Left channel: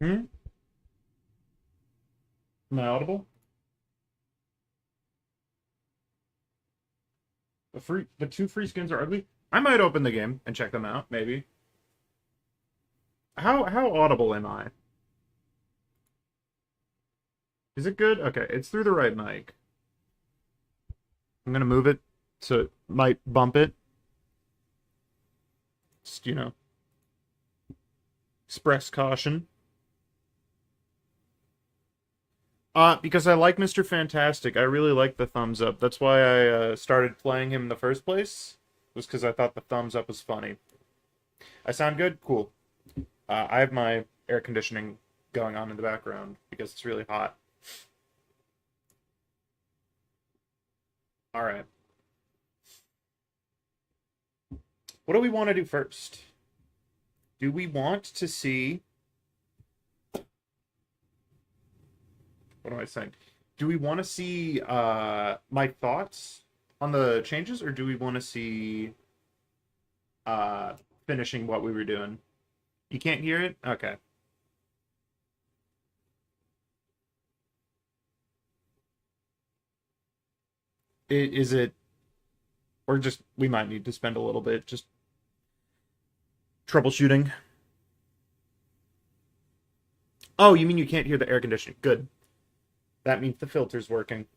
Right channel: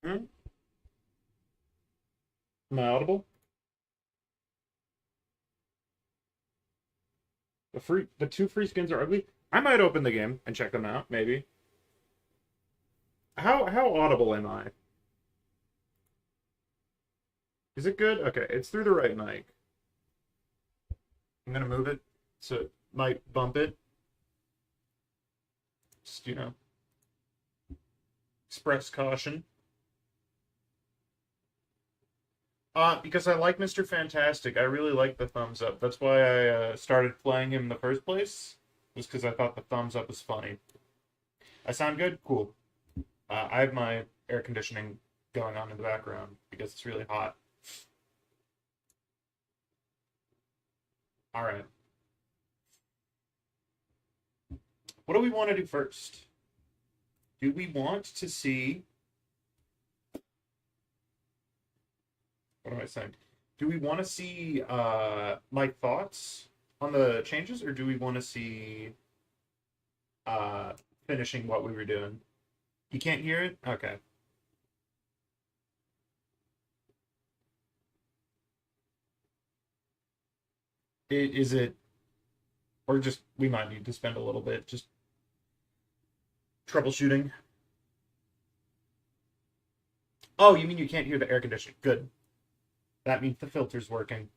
Hmm? Am I audible? The two free skins are ugly. I might open the game and check them out, maybe. How audible am I? Is it good? Okay, it's through the right mic. I'm gonna move it so it might bump it. Just, express caution. Because I like Mr. Fantastic. I really like the thumbs up. That's why I started playing him in the first place. Was because I thought the thumbs up was funny. I sound good? Cool. I have my air conditioning going on in the background because it's really hot. All right. What do we want to do first? Do we want to see? What am I saying? Do we want to see my thoughts on the changes, or do we want to see uh, finishing what we were doing? You can't hear it? Okay. Is it, or just we might need to spend a little bit just troubleshooting? Oh, you mean you can't hear the air conditioning? Good. That means the filter's working.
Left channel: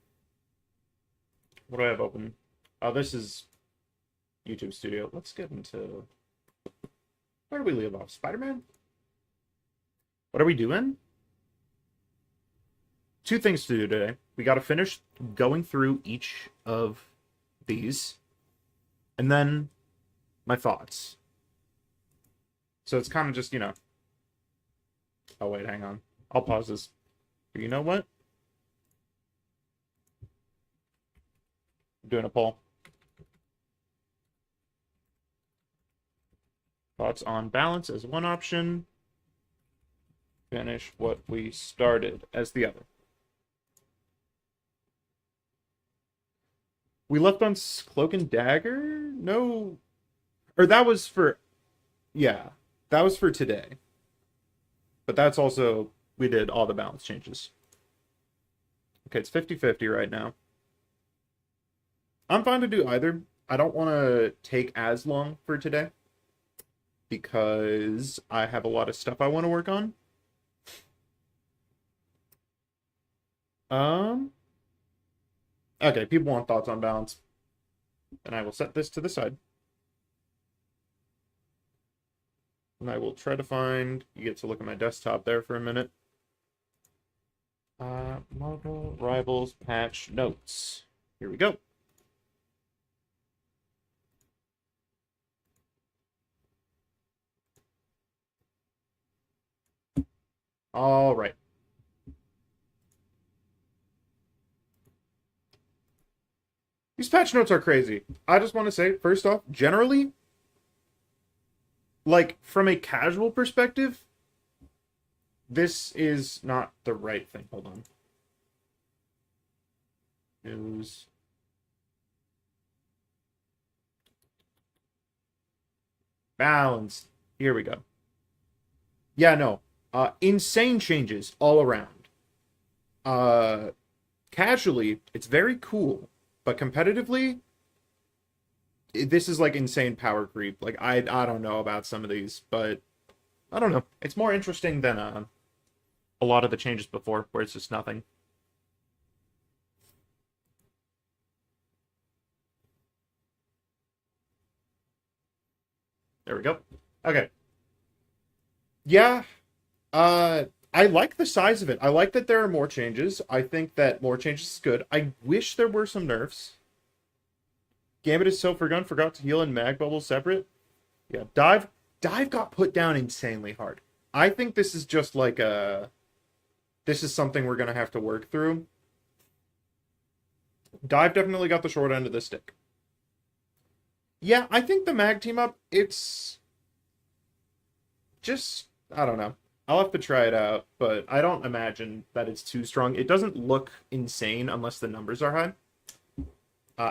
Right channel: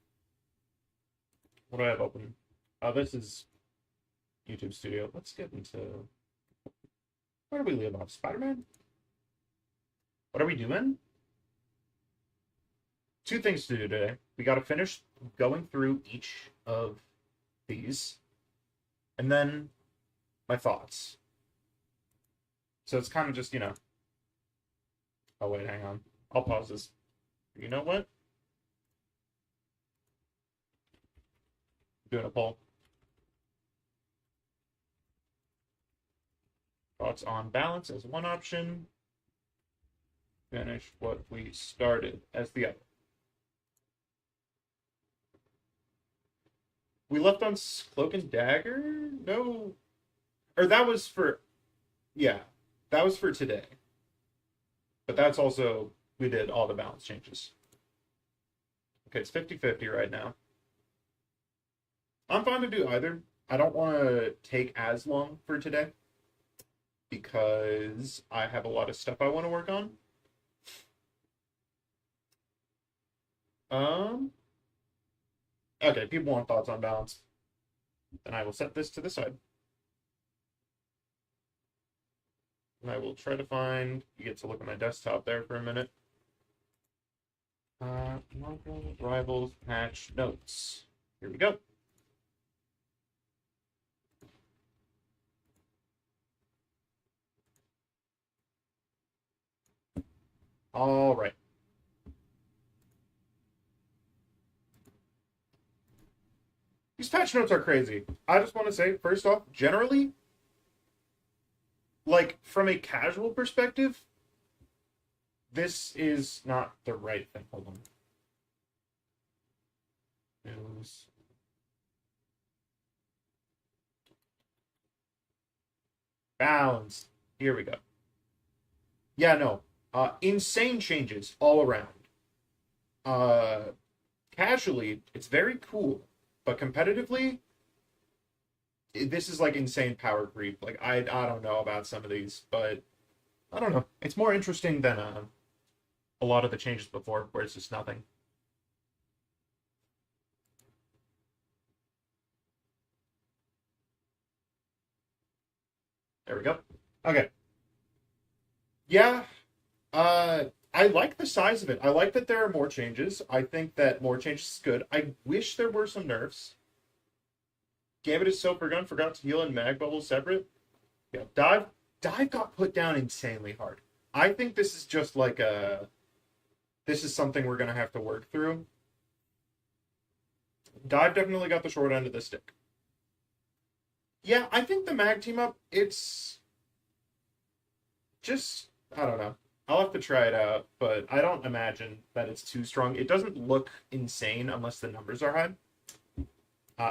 What do I have open? Oh, this is YouTube Studio. Let's get into where do we leave off? Spider-Man? What are we doing? Two things to do today. We got to finish going through each of these, and then my thoughts. So it's kind of just, Oh, wait, hang on. I'll pause this. You know what? I'm doing a poll. Thoughts on balance as one option. Finish what we started as the other. We left on Cloak and Dagger? No. Or that was for. Yeah. That was for today. But that's also. We did all the balance changes. Okay, it's 50-50 right now. I'm fine to do either. I don't want to take as long for today because I have a lot of stuff I want to work on. Um. Okay, people want thoughts on balance. And I will set this to the side. And I will try to find. You get to look at my desktop there for a minute. Marvel Rivals patch notes. Here we go. All right. These patch notes are crazy. I just want to say, first off, generally, like from a casual perspective, this is not the right thing. Hold on. News. Balance. Here we go. Yeah, no. Insane changes all around. Uh, Casually, it's very cool, but competitively, this is like insane power creep. Like I don't know about some of these, but I don't know. It's more interesting than a lot of the changes before, where it's just nothing. There we go. Okay. Yeah. I like the size of it. I like that there are more changes. I think that more changes is good. I wish there were some nerfs. Gambit is so forgotten. Forgot to heal and mag bubble separate. Yeah. Dive got put down insanely hard. I think this is just like a. This is something we're gonna have to work through. Dive definitely got the short end of the stick. Yeah, I think the mag team up. It's just I don't know. I'll have to try it out, but I don't imagine that it's too strong. It doesn't look insane unless the numbers are high.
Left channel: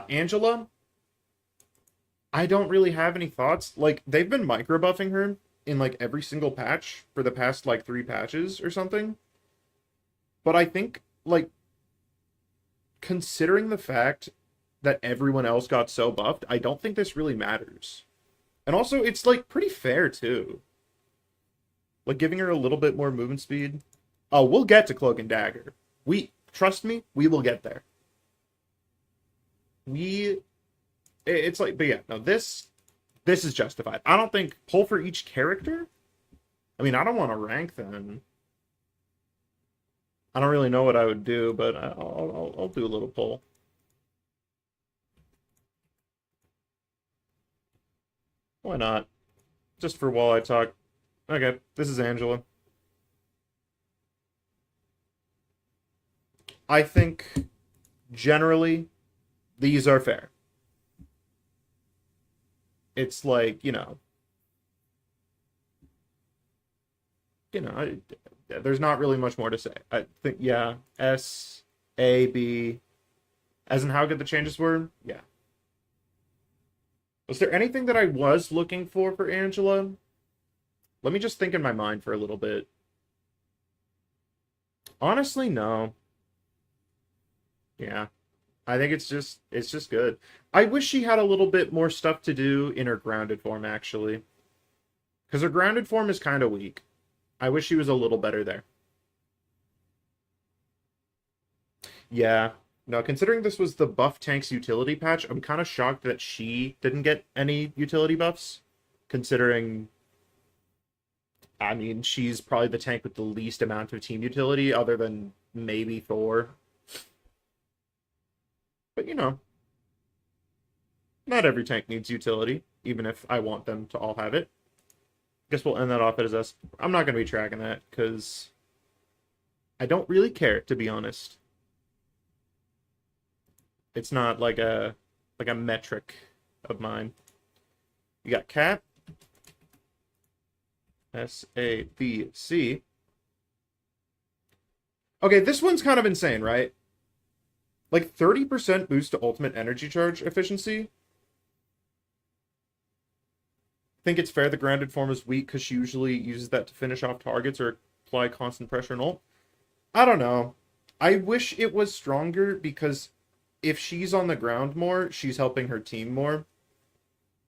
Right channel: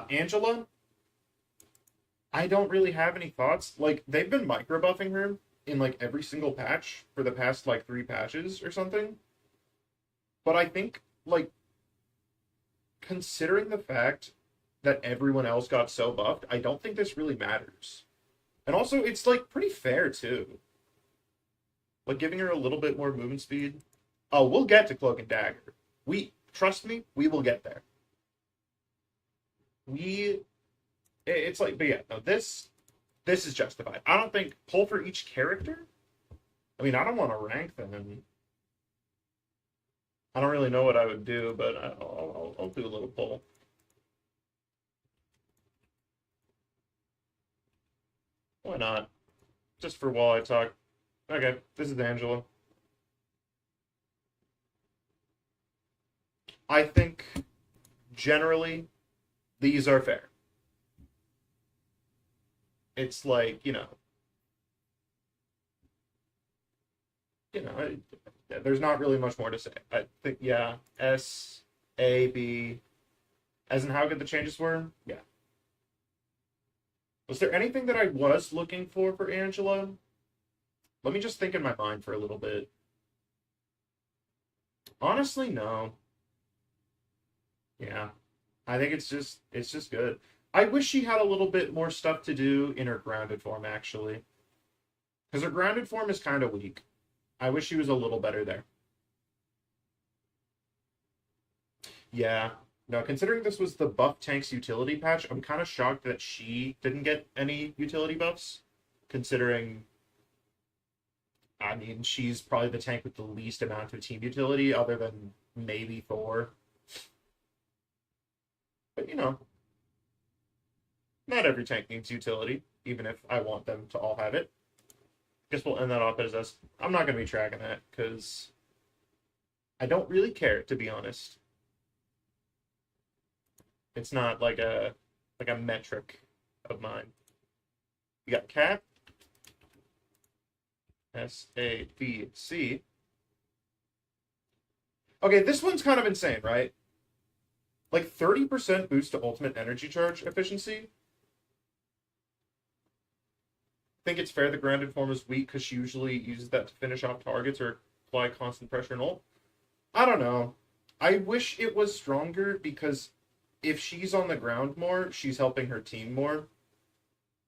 Angela, I don't really have any thoughts. Like they've been micro buffing her, in like every single patch for the past like 3 patches or something. But I think like considering the fact that everyone else got so buffed, I don't think this really matters. And also, it's like pretty fair too. Like giving her a little bit more movement speed. Oh, we'll get to Cloak and Dagger. We trust me, we will get there. It's like, but yeah, no, this is justified. I don't think pull for each character. I mean, I don't want to rank them. I don't really know what I would do, but I'll do a little pull. Why not? Just for while I talk. Okay, this is Angela. I think generally these are fair. It's like, there's not really much more to say. I think, yeah, S, A, B, as in how good the changes were, yeah. Was there anything that I was looking for Angela? Let me just think in my mind for a little bit. Honestly, no. Yeah. I think it's just good. I wish she had a little bit more stuff to do in her grounded form, actually. Because her grounded form is kind of weak. I wish she was a little better there. Yeah. No, considering this was the buff tanks utility patch, I'm kind of shocked that she didn't get any utility buffs. Considering, I mean, she's probably the tank with the least amount of team utility, other than maybe Thor. But, not every tank needs utility, even if I want them to all have it. Guess we'll end that off as S. I'm not going to be tracking that, because I don't really care, to be honest. It's not like a metric of mine. You got Cat. S-A-B-C. Okay, this one's kind of insane, right? Like 30% boost to ultimate energy charge efficiency. Think it's fair the grounded form is weak because she usually uses that to finish off targets or apply constant pressure and ult. I don't know. I wish it was stronger because if she's on the ground more, she's helping her team more.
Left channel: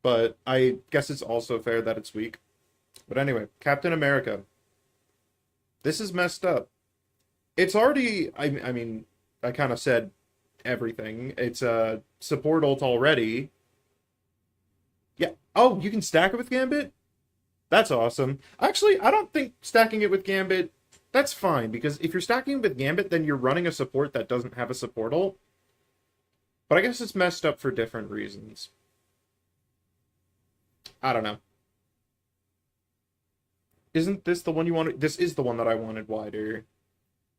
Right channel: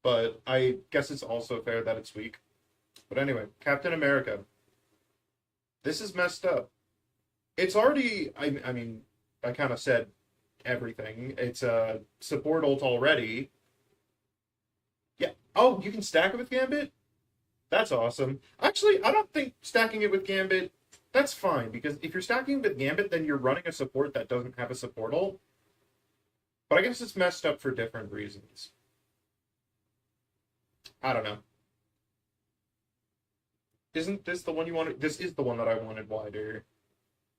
But I guess it's also fair that it's weak. But anyway, Captain America. This is messed up. It's already, I mean, I kind of said everything. It's a support ult already. Yeah. Oh, you can stack it with Gambit? That's awesome. Actually, I don't think stacking it with Gambit, that's fine. Because if you're stacking it with Gambit, then you're running a support that doesn't have a support ult. But I guess it's messed up for different reasons. I don't know. Isn't this the one you wanted? This is the one that I wanted wider.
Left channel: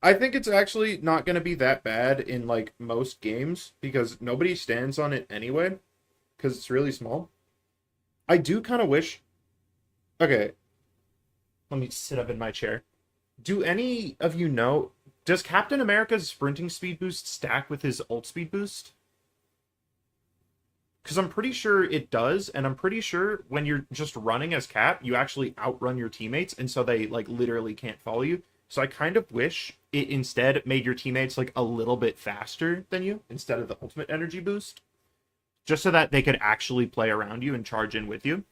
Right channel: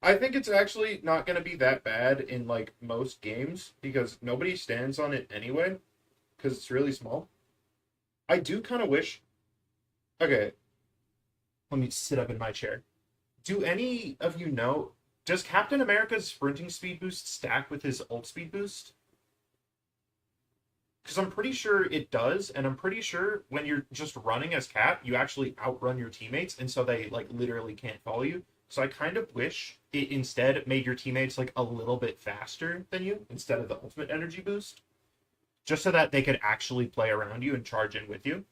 I think it's actually not going to be that bad in, like, most games, because nobody stands on it anyway, because it's really small. I do kind of wish... Okay. Let me sit up in my chair. Do any of you know... Does Captain America's sprinting speed boost stack with his ult speed boost? Because I'm pretty sure it does, and I'm pretty sure when you're just running as Cap, you actually outrun your teammates, and so they, like, literally can't follow you. So I kind of wish it instead made your teammates, like, a little bit faster than you, instead of the ultimate energy boost. Just so that they could actually play around you and charge in with you.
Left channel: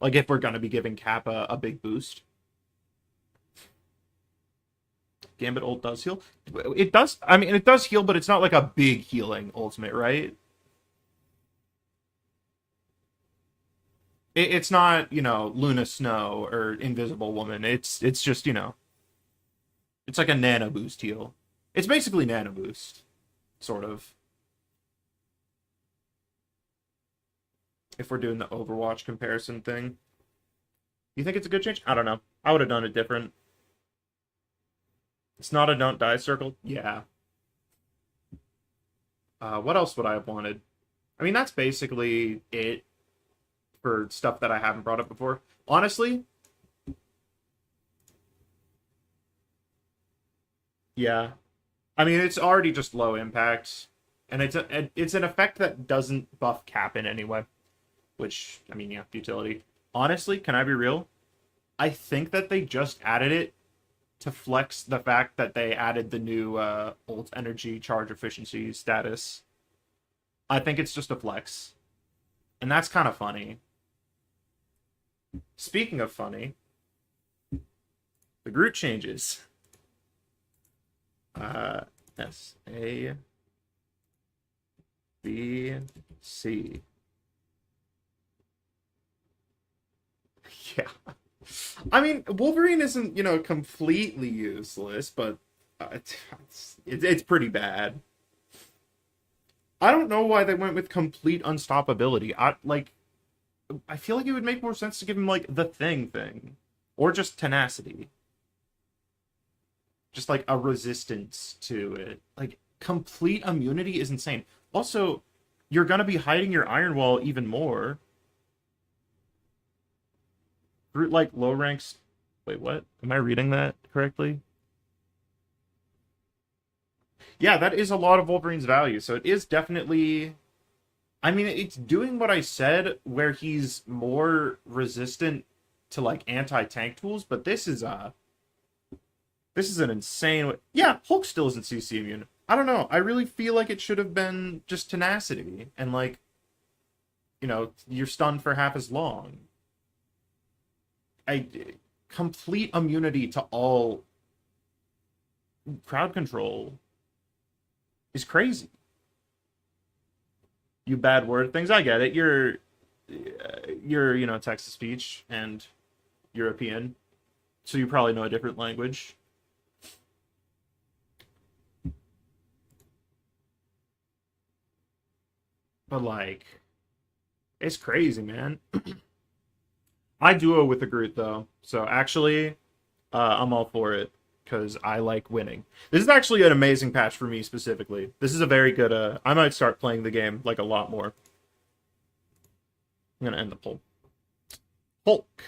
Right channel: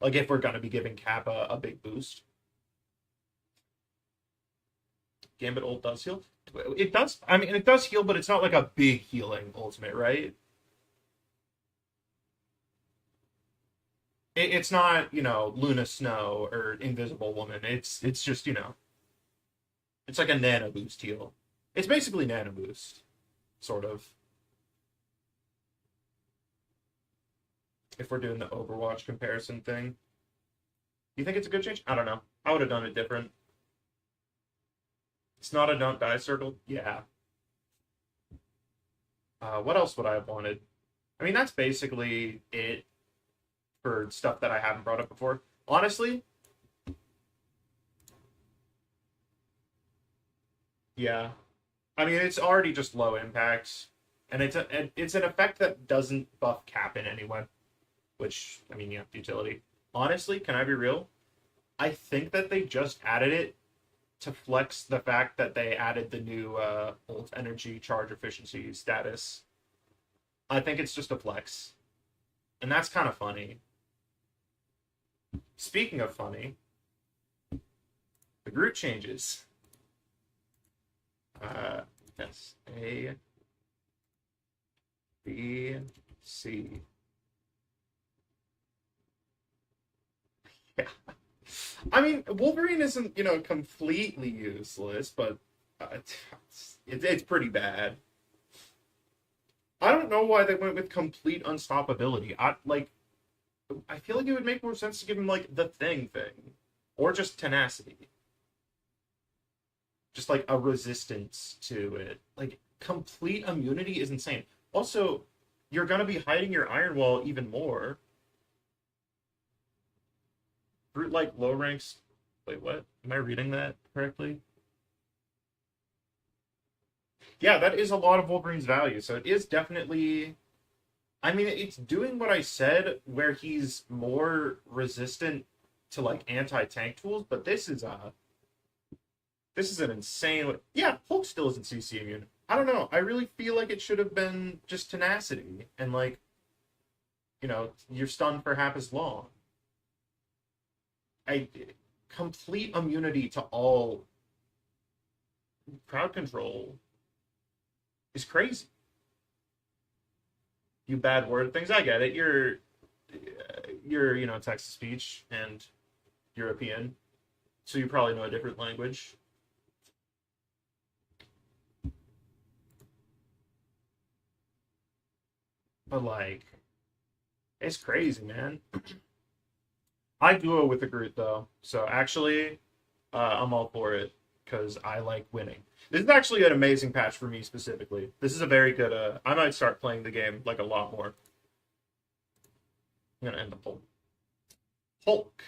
Like, if we're going to be giving Cap a big boost. Gambit ult does heal. It does, I mean, it does heal, but it's not like a big healing ultimate, right? It's not, Luna Snow or Invisible Woman. It's just, it's like a nano boost heal. It's basically nano boost, sort of. If we're doing the Overwatch comparison thing. You think it's a good change? I don't know. I would have done it different. It's not a don't die circle? Yeah. What else would I have wanted? I mean, that's basically it for stuff that I haven't brought up before. Honestly, yeah. I mean, it's already just low impact, and it's an effect that doesn't buff Cap in any way. Which, I mean, yeah, utility. Honestly, can I be real? I think that they just added it to flex the fact that they added the new ult energy charge efficiency status. I think it's just a flex. And that's kind of funny. Speaking of funny, the Groot changes. S A B C. Yeah. I mean, Wolverine isn't, completely useless, but it's pretty bad. I don't know why they went with complete unstoppability. I feel like it would make more sense to give him like the thing, or just tenacity, just like a resistance to it. Like complete immunity is insane. Also, you're gonna be hiding your Iron Wall even more. Brute like low ranks. Wait, what? Am I reading that correctly? Yeah, that is a lot of Wolverine's value. So it is definitely. I mean, it's doing what I said, where he's more resistant to like anti-tank tools, but this is an insane. Yeah, Hulk still isn't CC immune. I don't know. I really feel like it should have been just tenacity and like, you're stunned for half as long. I complete immunity to all crowd control is crazy. You bad word things. I get it. You're text to speech and European, so you probably know a different language. But like, it's crazy, man. I duo with the Groot though, so actually, I'm all for it because I like winning. This is actually an amazing patch for me specifically. This is a very good. I might start playing the game like a lot more. I'm gonna end the poll. Hulk.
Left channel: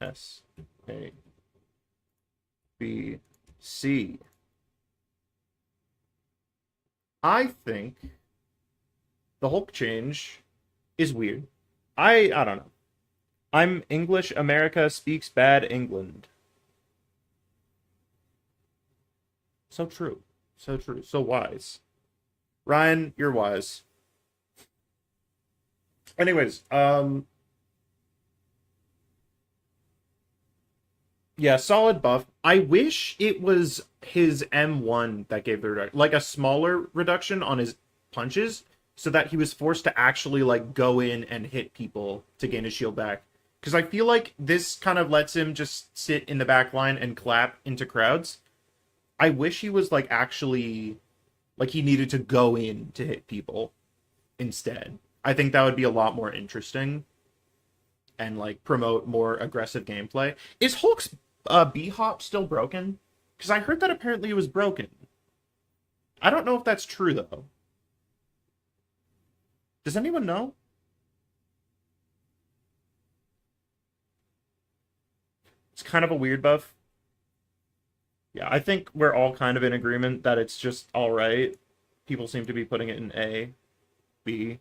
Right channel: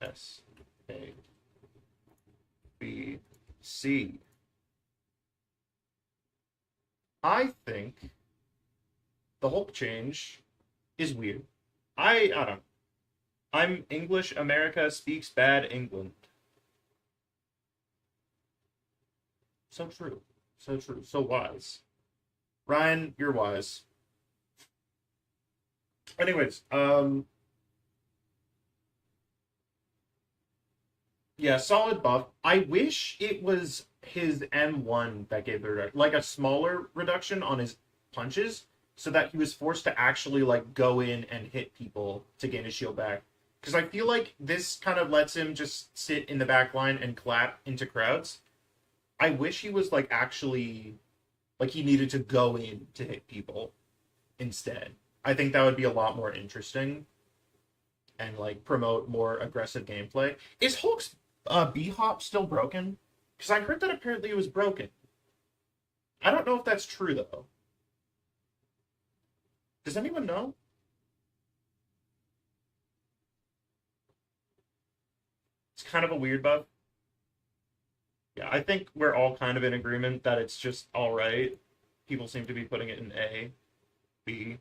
S A B C. I think the Hulk change is weird. I don't know. I'm English. America speaks bad England. So true. So true. So wise. Ryan, you're wise. Anyways, yeah, solid buff. I wish it was his M1 that gave the like a smaller reduction on his punches so that he was forced to actually like go in and hit people to gain his shield back. Because I feel like this kind of lets him just sit in the back line and clap into crowds. I wish he was like actually like he needed to go in to hit people instead. I think that would be a lot more interesting and like promote more aggressive gameplay. Is Hulk's B hop still broken? Because I heard that apparently it was broken. I don't know if that's true though. Does anyone know? It's kind of a weird buff. Yeah, I think we're all kind of in agreement that it's just all right. People seem to be putting it in A, B.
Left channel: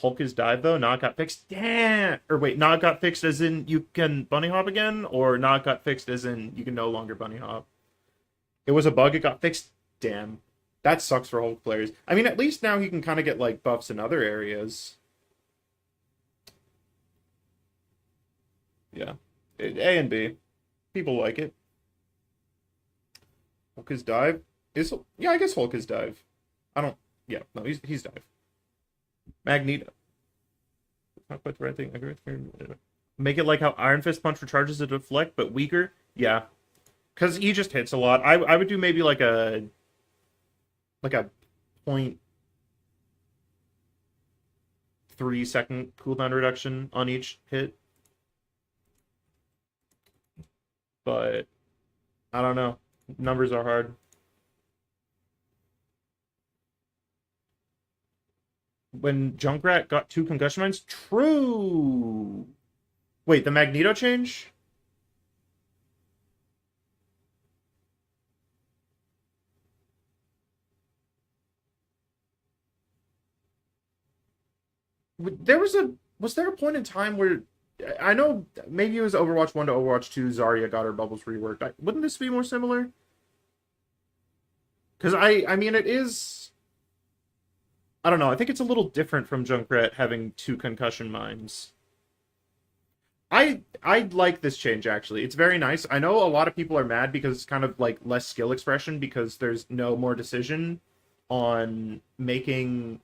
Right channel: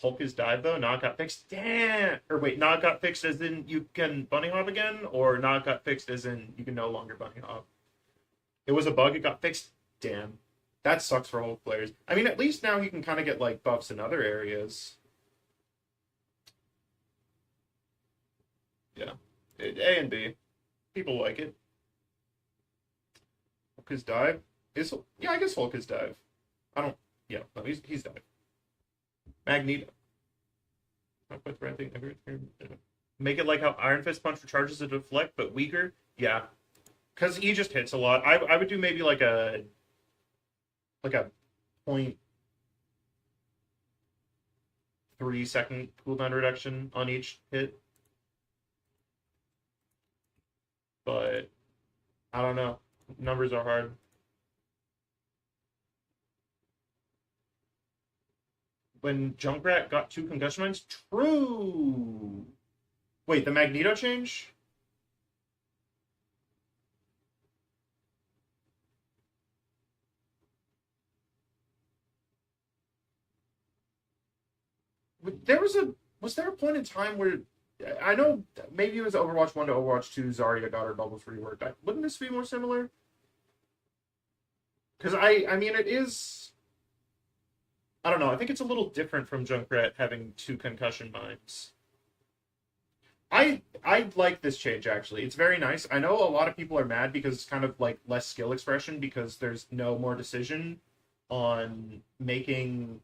Hulk is died though. Not got fixed. Damn. Or wait, not got fixed as in you can bunny hop again, or not got fixed as in you can no longer bunny hop. It was a bug. It got fixed. Damn. That sucks for Hulk players. I mean, at least now he can kind of get like buffs in other areas. Yeah, A and B. People like it. Hulk is dive. Is yeah, I guess Hulk is dive. I don't. Yeah, no, he's dive. Magneto. Not quite the right thing. Make it like how Iron Fist punch recharges a deflect, but weaker. Yeah, because he just hits a lot. I would do maybe like a 0.3 second cooldown reduction on each hit. But I don't know. Numbers are hard. When Junkrat got 2 concussion mines? True. Wait, the Magneto change? Was there a point in time where I know maybe it was Overwatch 1 to Overwatch 2, Zarya got her bubbles reworked. Wouldn't this be more similar? Because I mean it is, I don't know, I think it's a little different from Junkrat having two concussion mines. I like this change actually. It's very nice. I know a lot of people are mad because it's kind of like less skill expression because there's no more decision on making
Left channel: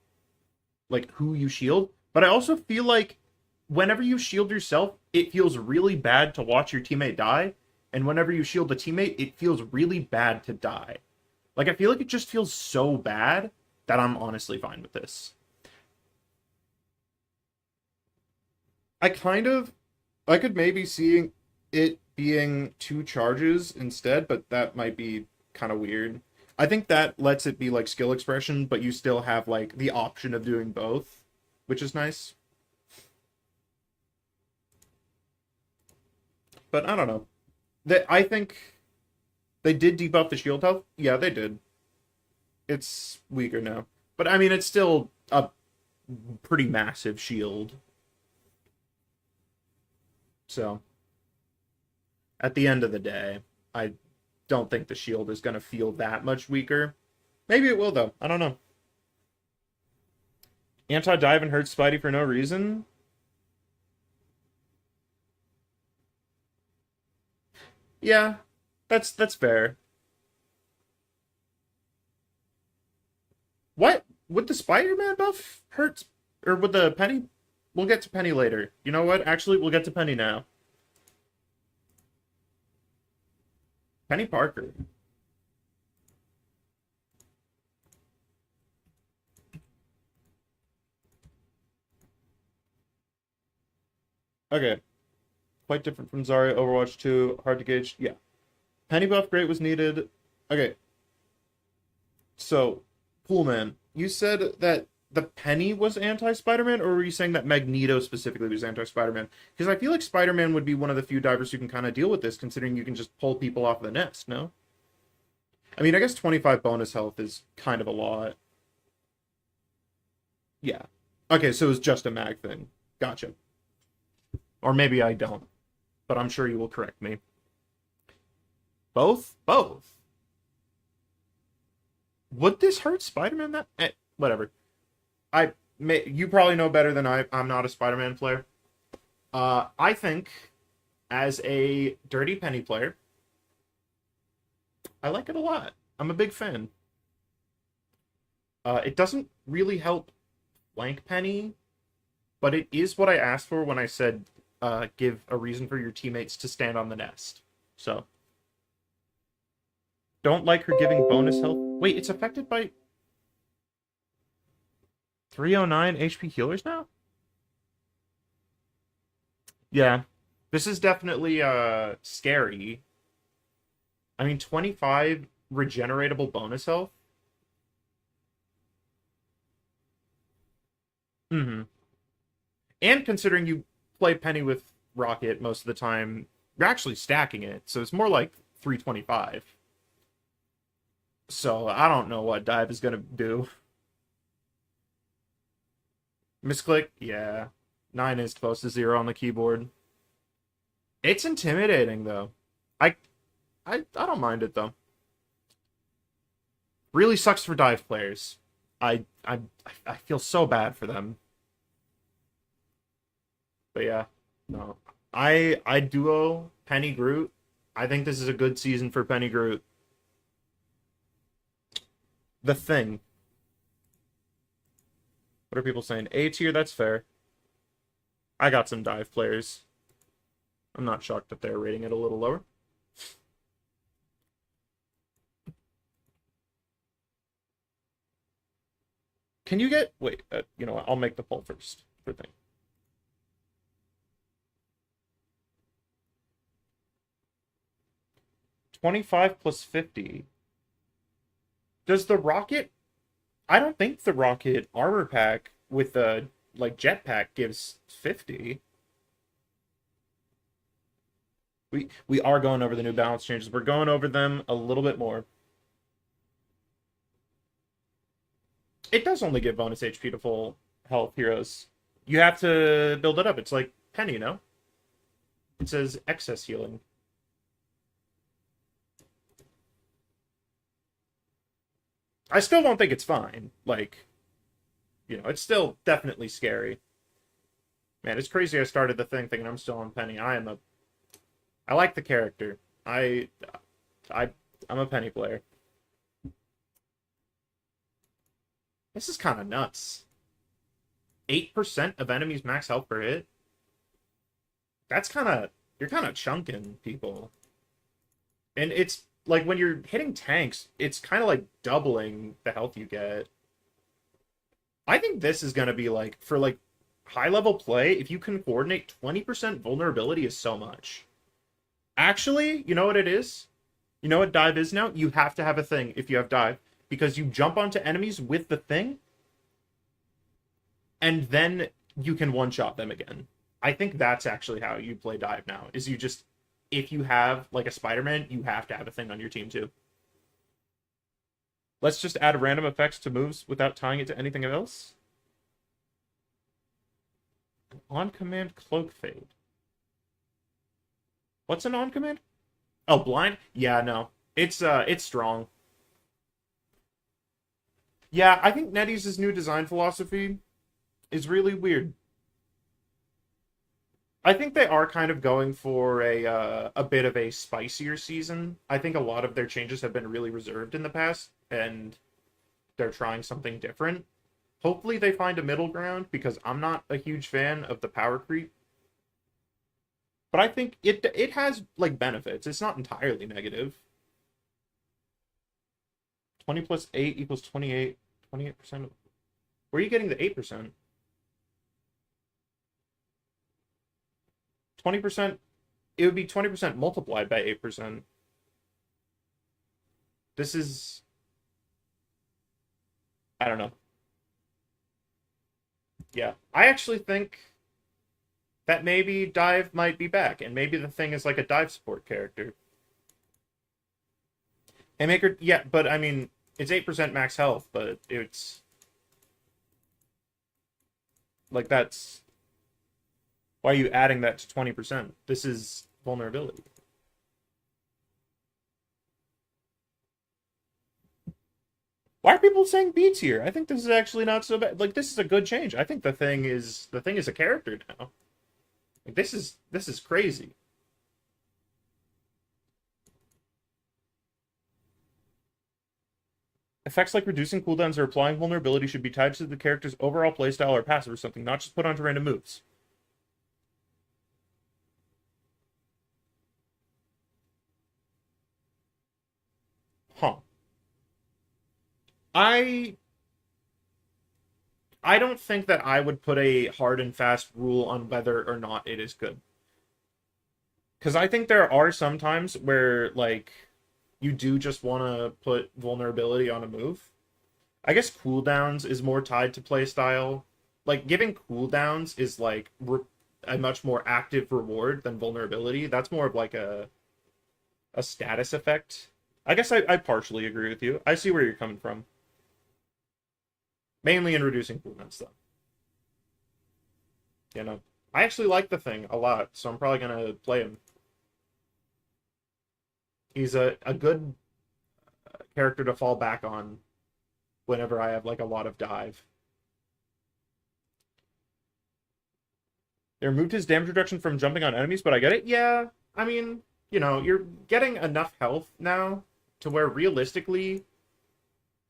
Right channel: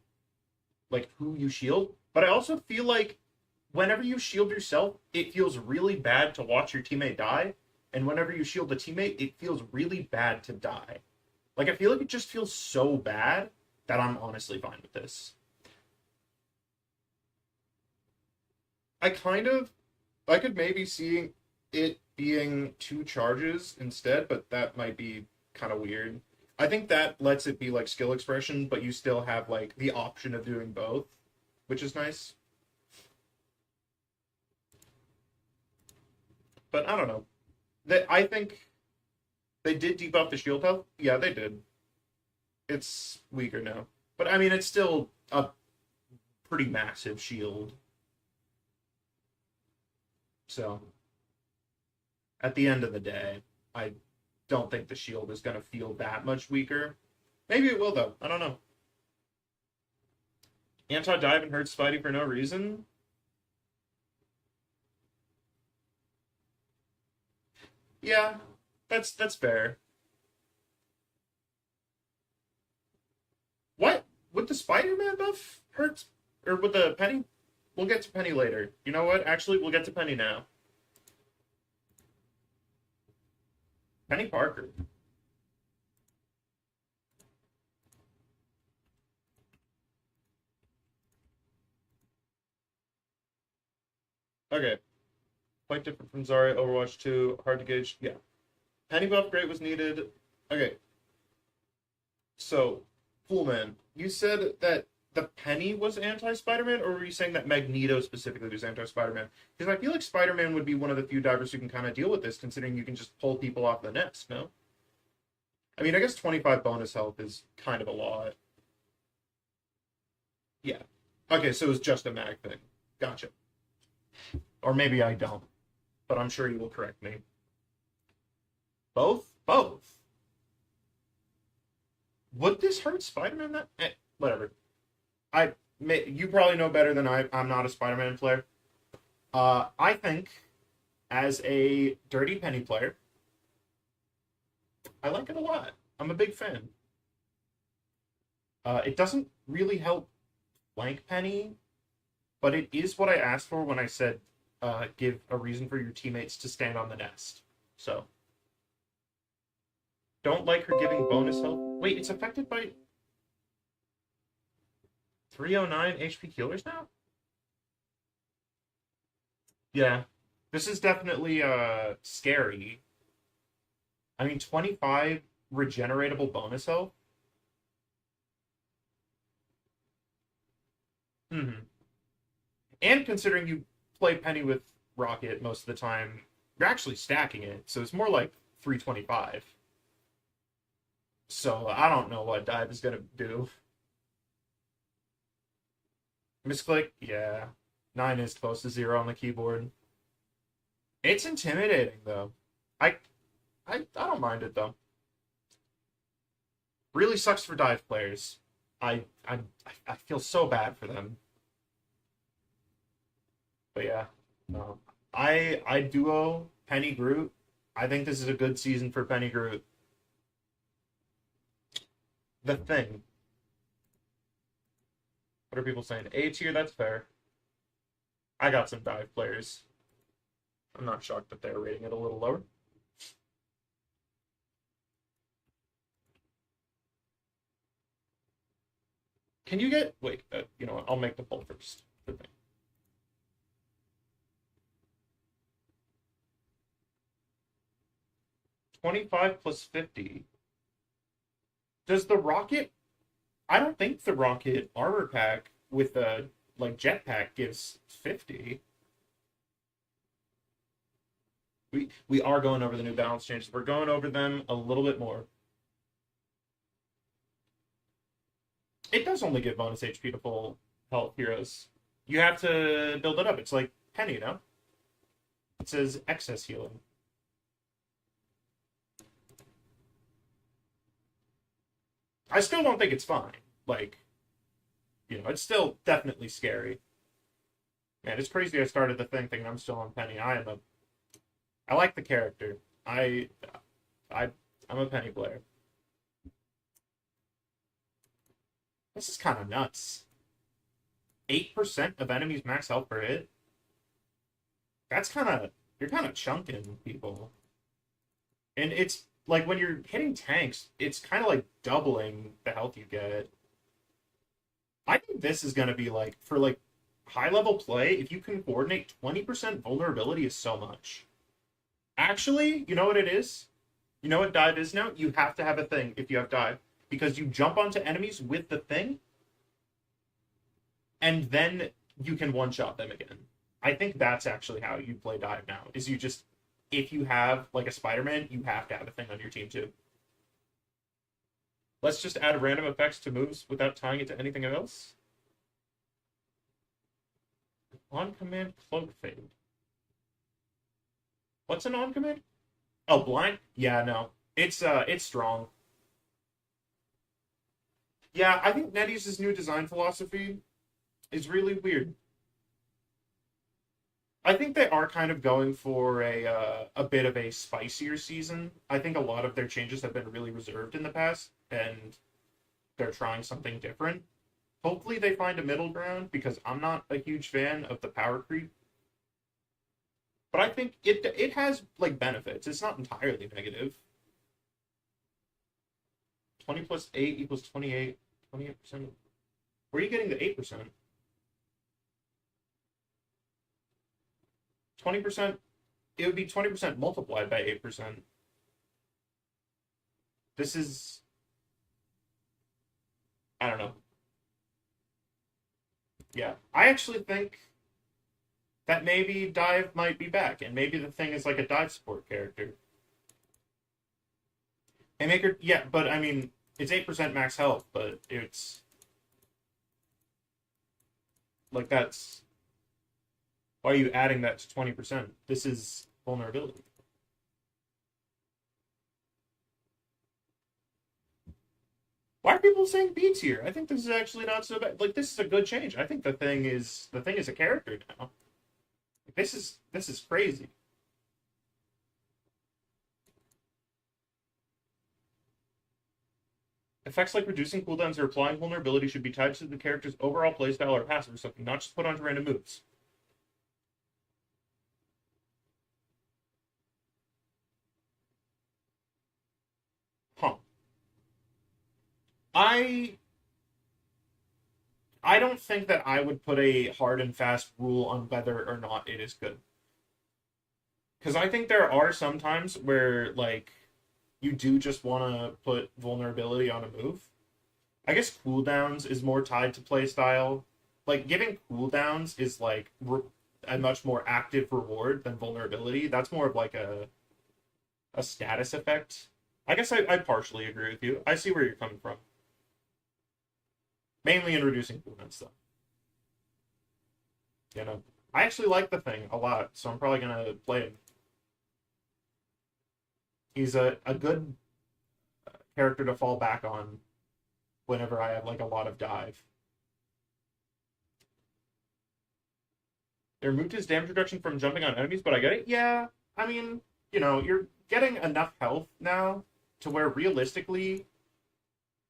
like who you shield. But I also feel like whenever you shield yourself, it feels really bad to watch your teammate die, and whenever you shield a teammate, it feels really bad to die. Like I feel like it just feels so bad that I'm honestly fine with this. I kind of I could maybe see it being two charges instead, but that might be kind of weird. I think that lets it be like skill expression, but you still have like the option of doing both, which is nice. But I don't know. That I think they did debuff the shield health. Yeah, they did. It's weaker now, but I mean it's still a pretty massive shield. So at the end of the day, I don't think the shield is going to feel that much weaker. Maybe it will, though. I don't know. Anti-dive and hurts Spidey for no reason? Yeah, that's fair. What? Would the Spider-Man buff hurt? Or would the Penny? We'll get to Penny later. You know what? Actually, we'll get to Penny now. Penny Parker. Okay. Quite different from Zarya, Overwatch 2, hard to gauge. Yeah. Penny buff great was needed. Okay. So, Poolman, you said that the Penny was anti-Spider-Man, or were you saying that Magneto specifically was anti-Spider-Man? Because I feel like Spider-Man would be one of the few divers who can kind of deal with this, considering you can just pull people off the nest, no? I mean, I guess 25 bonus health is kind of a lot. Yeah. Okay, so it's just a mag thing. Gotcha. Or maybe I don't, but I'm sure you will correct me. Both? Both. Would this hurt Spider-Man? Whatever. You probably know better than I. I'm not a Spider-Man player. I think as a Dirty Penny player, I like it a lot. I'm a big fan. It doesn't really help flank Penny, but it is what I asked for when I said give a reason for your teammates to stand on the nest. So, don't like her giving bonus health. Wait, it's affected by 309 HP healers now? Yeah. This is definitely scary. I mean, 25 regeneratable bonus health. Mm-hmm. And considering you play Penny with Rocket most of the time, you're actually stacking it, so it's more like 325. So I don't know what Dive is gonna do. Misclick, yeah. 9 is close to 0 on the keyboard. It's intimidating though. I I don't mind it though. Really sucks for Dive players. I I I feel so bad for them. But yeah, no. I duo Penny Groot. I think this is a good season for Penny Groot. The Thing. What are people saying? A tier, that's fair. I got some dive players. I'm not shocked that they're rating it a little lower. Can you get... Wait, you know what? I'll make the poll first. For thing. $25 plus 50. Does the rocket... I don't think the rocket armor pack with the like jetpack gives 50. We are going over the new balance changes. We're going over them a little bit more. It does only give bonus HP to full health heroes. You have to build it up. It's like Penny, you know? It says excess healing. I still don't think it's fine. Like, it's still definitely scary. Man, it's crazy I started the thing thinking I'm still on Penny. I like the character. I I'm a Penny player. This is kind of nuts. 8% of enemies max health per hit? You're kind of chunking people. And it's, like, when you're hitting tanks, it's kind of like doubling the health you get. I think this is going to be, like, for, like, high-level play, if you can coordinate, 20% vulnerability is so much. Actually, you know what it is? You know what dive is now? You have to have a thing if you have dive. Because you jump onto enemies with the thing, and then you can one-shot them again. I think that's actually how you play dive now, is you just, if you have, like, a Spider-Man, you have to have a thing on your team, too. Let's just add random effects to moves without tying it to anything else. On-command cloak fade. What's an on-command? Oh, blind? Yeah, no. It's strong. Yeah, I think NetEase's new design philosophy is really weird. I think they are kind of going for a bit of a spicier season. I think a lot of their changes have been really reserved in the past, and they're trying something different. Hopefully they find a middle ground, because I'm not a huge fan of the power creep. But I think it has, like, benefits. It's not entirely negative. 20 plus 8 equals 28. 28%. Where are you getting the 8%? 20%, it would be 20% multiplied by 8%. This is, I don't know. Yeah, I actually think that maybe dive might be back, and maybe the thing is like a dive support character. Haymaker, yeah, but I mean, it's 8% max health, but it's like, that's why are you adding that to 20%? This is vulnerability. Why are people saying B tier? I think this is actually not so bad. Like, this is a good change. I think the thing is a character now. Like, this is crazy. Effects like reducing cooldowns or applying vulnerability should be tied to the character's overall playstyle or passive or something, not just put onto random moves. Huh. I I don't think that I would put a hard and fast rule on whether or not it is good. Because I think there are some times where, like, you do just want to put vulnerability on a move. I guess cooldowns is more tied to playstyle. Like, giving cooldowns is, like, a much more active reward than vulnerability. That's more of, like, a status effect. I guess I partially agree with you. I see where you're coming from. Mainly in reducing cooldowns, though. You know, I actually like the thing a lot, so I'm probably gonna play him. He's a good character to fall back on whenever I have, like, a lot of dive. They removed his damage reduction from jumping on enemies, but I get it. Yeah, I mean, you're getting enough health now to where realistically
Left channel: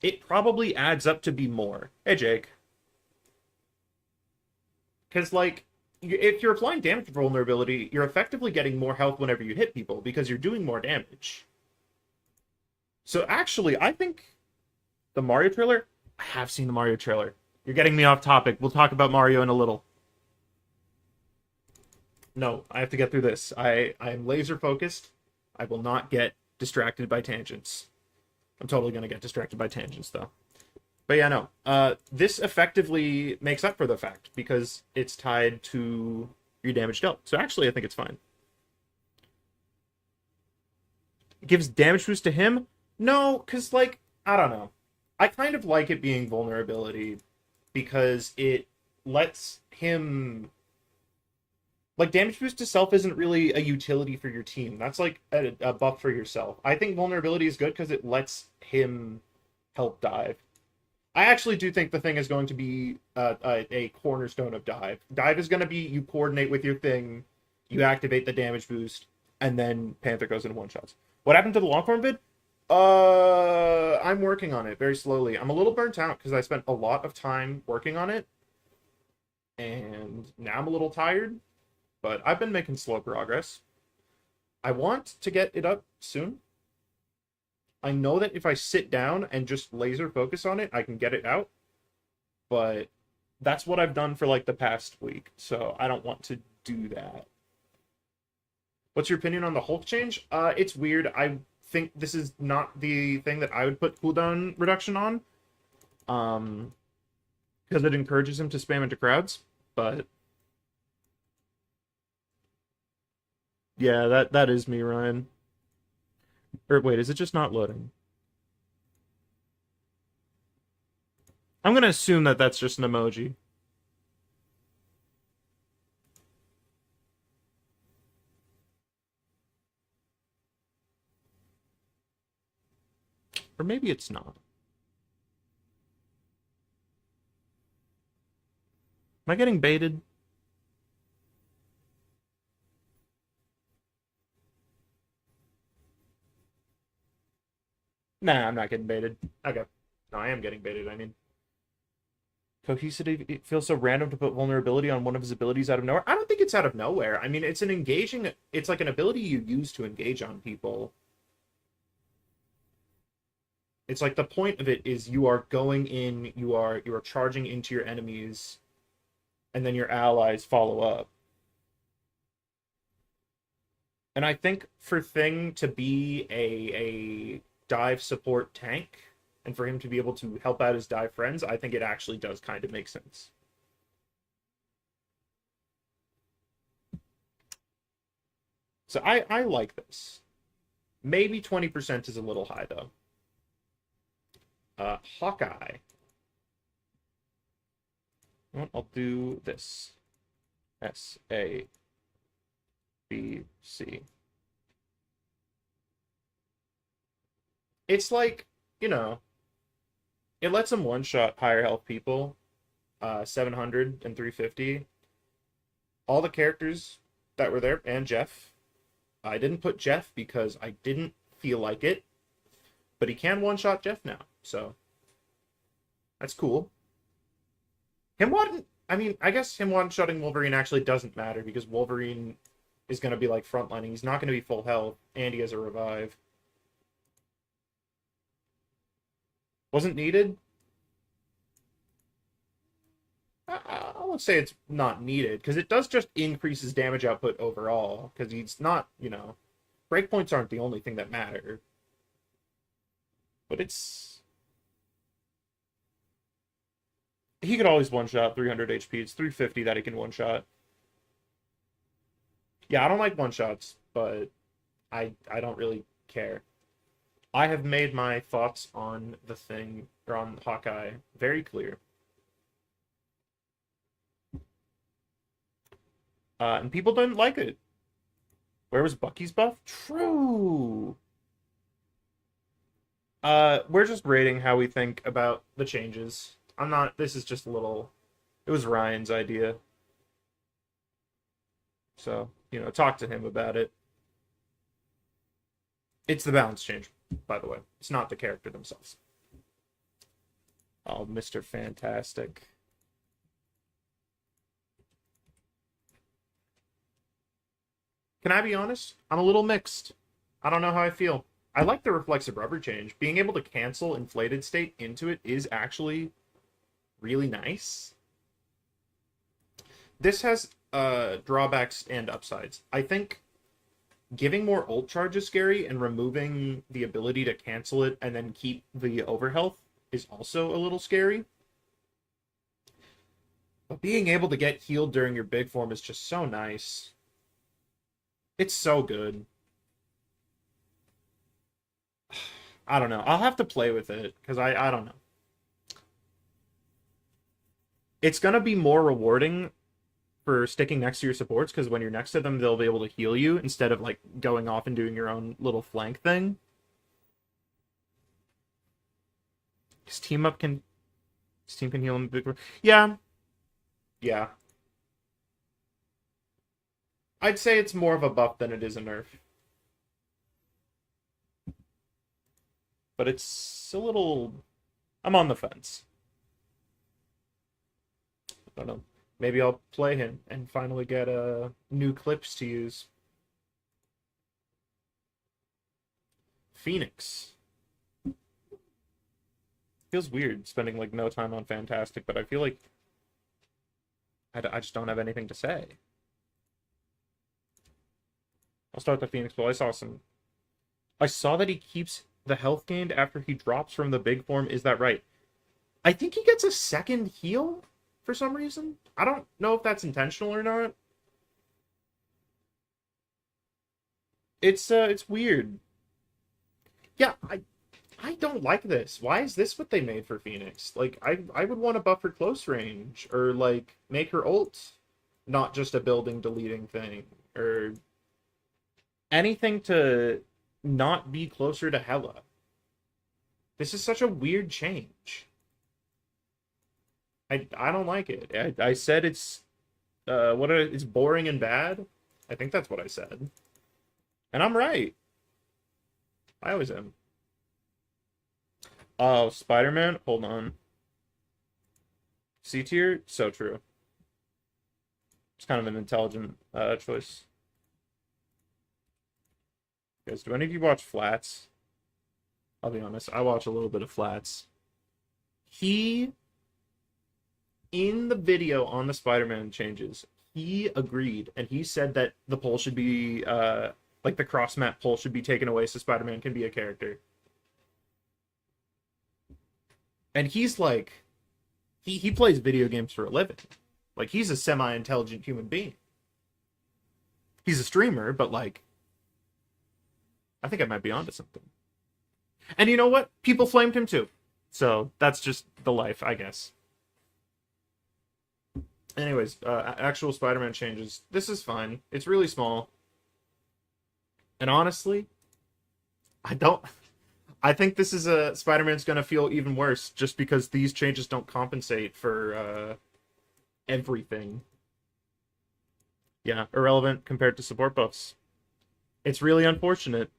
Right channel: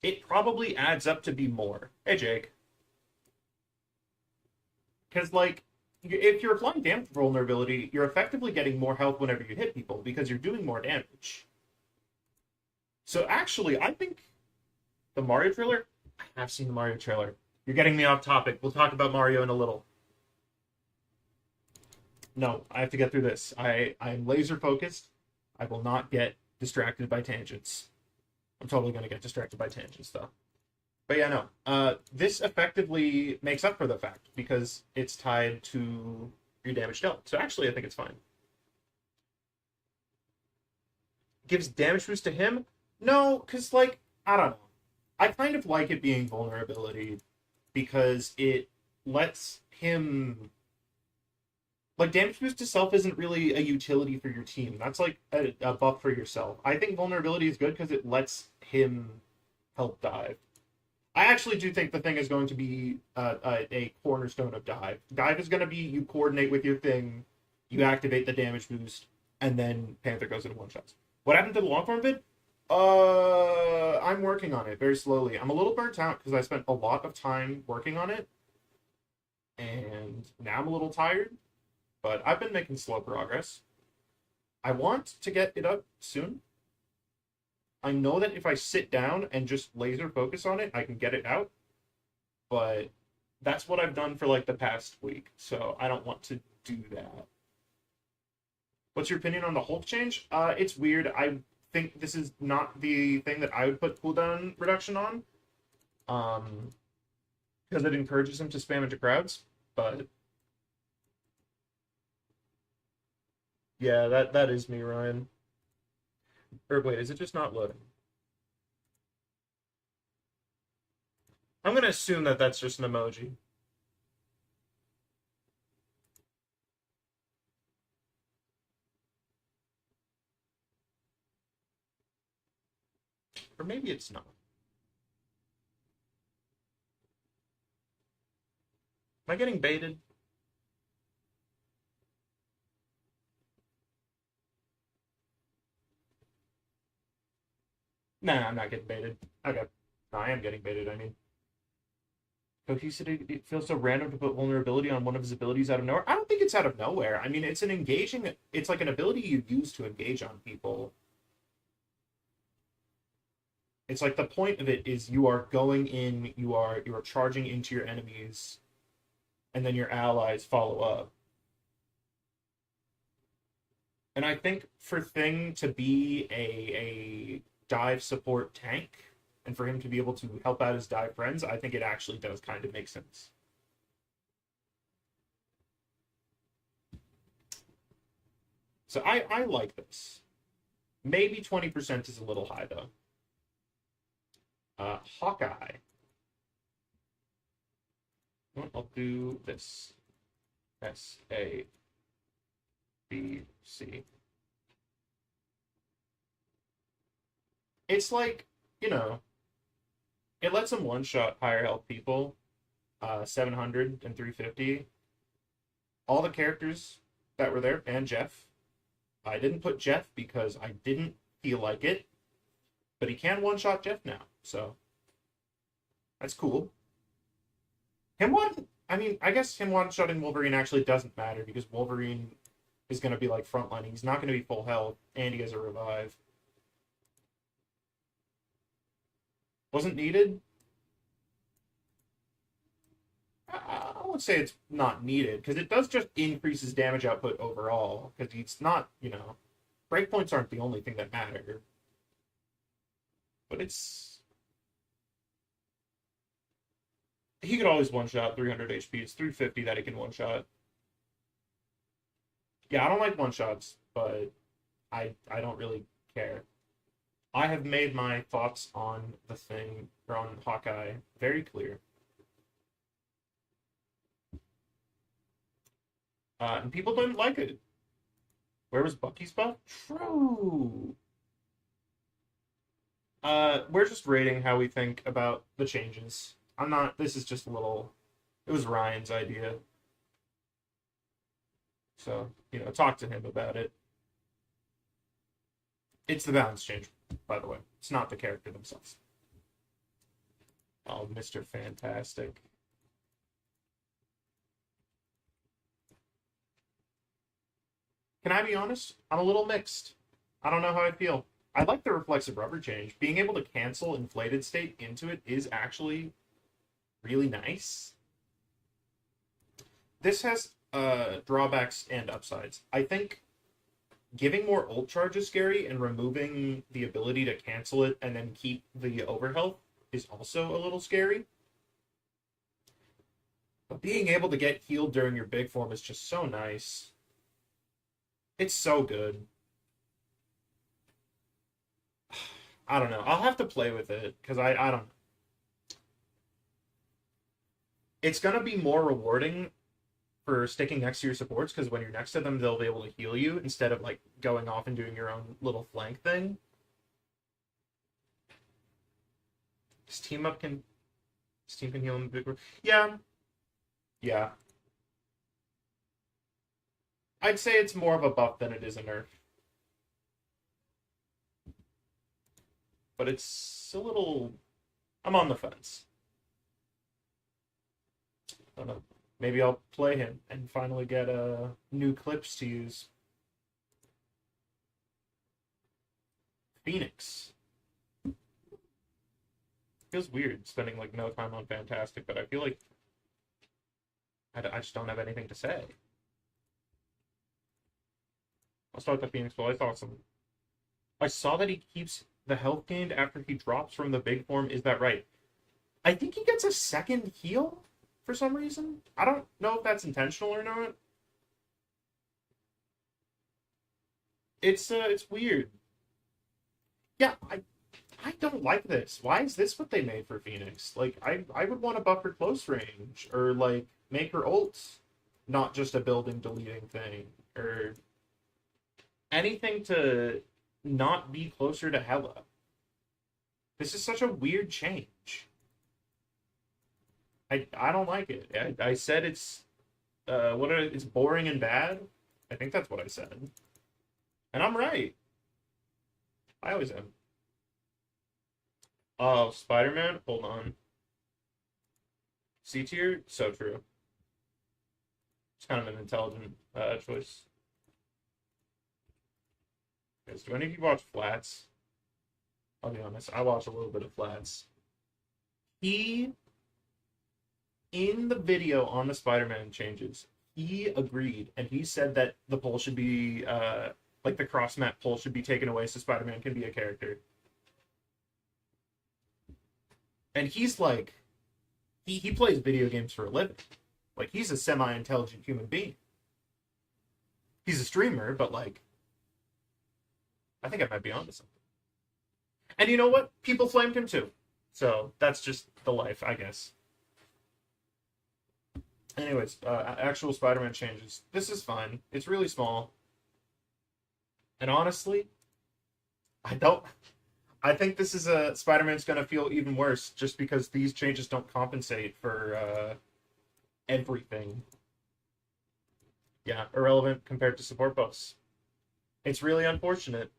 it probably adds up to be more. Hey, Jake. Because, like, if you're applying damage vulnerability, you're effectively getting more health whenever you hit people because you're doing more damage. So, actually, I think the Mario trailer... I have seen the Mario trailer. You're getting me off topic. We'll talk about Mario in a little. No, I have to get through this. I'm laser focused. I will not get distracted by tangents. I'm totally going to get distracted by tangents, though. But yeah, no. This effectively makes up for the fact because it's tied to your damage dealt. So actually, I think it's fine. It gives damage boost to him? No, because, like, I don't know. I kind of like it being vulnerability because it lets him like damage boost to self isn't really a utility for your team. That's like a buff for yourself. I think vulnerability is good because it lets him help dive. I actually do think the thing is going to be a cornerstone of dive. Dive is going to be you coordinate with your thing, you activate the damage boost, and then Panther goes into one shots. What happened to the long form vid? I'm working on it very slowly. I'm a little burnt out because I spent a lot of time working on it, and now I'm a little tired. But I've been making slow progress. I want to get it up soon. I know that if I sit down and just laser focus on it, I can get it out. But that's what I've done for like the past week, so I don't want to do that. What's your opinion on the Hulk change? It's weird. I think this is not the thing that I would put cooldown reduction on. Because it encourages him to spam into crowds. But yeah, that is me, Ryan. Or wait, is it just not loading? I'm gonna assume that that's just an emoji. Or maybe it's not. Am I getting baited? Nah, I'm not getting baited. Okay. No, I am getting baited, I mean. Cohesivity, it feels so random to put vulnerability on one of his abilities out of nowhere. I don't think it's out of nowhere. I mean, it's an engaging, it's like an ability you use to engage on people. It's like the point of it is you are going in, you are charging into your enemies, and then your allies follow up. And I think for Thing to be a dive support tank, and for him to be able to help out his dive friends, I think it actually does kind of make sense. So I like this. Maybe 20% is a little high, though. Hawkeye. Well, I'll do this. S-A-B-C. It's like, you know, it lets him one-shot higher health people, 700 and 350. All the characters that were there, and Jeff. I didn't put Jeff because I didn't feel like it, but he can one-shot Jeff now, so that's cool. Him one, I mean, I guess him one-shotting Wolverine actually doesn't matter because Wolverine is going to be like frontlining. He's not going to be full health, and he has a revive. Wasn't needed? I would say it's not needed because it does just increase his damage output overall because he's not, you know, breakpoints aren't the only thing that matter. But it's he could always one shot 300 HP. It's 350 that he can one shot. Yeah, I don't like one shots, but I don't really care. I have made my thoughts on the Thing or on Hawkeye very clear. And people didn't like it. Where was Bucky's buff? True. We're just rating how we think about the changes. I'm not. This is just a little. It was Ryan's idea, so talk to him about it. It's the balance change, by the way. It's not the character themselves. Oh, Mr. Fantastic. Can I be honest? I'm a little mixed. I don't know how I feel. I like the reflexive rubber change. Being able to cancel inflated state into it is actually really nice. This has drawbacks and upsides. I think giving more ult charge is scary, and removing the ability to cancel it and then keep the overhealth is also a little scary. But being able to get healed during your big form is just so nice. It's so good. I don't know. I'll have to play with it because I don't know. It's gonna be more rewarding for sticking next to your supports, because when you're next to them, they'll be able to heal you instead of like going off and doing your own little flank thing. His team up can his team can heal him. Yeah, yeah. I'd say it's more of a buff than it is a nerf. But it's a little. I'm on the fence. I don't know. Maybe I'll play him and finally get new clips to use. Phoenix. Feels weird spending like no time on Fantastic, but I feel like I just don't have anything to say. I'll start the Phoenix Ball. I saw that he keeps the health gained after he drops from the big form. Is that right? I think he gets a second heal for some reason. I don't know if that's intentional or not. It's weird. Yeah, I don't like this. Why is this what they made for Phoenix? Like I would want to buff her close range or like make her ult not just a building deleting thing or anything to not be closer to Hela. This is such a weird change. I don't like it. I said it's it's boring and bad. I think that's what I said. And I'm right. I always am. Oh, Spider-Man? Hold on. C tier? So true. It's kind of an intelligent choice. Guys, do any of you watch Flats? I'll be honest, I watch a little bit of Flats. He, in the video on the Spider-Man changes, he agreed, and he said that the poll should be, like the cross-map poll should be taken away so Spider-Man can be a character. And he's like, he plays video games for a living. Like, he's a semi-intelligent human being. He's a streamer, but like, I think I might be onto something. And you know what? People flamed him too. So that's just the life, I guess. Anyways, actual Spider-Man changes. This is fine. It's really small. And honestly, I think this is a Spider-Man's gonna feel even worse just because these changes don't compensate for everything. Yeah, irrelevant compared to support buffs. It's really unfortunate.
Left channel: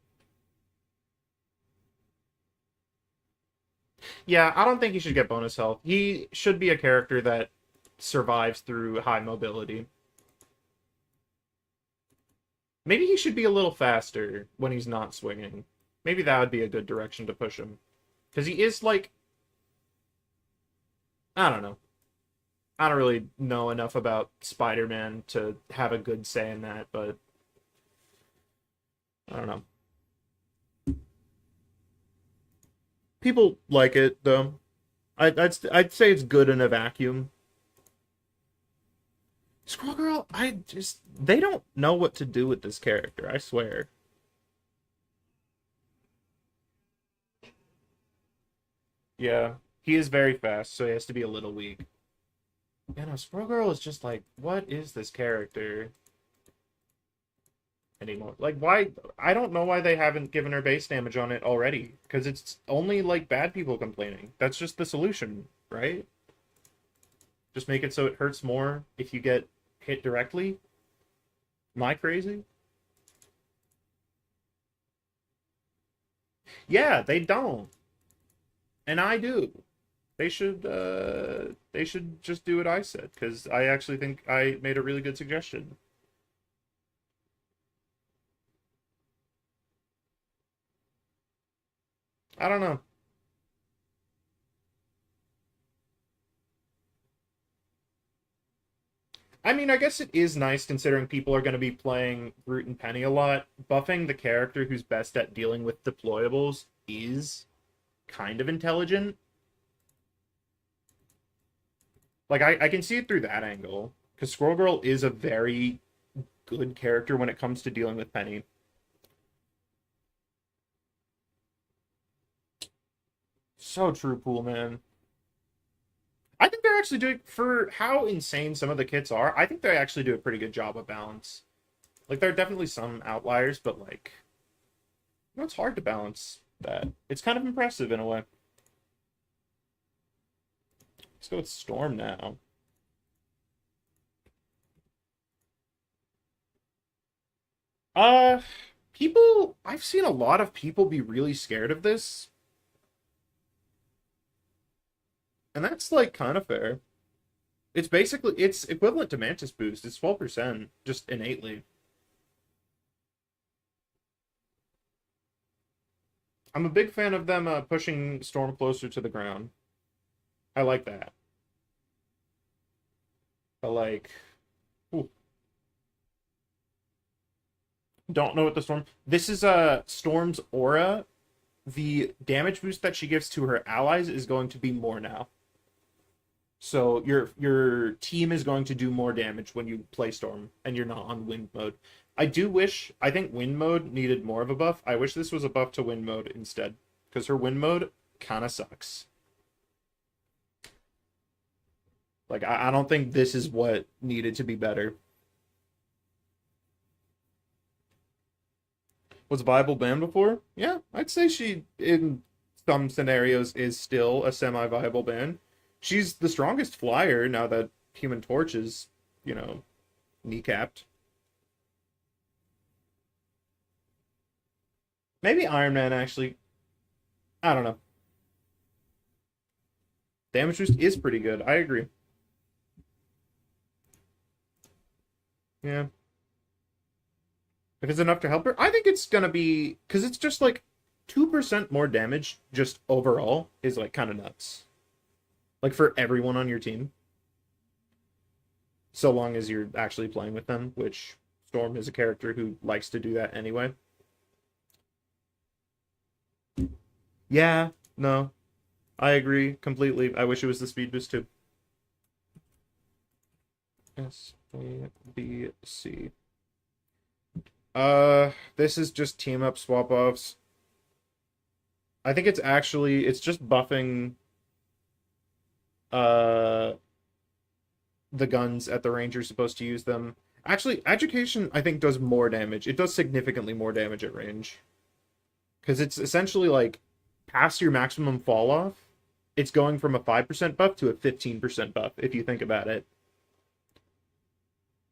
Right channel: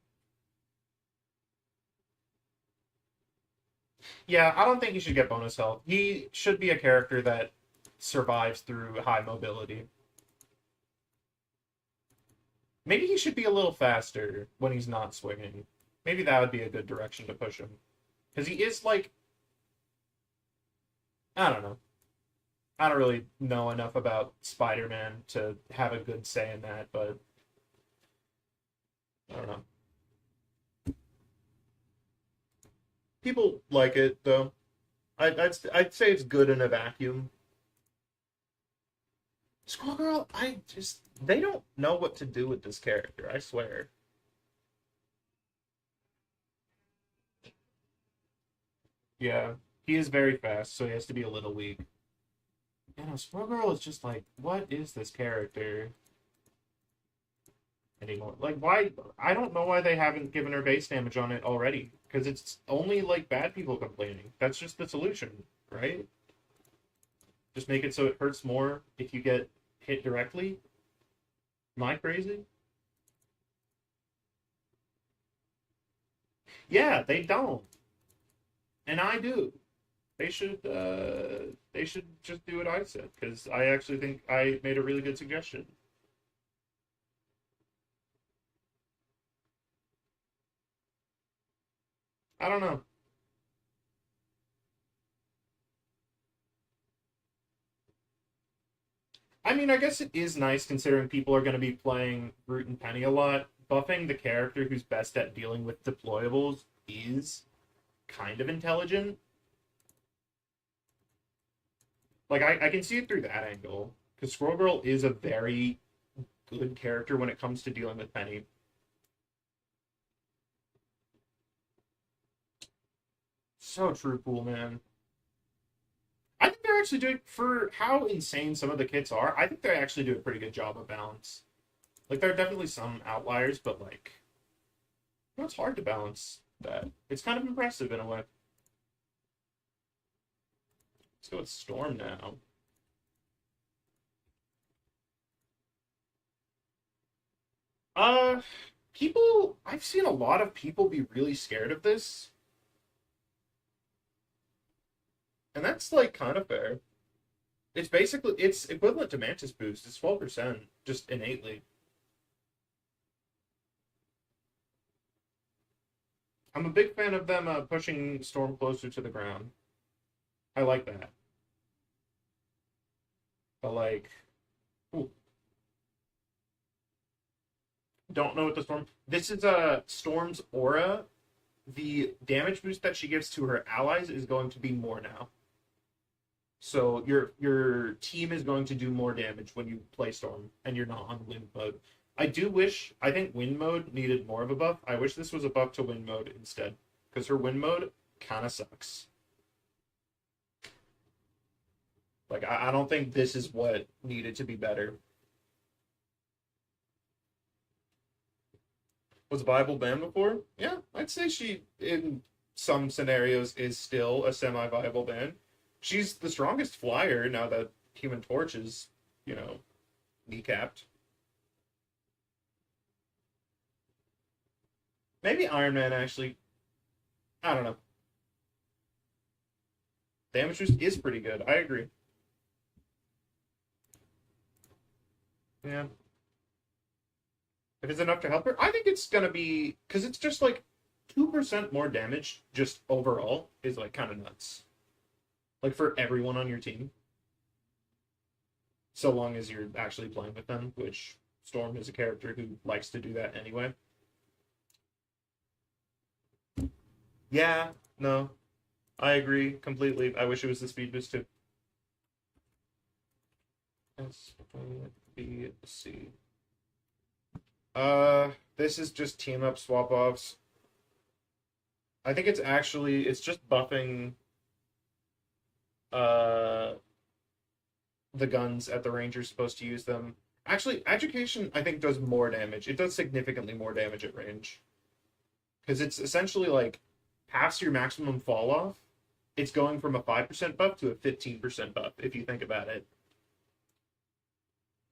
Yeah, I don't think he should get bonus health. He should be a character that survives through high mobility. Maybe he should be a little faster when he's not swinging. Maybe that would be a good direction to push him. Because he is like... I don't know. I don't really know enough about Spider-Man to have a good say in that, but... I don't know. People like it, though. I'd say it's good in a vacuum. Squirrel Girl, they don't know what to do with this character, I swear. Yeah, he is very fast, so he has to be a little weak. Yeah, no, Squirrel Girl is just like, what is this character anymore? Like, why? I don't know why they haven't given her base damage on it already, because it's only like bad people complaining. That's just the solution, right? Just make it so it hurts more if you get hit directly. Am I crazy? Yeah, they don't, and I do. They should just do what I said because I actually think I made a really good suggestion. I don't know. I mean, I guess it is nice considering people are going to be playing Root and Penny a lot. Buffing the character who's best at dealing with deployables is kind of intelligent. Like, I can see it through that angle. Because Squirrel Girl is a very good character when it comes to dealing with Penny. So true, cool man. I think they're actually doing, for how insane some of the kits are, I think they actually do a pretty good job of balance. Like, there are definitely some outliers, but, like, it's hard to balance that. It's kind of impressive in a way. Let's go with Storm now. Uh, I've seen a lot of people be really scared of this, and that's, like, kind of fair. It's equivalent to Mantis Boost. It's 12%, just innately. I'm a big fan of them pushing Storm closer to the ground. I like that. But, like, ooh, don't know what the Storm. This is Storm's aura. The damage boost that she gives to her allies is going to be more now. So your team is going to do more damage when you play Storm and you're not on Wind mode. I think Wind mode needed more of a buff. I wish this was a buff to Wind mode instead, because her Wind mode kind of sucks. Like, I don't think this is what needed to be better. Was Viable banned before? Yeah, I'd say she, in some scenarios, is still a semi-viable ban. She's the strongest flyer now that Human Torch is, kneecapped. Maybe Iron Man, actually. I don't know. Damage boost is pretty good. I agree. Yeah. If it's enough to help her, I think it's gonna be, because it's just like 2% more damage just overall is like kind of nuts. Like for everyone on your team. So long as you're actually playing with them, which Storm is a character who likes to do that anyway. Yeah, no. I agree completely. I wish it was the speed boost too. S A B C. This is just team up swap offs. I think it's just buffing uh the guns at the range you're supposed to use them. Actually, education I think does more damage. It does significantly more damage at range. Because it's essentially like past your maximum fall off, it's going from a 5% buff to a 15% buff, if you think about it.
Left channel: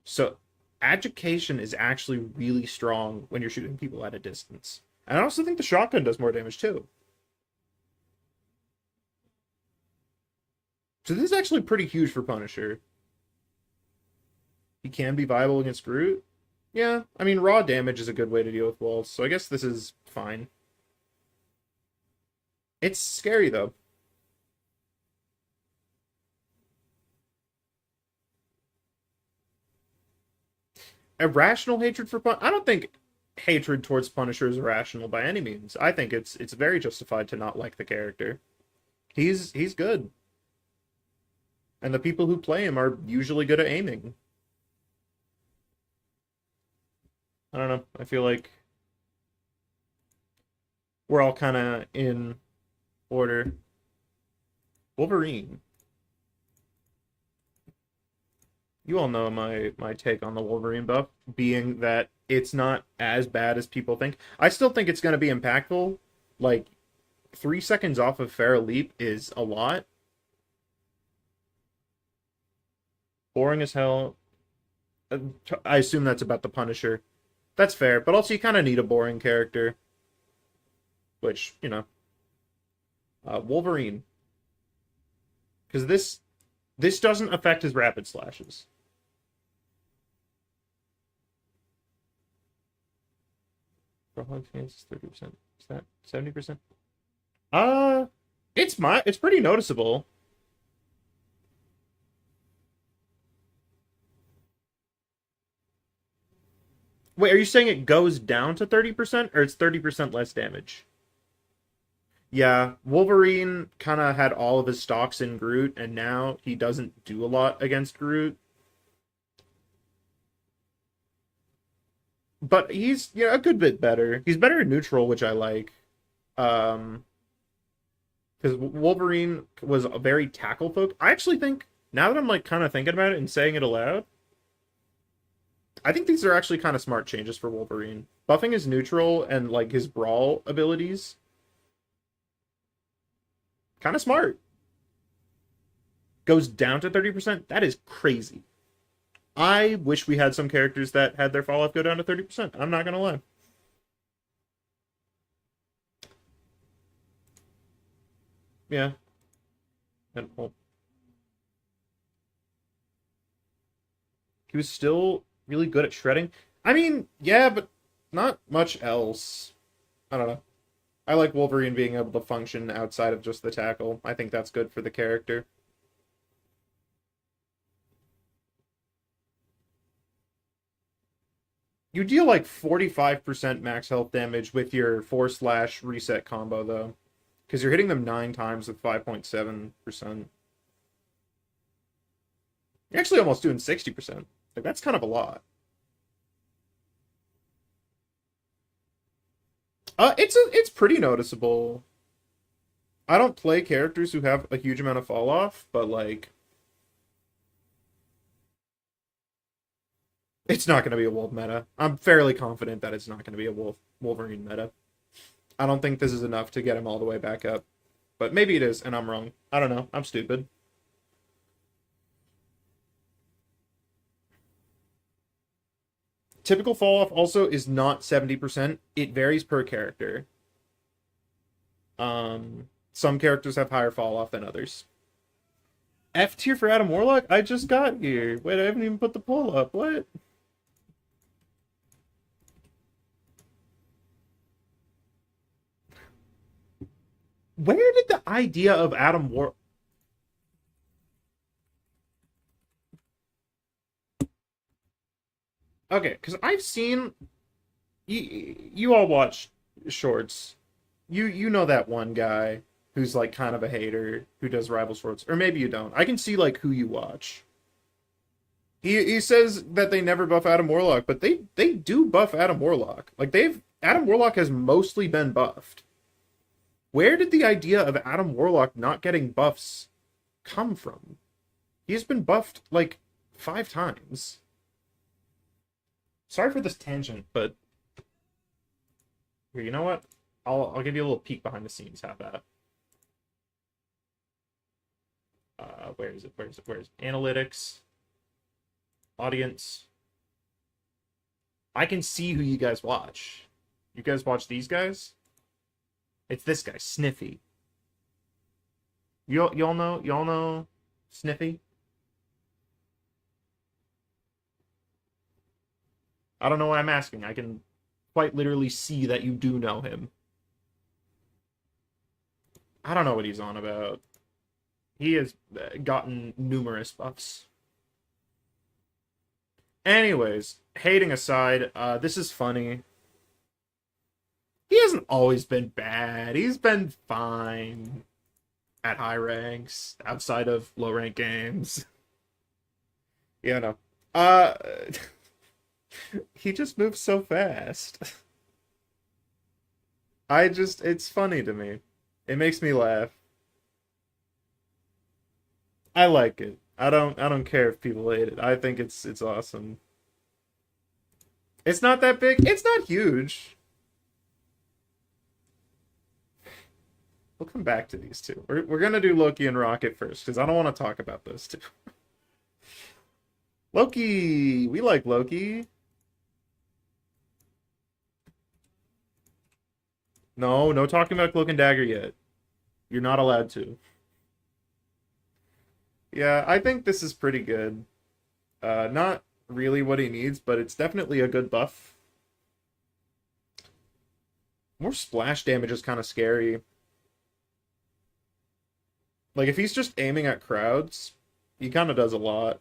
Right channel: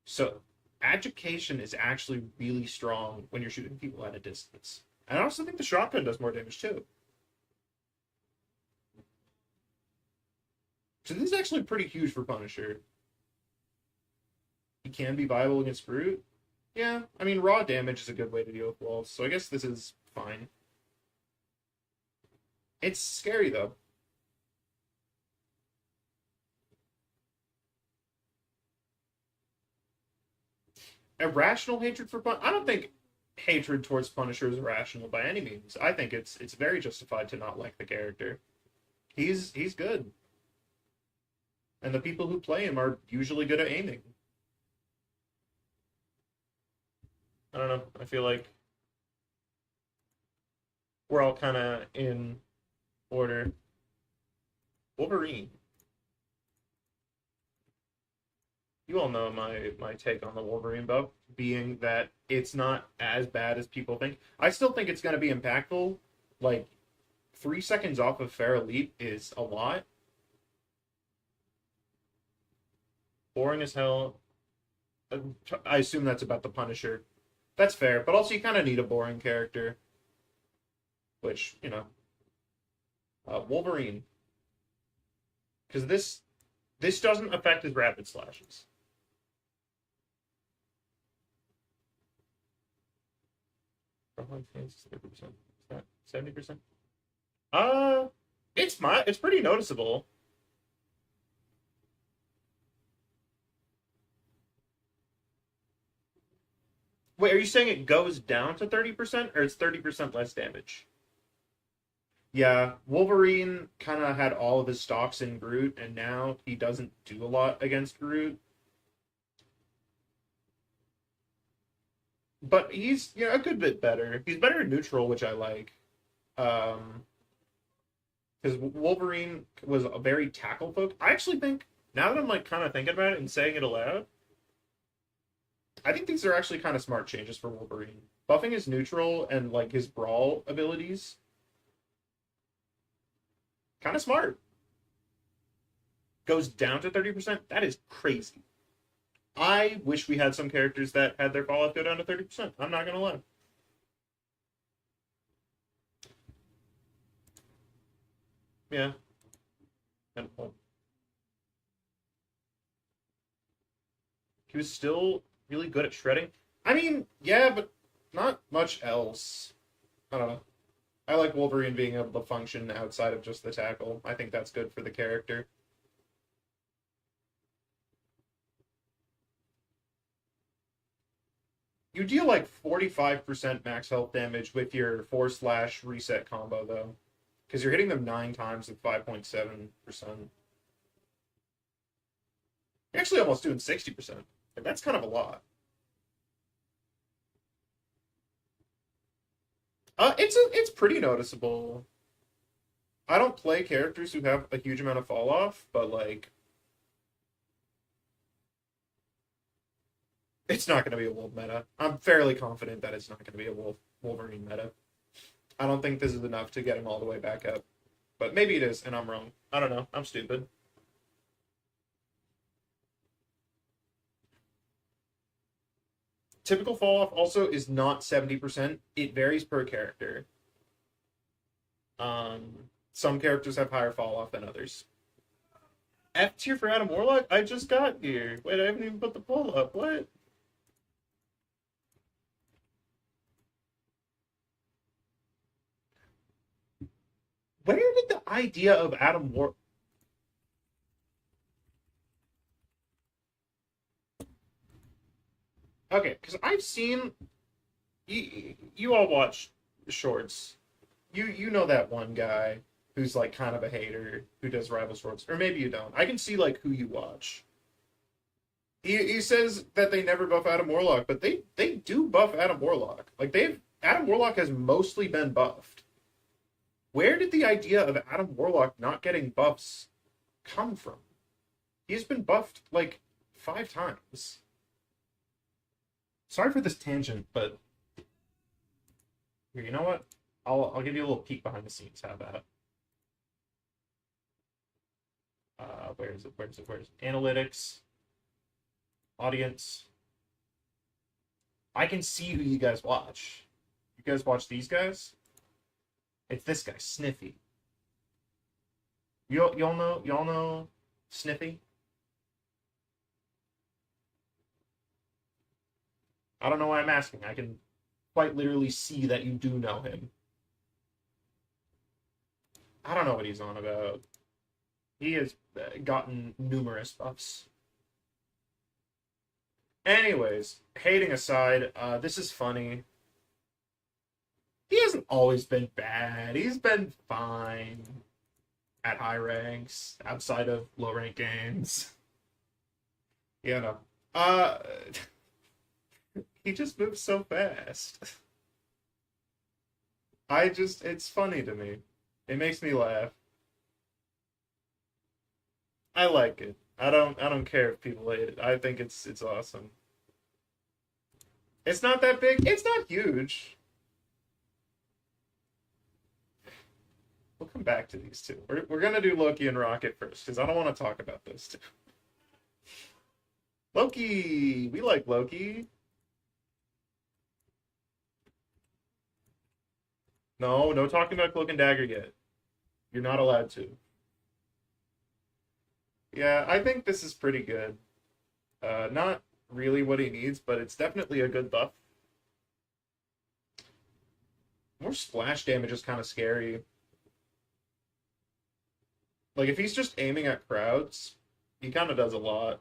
So education is actually really strong when you're shooting people at a distance. And I also think the shotgun does more damage too. So this is actually pretty huge for Punisher. He can be viable against Groot. Yeah, I mean, raw damage is a good way to deal with walls, so I guess this is fine. It's scary, though. Irrational hatred for I don't think hatred towards Punisher is irrational by any means. I think it's very justified to not like the character. He's good. And the people who play him are usually good at aiming. I don't know. I feel like we're all kind of in order. Wolverine. You all know my take on the Wolverine buff, being that it's not as bad as people think. I still think it's going to be impactful. Like, 3 seconds off of Feral Leap is a lot. Boring as hell. I assume that's about the Punisher. That's fair, but also you kind of need a boring character. Which, Wolverine. Because this doesn't affect his rapid slashes. Chance is 30%. Is that 70%? It's pretty noticeable. Wait, are you saying it goes down to 30% or it's 30% less damage? Yeah, Wolverine kind of had all of his stocks in Groot, and now he doesn't do a lot against Groot. But he's a good bit better. He's better in neutral, which I like. Because Wolverine was a very tackle folk. I actually think Now that I'm like kind of thinking about it and saying it aloud, I think these are actually kind of smart changes for Wolverine. Buffing his neutral and like his brawl abilities, kind of smart. Goes down to 30%. That is crazy. I wish we had some characters that had their fall off go down to 30%. I'm not gonna lie. Yeah. And, well, he was still really good at shredding. I mean, yeah, but not much else. I don't know. I like Wolverine being able to function outside of just the tackle. I think that's good for the character. You deal like 45% max health damage with your force slash reset combo, though. Because you're hitting them 9 times with 5.7%. You're actually almost doing 60%. Like, that's kind of a lot. It's pretty noticeable. I don't play characters who have a huge amount of fall off, but like it's not going to be a Wolf meta. I'm fairly confident that it's not going to be a Wolverine meta. I don't think this is enough to get him all the way back up, but maybe it is, and I'm wrong. I don't know. I'm stupid. Typical fall off also is not 70%. It varies per character. Some characters have higher fall off than others. F tier for Adam Warlock? I just got here. Wait, I haven't even put the poll up. What? Where did the idea of Adam War... Okay, because I've seen... You all watch shorts. You know that one guy who's like kind of a hater who does rival shorts. Or maybe you don't. I can see like who you watch. He says that they never buff Adam Warlock, but they do buff Adam Warlock. Like they've Adam Warlock has mostly been buffed. Where did the idea of Adam Warlock not getting buffs come from? He's been buffed like 5 times. Sorry for this tangent, but here, you know what? I'll give you a little peek behind the scenes. How about? Where is it? Where is it? Where is it? Analytics, audience. I can see who you guys watch. You guys watch these guys? It's this guy, Sniffy. Y'all know Sniffy? I don't know why I'm asking. I can quite literally see that you do know him. I don't know what he's on about. He has gotten numerous buffs. Anyways, hating aside, this is funny. He hasn't always been bad. He's been fine at high ranks, outside of low rank games. You know. He just moves so fast. It's funny to me. It makes me laugh. I like it. I don't care if people hate it. I think it's awesome. It's not that big. It's not huge. We'll come back to these two. We're gonna do Loki and Rocket first because I don't want to talk about those two. Loki, we like Loki. No talking about Cloak and Dagger yet. You're not allowed to. Yeah, I think this is pretty good. Not really what he needs, but it's definitely a good buff. More splash damage is kind of scary. Like, if he's just aiming at crowds, he kind of does a lot.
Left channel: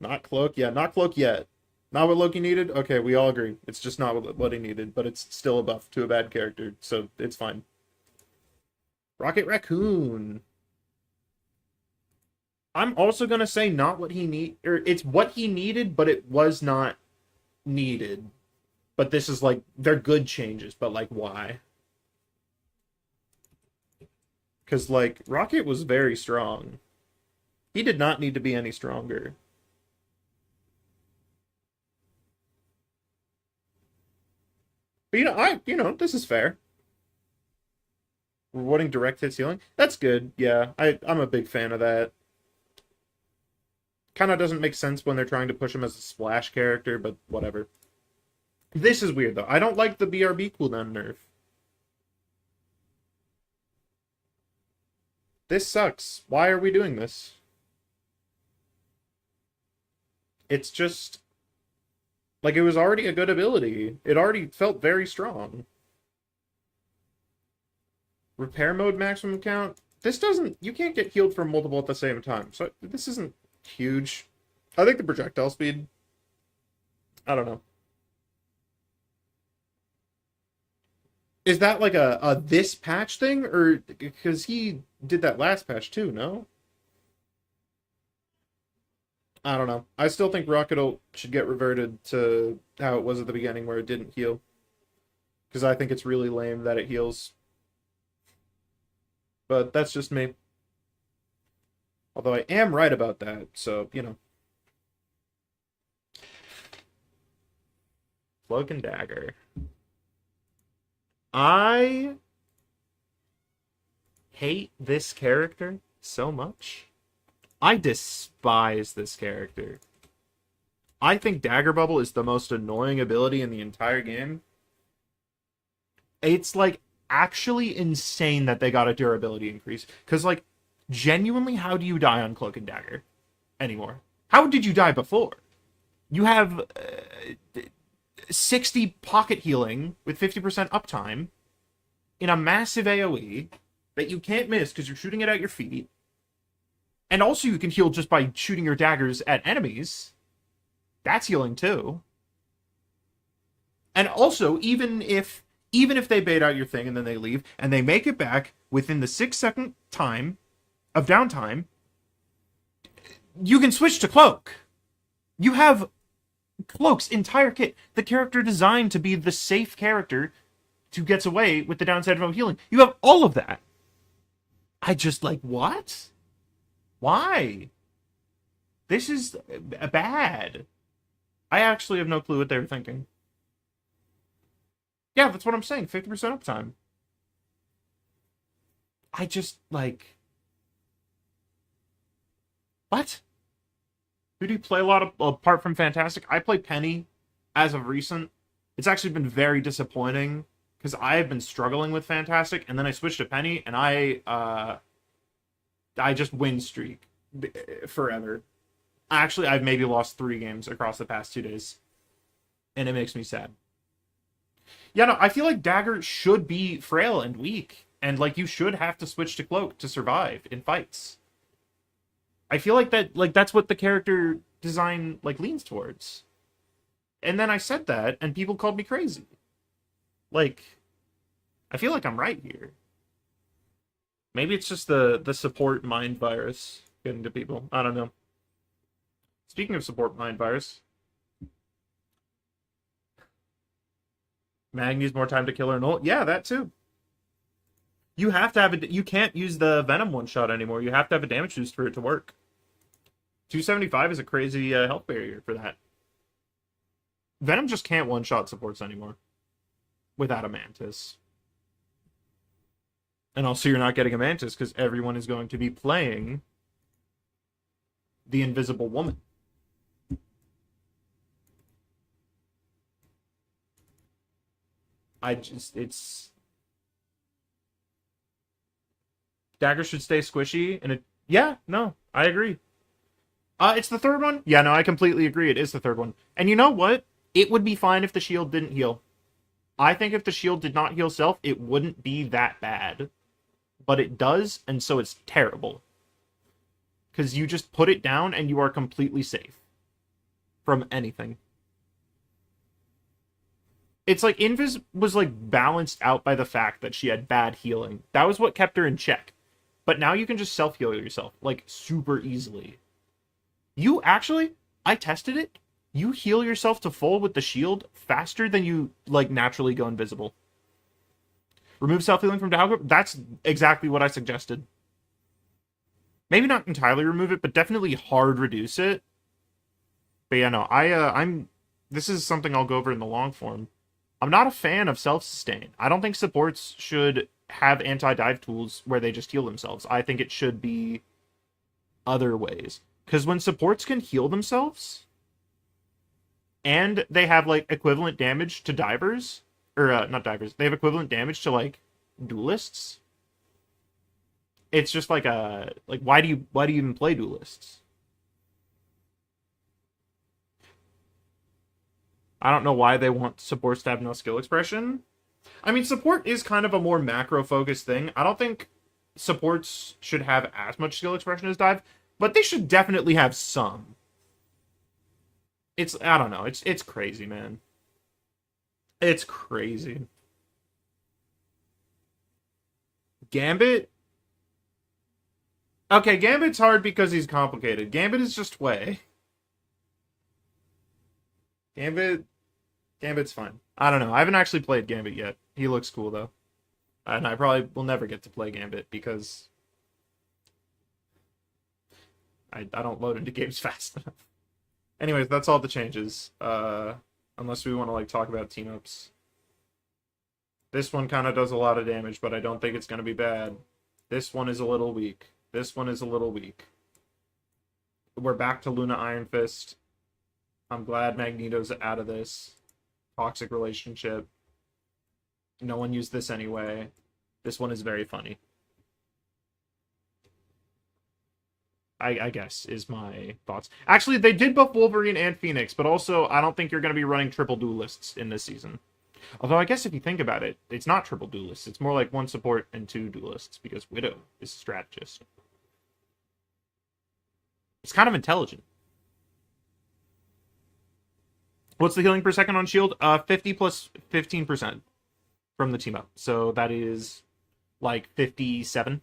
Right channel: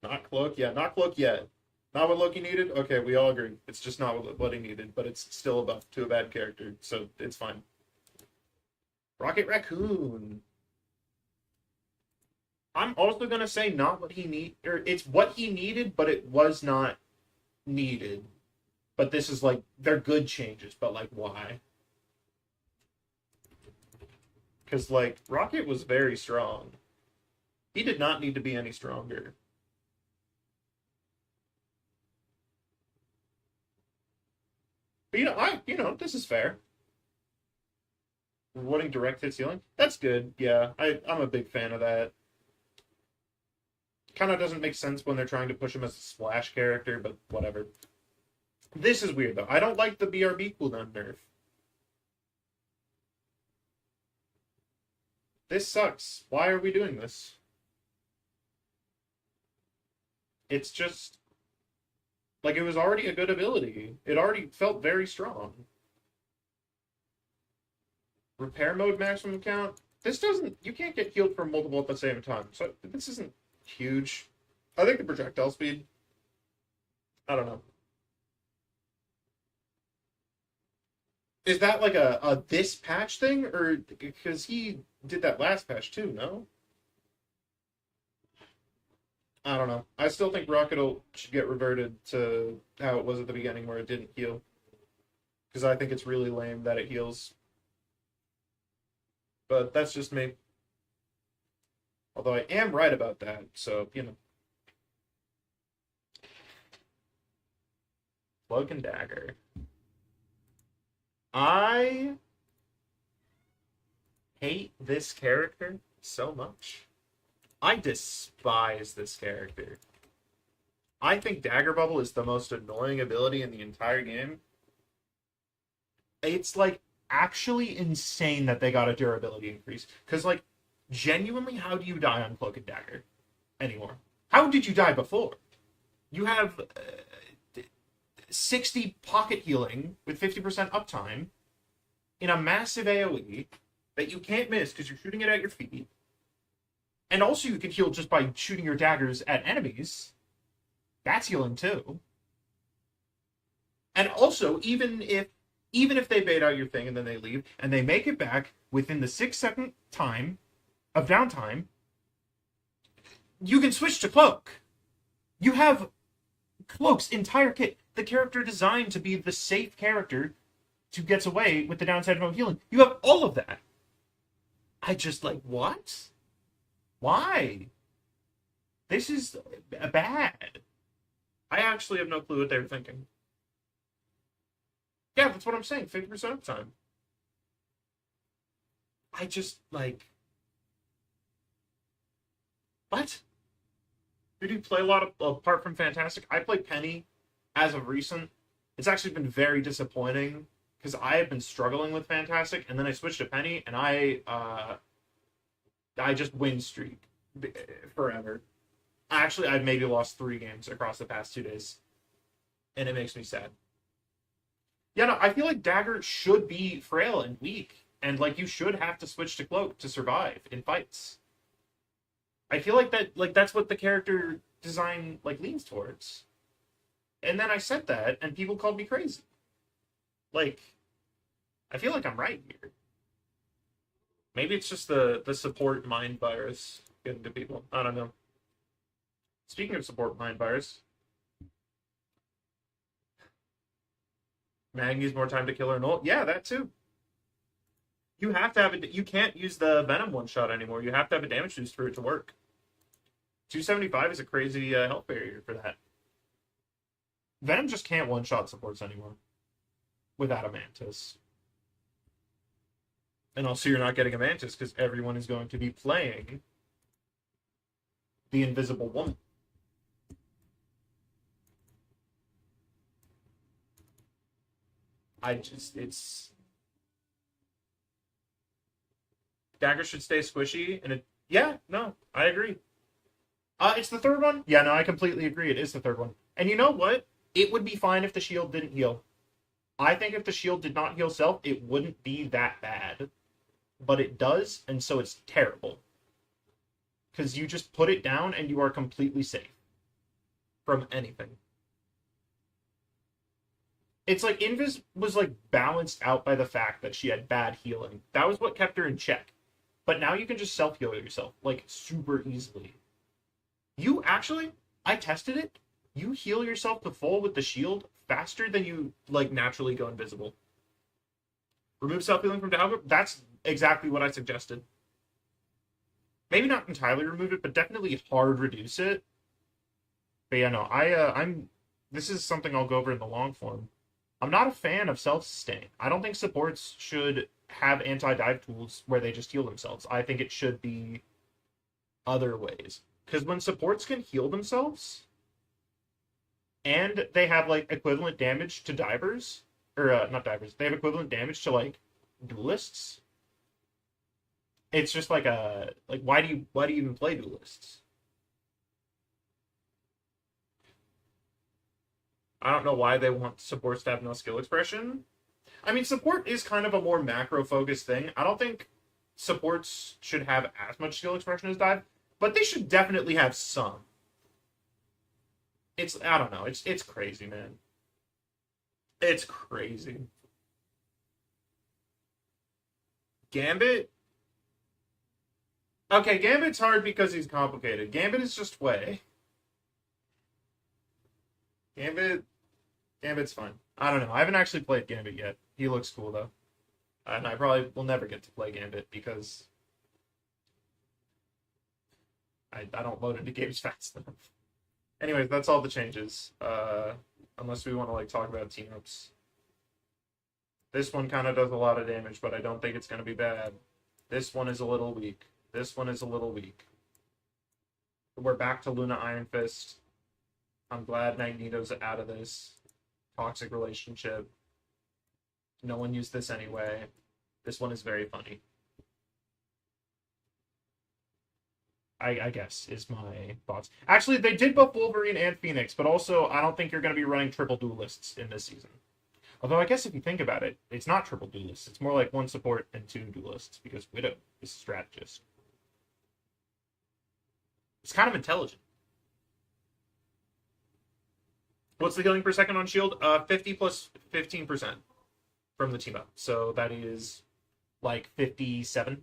Not Cloak? Yeah, not Cloak yet. Not what Loki needed? Okay, we all agree. It's just not what he needed, but it's still a buff to a bad character, so it's fine. Rocket Raccoon. I'm also gonna say not what he need, or it's what he needed, but it was not needed. But this is like they're good changes, but like why? Because, like, Rocket was very strong. He did not need to be any stronger. But, this is fair. Rewarding direct hits healing. That's good. Yeah, I'm a big fan of that. Kind of doesn't make sense when they're trying to push him as a splash character, but whatever. This is weird, though. I don't like the BRB cooldown nerf. This sucks. Why are we doing this? It's just... Like, it was already a good ability. It already felt very strong. Repair mode maximum count? This doesn't... You can't get healed from multiple at the same time. So, this isn't huge. I think the projectile speed... I don't know. Is that like a this patch thing? Or... Because he did that last patch too, no? I don't know. I still think Rocket should get reverted to how it was at the beginning where it didn't heal. Because I think it's really lame that it heals. But that's just me. Although I am right about that, so, Cloak and Dagger. I hate this character so much. I despise this character. I think Dagger Bubble is the most annoying ability in the entire game. It's, like, actually insane that they got a durability increase. Because, like, genuinely, how do you die on Cloak and Dagger anymore? How did you die before? You have 60 pocket healing with 50% uptime in a massive AoE that you can't miss because you're shooting it at your feet. And also you can heal just by shooting your daggers at enemies. That's healing too. And also, even if they bait out your thing and then they leave, and they make it back within the 6-second time of downtime, you can switch to Cloak. You have Cloak's entire kit. The character designed to be the safe character who gets away with the downside of no healing. You have all of that. I just, like, what? Why? This is bad. I actually have no clue what they were thinking. Yeah, that's what I'm saying. 50% uptime. I just, like... What? Who do you play a lot of, apart from Fantastic? I play Penny as of recent. It's actually been very disappointing, because I have been struggling with Fantastic, and then I switched to Penny, and I just win streak forever. Actually, I've maybe lost 3 games across the past 2 days, and it makes me sad. Yeah, no, I feel like Dagger should be frail and weak, and, like, you should have to switch to Cloak to survive in fights. I feel like that's what the character design, like, leans towards. And then I said that, and people called me crazy. Like, I feel like I'm right here. Maybe it's just the support mind virus getting to people. I don't know. Speaking of support mind virus, Mag needs more time to kill her null. Yeah, that too. You have to have you can't use the Venom one-shot anymore. You have to have a damage boost for it to work. 275 is a crazy health barrier for that. Venom just can't one-shot supports anymore without a Mantis. And also you're not getting a Mantis because everyone is going to be playing the Invisible Woman. It's... Dagger should stay squishy, and yeah, no, I agree. It's the third one? Yeah, no, I completely agree. It is the third one. And you know what? It would be fine if the shield didn't heal. I think if the shield did not heal self, it wouldn't be that bad. But it does, and so it's terrible. Because you just put it down, and you are completely safe from anything. It's like Invis was, like, balanced out by the fact that she had bad healing. That was what kept her in check. But now you can just self-heal yourself, like, super easily. You actually, I tested it. You heal yourself to full with the shield faster than you, like, naturally go invisible. Remove self-healing from Dahlia. That's exactly what I suggested. Maybe not entirely remove it, but definitely hard reduce it. But yeah, no, I'm. This is something I'll go over in the long form. I'm not a fan of self-sustain. I don't think supports should have anti-dive tools where they just heal themselves. I think it should be other ways. Because when supports can heal themselves, and they have like equivalent damage to divers, or not divers, they have equivalent damage to like duelists. It's just like a like why do you even play duelists? I don't know why they want supports to have no skill expression. I mean, support is kind of a more macro focused thing. I don't think supports should have as much skill expression as dive, but they should definitely have some. It's I don't know. It's crazy, man. It's crazy. Gambit. Okay, Gambit's hard because he's complicated. Gambit is just way. Gambit Gambit's fine. I don't know. I haven't actually played Gambit yet. He looks cool though. And I probably will never get to play Gambit because I don't load into games fast enough. Anyways, that's all the changes. Unless we want to like talk about team ups. This one kind of does a lot of damage, but I don't think it's going to be bad. This one is a little weak. This one is a little weak. We're back to Luna Iron Fist. I'm glad Magneto's out of this. Toxic relationship. No one used this anyway. This one is very funny. I guess, is my thoughts. Actually, they did buff Wolverine and Phoenix, but also I don't think you're going to be running triple duelists in this season. Although I guess if you think about it, it's not triple duelists. It's more like one support and two duelists, because Widow is a strategist. It's kind of intelligent. What's the healing per second on shield? 50 plus 15% from the team up. So that is like 57.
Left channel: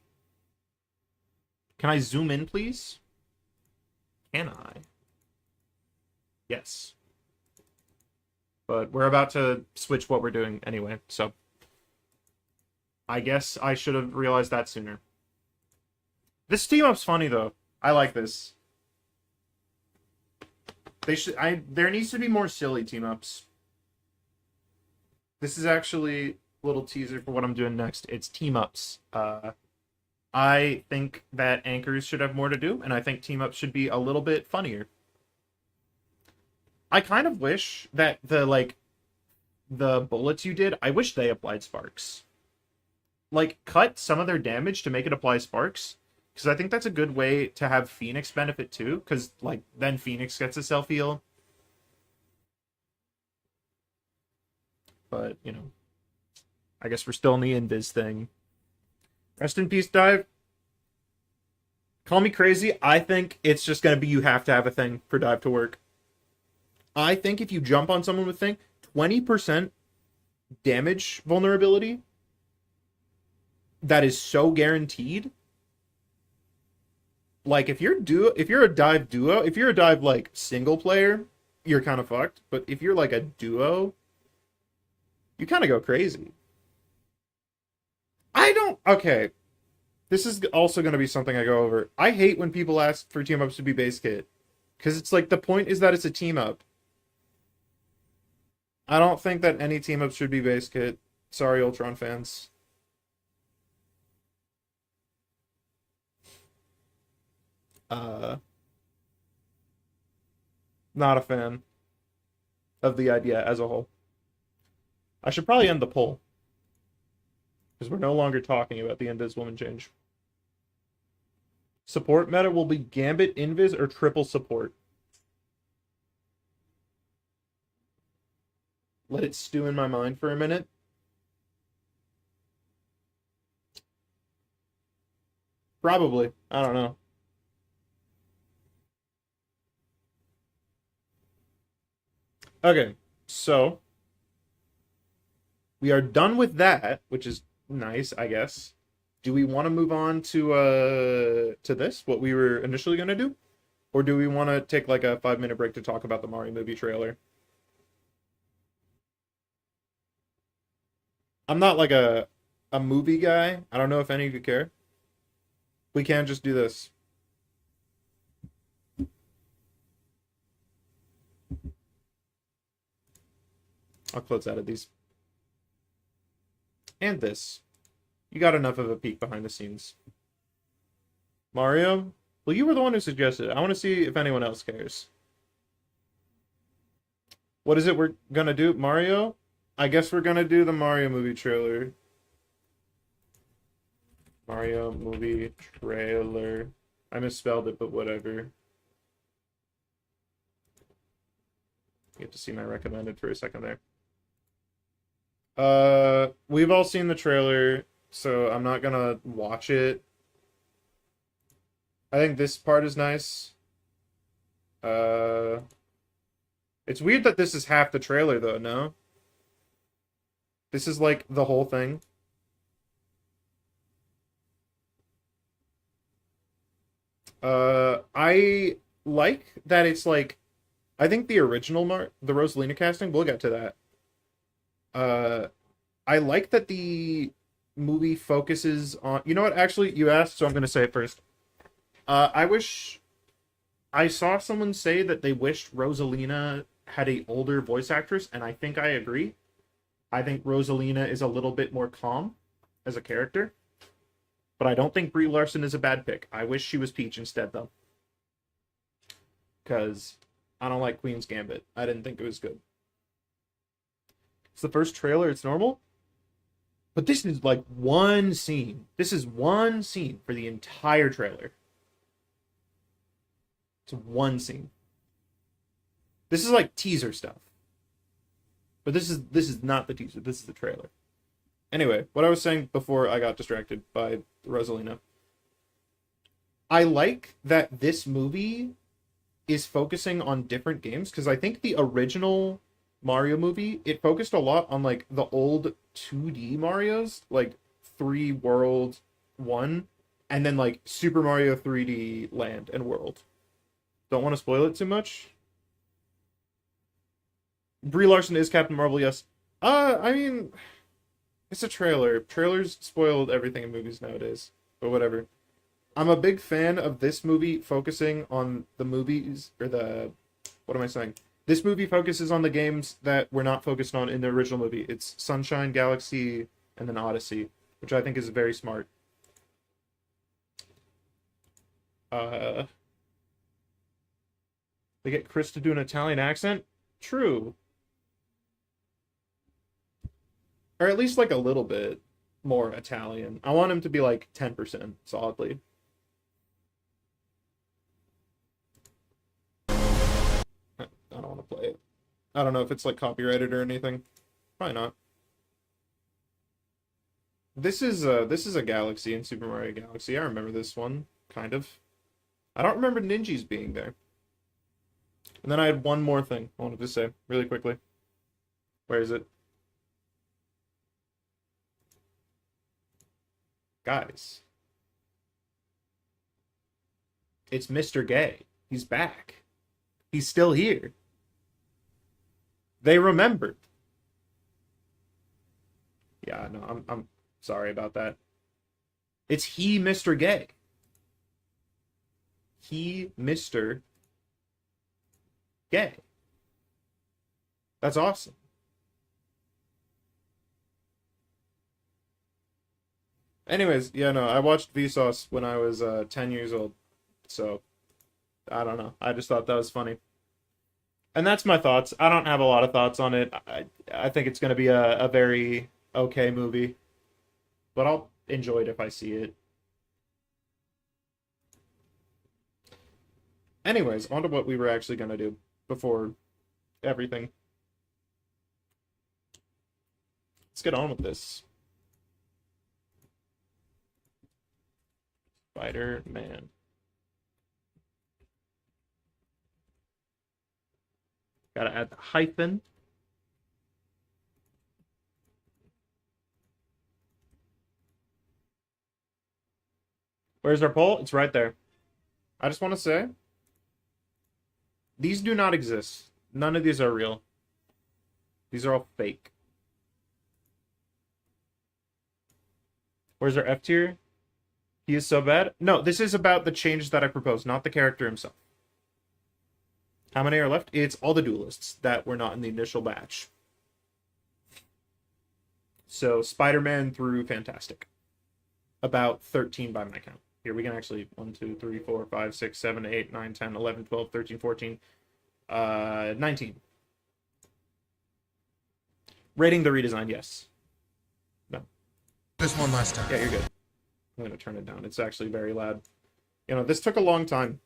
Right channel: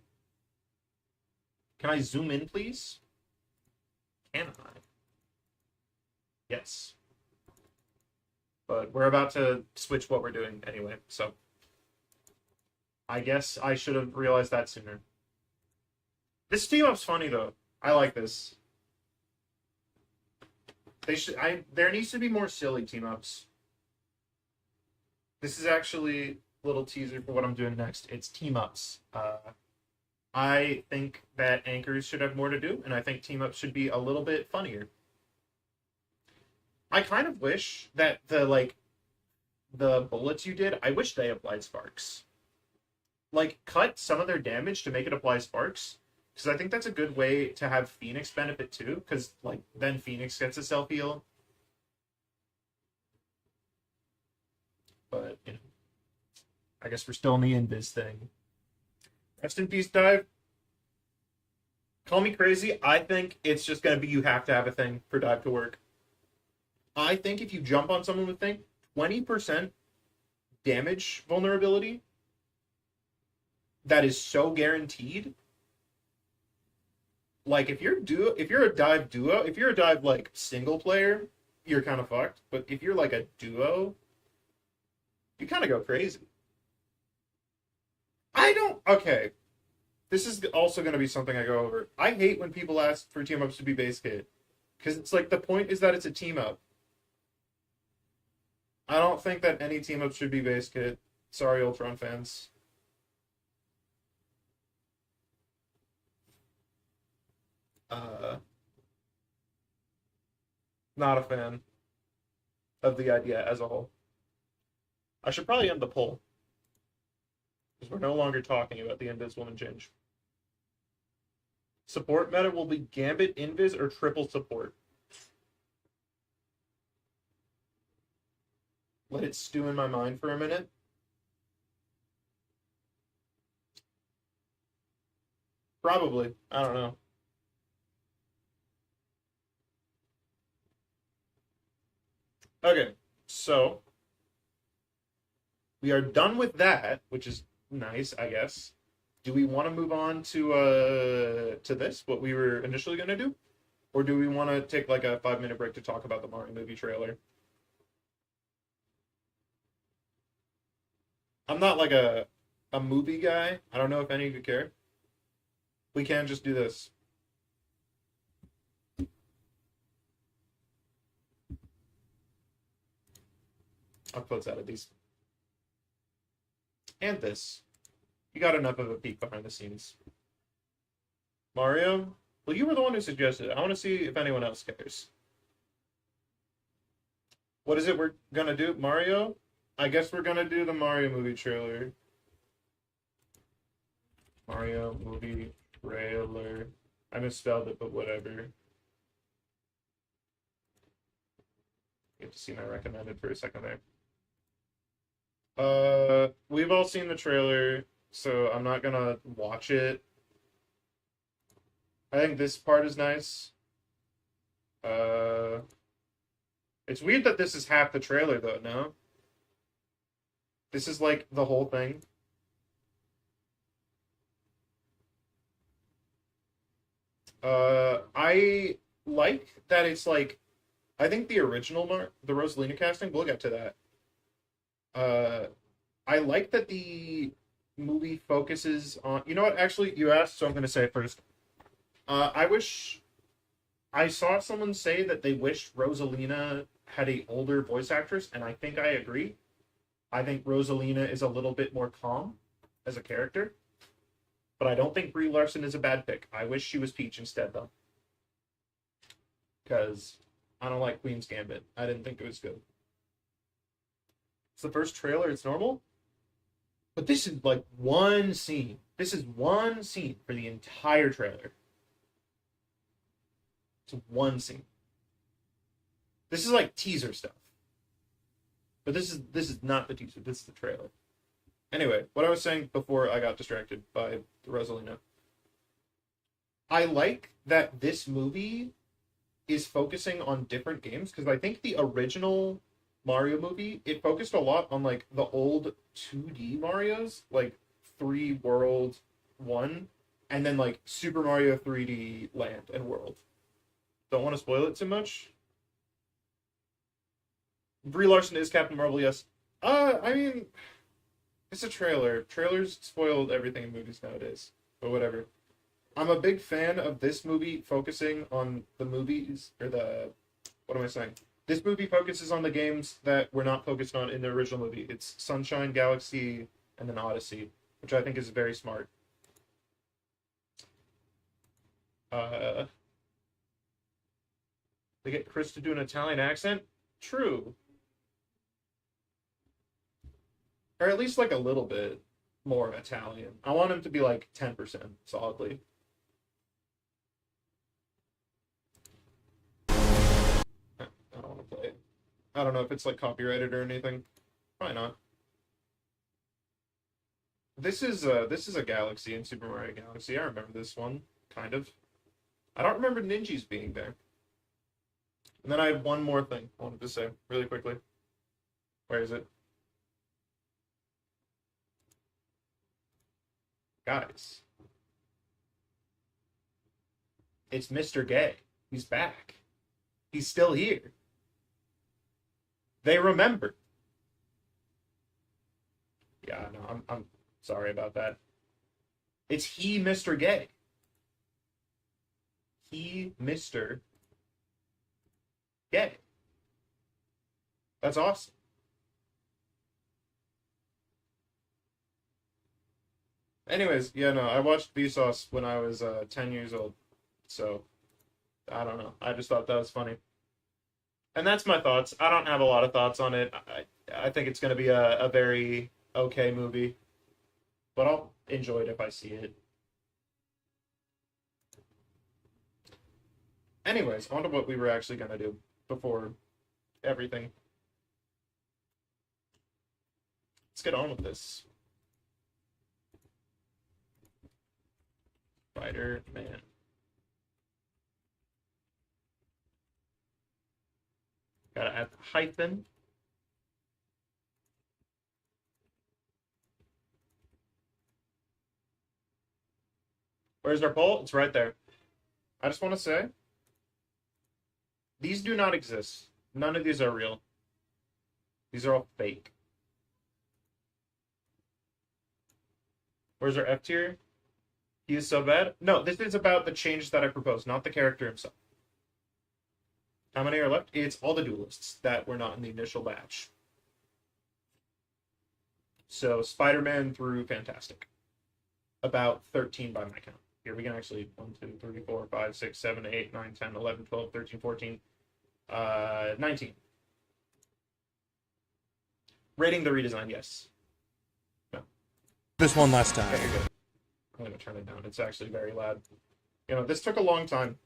Can I zoom in, please? Can I? Yes. But we're about to switch what we're doing anyway, so I guess I should have realized that sooner. This team up's funny though. I like this. There needs to be more silly team ups. This is actually a little teaser for what I'm doing next. It's team ups. I think that anchors should have more to do, and I think team ups should be a little bit funnier. I kind of wish that the bullets you did, I wish they applied sparks. Like, cut some of their damage to make it apply sparks, because I think that's a good way to have Phoenix benefit too, because, like, then Phoenix gets a self-heal. But, you know, I guess we're still in the invis thing. Rest in peace, Dive. Call me crazy. I think it's just going to be you have to have a thing for Dive to work. I think if you jump on someone with thing, 20% damage vulnerability, that is so guaranteed. Like, if you're a dive duo, if you're a dive, like, single player, you're kind of fucked. But if you're, like, a duo, you kind of go crazy. Okay. This is also going to be something I go over. I hate when people ask for team ups to be base kit. Because it's like, the point is that it's a team up. I don't think that any team up should be base kit. Sorry, Ultron fans. Not a fan of the idea as a whole. I should probably end the poll. Because we're no longer talking about the Invis woman change. Support meta will be Gambit, Invis, or triple support. Let it stew in my mind for a minute. Probably. I don't know. Okay, so we are done with that, which is nice, I guess. Do we want to move on to this, what we were initially going to do? Or do we want to take like a 5-minute break to talk about the Mario movie trailer? I'm not like a a movie guy. I don't know if any of you care. We can just do this. I'll close out of these. And this. You got enough of a peek behind the scenes. Mario? Well, you were the one who suggested it. I want to see if anyone else cares. What is it we're gonna do? Mario? I guess we're gonna do the Mario movie trailer. Mario movie trailer. I misspelled it, but whatever. Get to see my recommended for a second there. We've all seen the trailer, so I'm not gonna watch it. I think this part is nice. It's weird that this is half the trailer, though, no? This is, like, the whole thing. I like that it's, like... I think the original the Rosalina casting, we'll get to that. I like that the movie focuses on... You know what? Actually, you asked, so I'm going to say it first. I wish... I saw someone say that they wished Rosalina had a older voice actress, and I think I agree. I think Rosalina is a little bit more calm as a character. But I don't think Brie Larson is a bad pick. I wish she was Peach instead, though. Because I don't like Queen's Gambit. I didn't think it was good. It's the first trailer, it's normal. But this is like one scene. This is one scene for the entire trailer. It's one scene. This is like teaser stuff. But this is not the teaser, this is the trailer. Anyway, what I was saying before I got distracted by Rosalina. I like that this movie is focusing on different games, because I think the original Mario movie, it focused a lot on like the old 2D Marios, like 3 World 1, and then like Super Mario 3D Land and World. Don't want to spoil it too much. Brie Larson is Captain Marvel, yes. I mean, it's a trailer. Trailers spoiled everything in movies nowadays, but whatever. I'm a big fan of this movie focusing on the movies, or the... What am I saying? This movie focuses on the games that were not focused on in the original movie. It's Sunshine, Galaxy, and then Odyssey, which I think is very smart. They get Chris to do an Italian accent? True. Or at least like a little bit more Italian. I want him to be like 10% solidly. I don't want to play it. I don't know if it's like copyrighted or anything. Probably not. This is a Galaxy in Super Mario Galaxy. I remember this one, kind of. I don't remember Ninjas being there. And then I had one more thing I wanted to say really quickly. Where is it? Guys. It's Mr. Gay. He's back. He's still here. They remembered. Yeah, no, I'm sorry about that. It's he, Mr. Gay. He, Mr. Gay. That's awesome. Anyways, yeah, no, I watched Vsauce when I was 10 years old. So, I don't know. I just thought that was funny. And that's my thoughts. I don't have a lot of thoughts on it. I think it's going to be a very okay movie. But I'll enjoy it if I see it. Anyways, on to what we were actually going to do before everything. Let's get on with this. Spider-Man. Gotta add the hyphen. Where's our poll? It's right there. I just want to say, these do not exist. None of these are real. These are all fake. Or is there F tier? He is so bad? No, this is about the changes that I proposed, not the character himself. How many are left? It's all the duelists that were not in the initial batch. So Spider-Man through Fantastic. About 13 by my count. Here we can actually 1, 2, 3, 4, 5, 6, 7, 8, 9, 10, 11, 12, 13, 14, 19. Rating the redesign, yes. No. This one last time. Yeah, you're good. I'm gonna turn it down. It's actually very loud. You know, this took a long time.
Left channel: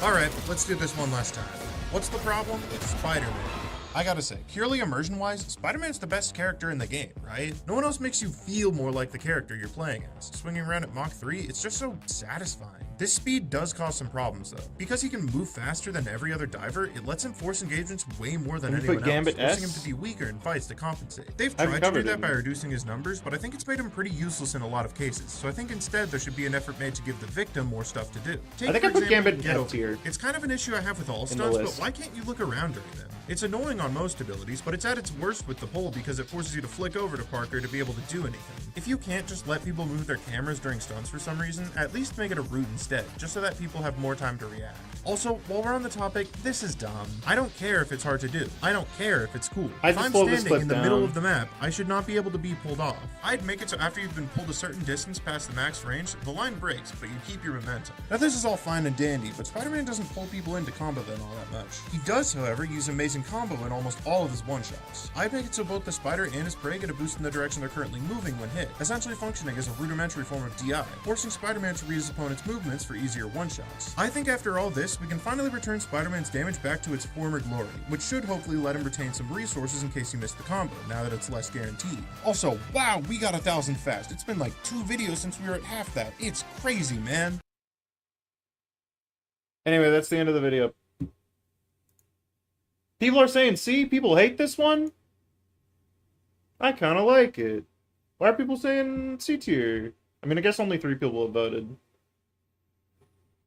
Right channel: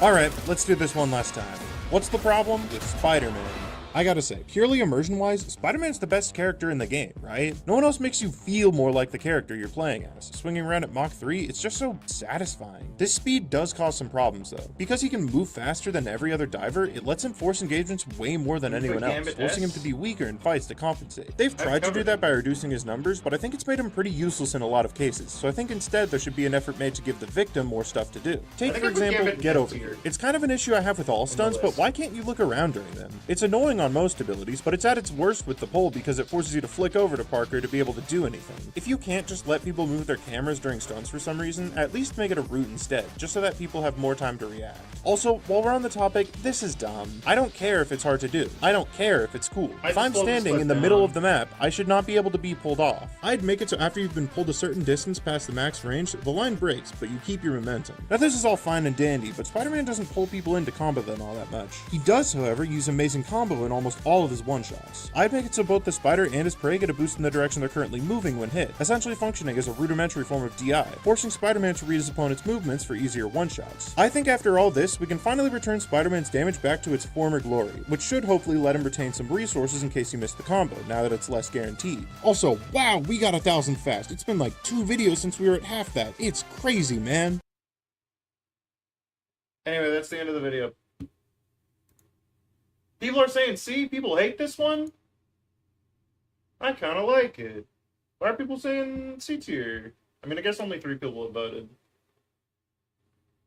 Alright, let's do this one last time. What's the problem? It's Spider-Man. I gotta say, purely immersion-wise, Spider-Man's the best character in the game, right? No one else makes you feel more like the character you're playing as. Swinging around at Mach 3, it's just so satisfying. This speed does cause some problems though. Because he can move faster than every other diver, it lets him force engagements way more than anyone else, forcing him to be weaker in fights to compensate. They've tried to do that by reducing his numbers, but I think it's made him pretty useless in a lot of cases, so I think instead there should be an effort made to give the victim more stuff to do. Take for example, Get Over Here. It's kind of an issue I have with all stunts, but why can't you look around during them? It's annoying on most abilities, but it's at its worst with the pole because it forces you to flick over to Parker to be able to do anything. If you can't just let people move their cameras during stunts for some reason, at least make it a route instead, just so that people have more time to react. Also, while we're on the topic, this is dumb. I don't care if it's hard to do. I don't care if it's cool. If I'm standing in the middle of the map, I should not be able to be pulled off. I'd make it so after you've been pulled a certain distance past the max range, the line breaks, but you keep your momentum. Now this is all fine and dandy, but Spider-Man doesn't pull people into combo then all that much. He does, however, use amazing combo in almost all of his one-shots. I'd make it so both the spider and his prey get a boost in the direction they're currently moving when hit, essentially functioning as a rudimentary form of DI, forcing Spider-Man to read his opponent's movements for easier one-shots. I think after all this, we can finally return Spider-Man's damage back to its former glory, which should hopefully let him retain some resources in case he missed the combo, now that it's less guaranteed. Also, wow, we got 1,000 fast. It's been like 2 videos since we were at half that. It's crazy, man. Anyway, that's the end of the video. People are saying C? People hate this one? I kind of like it. Why are people saying C tier? I mean, I guess only 3 people have voted.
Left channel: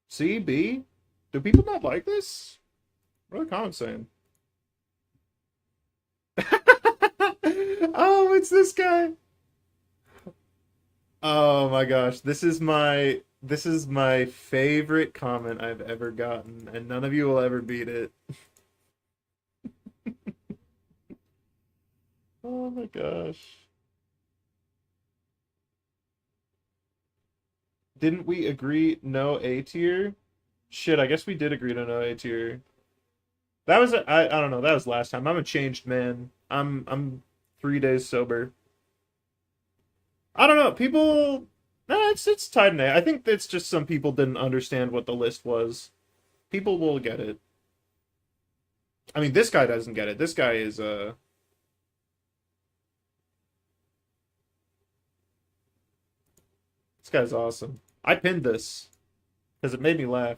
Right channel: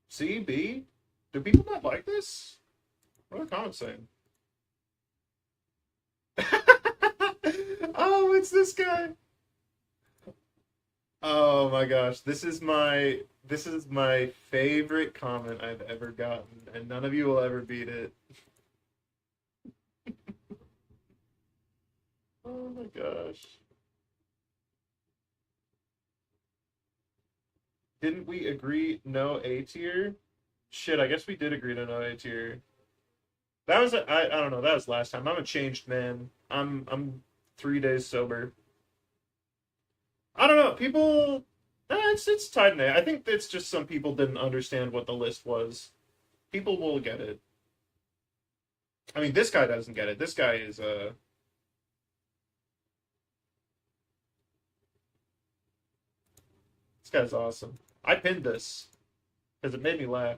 C? B? Do people not like this? What are the comments saying? Oh, it's this guy. Oh my gosh, this is my favorite comment I've ever gotten, and none of you will ever beat it. Oh my gosh. Didn't we agree no A tier? Shit, I guess we did agree to no A tier. That was I don't know, that was last time. I'm a changed man. I'm 3 days sober. I don't know, people no, it's tied in A. I think it's just some people didn't understand what the list was. People will get it. I mean, this guy doesn't get it. This guy is this guy's awesome. I pinned this because it made me laugh.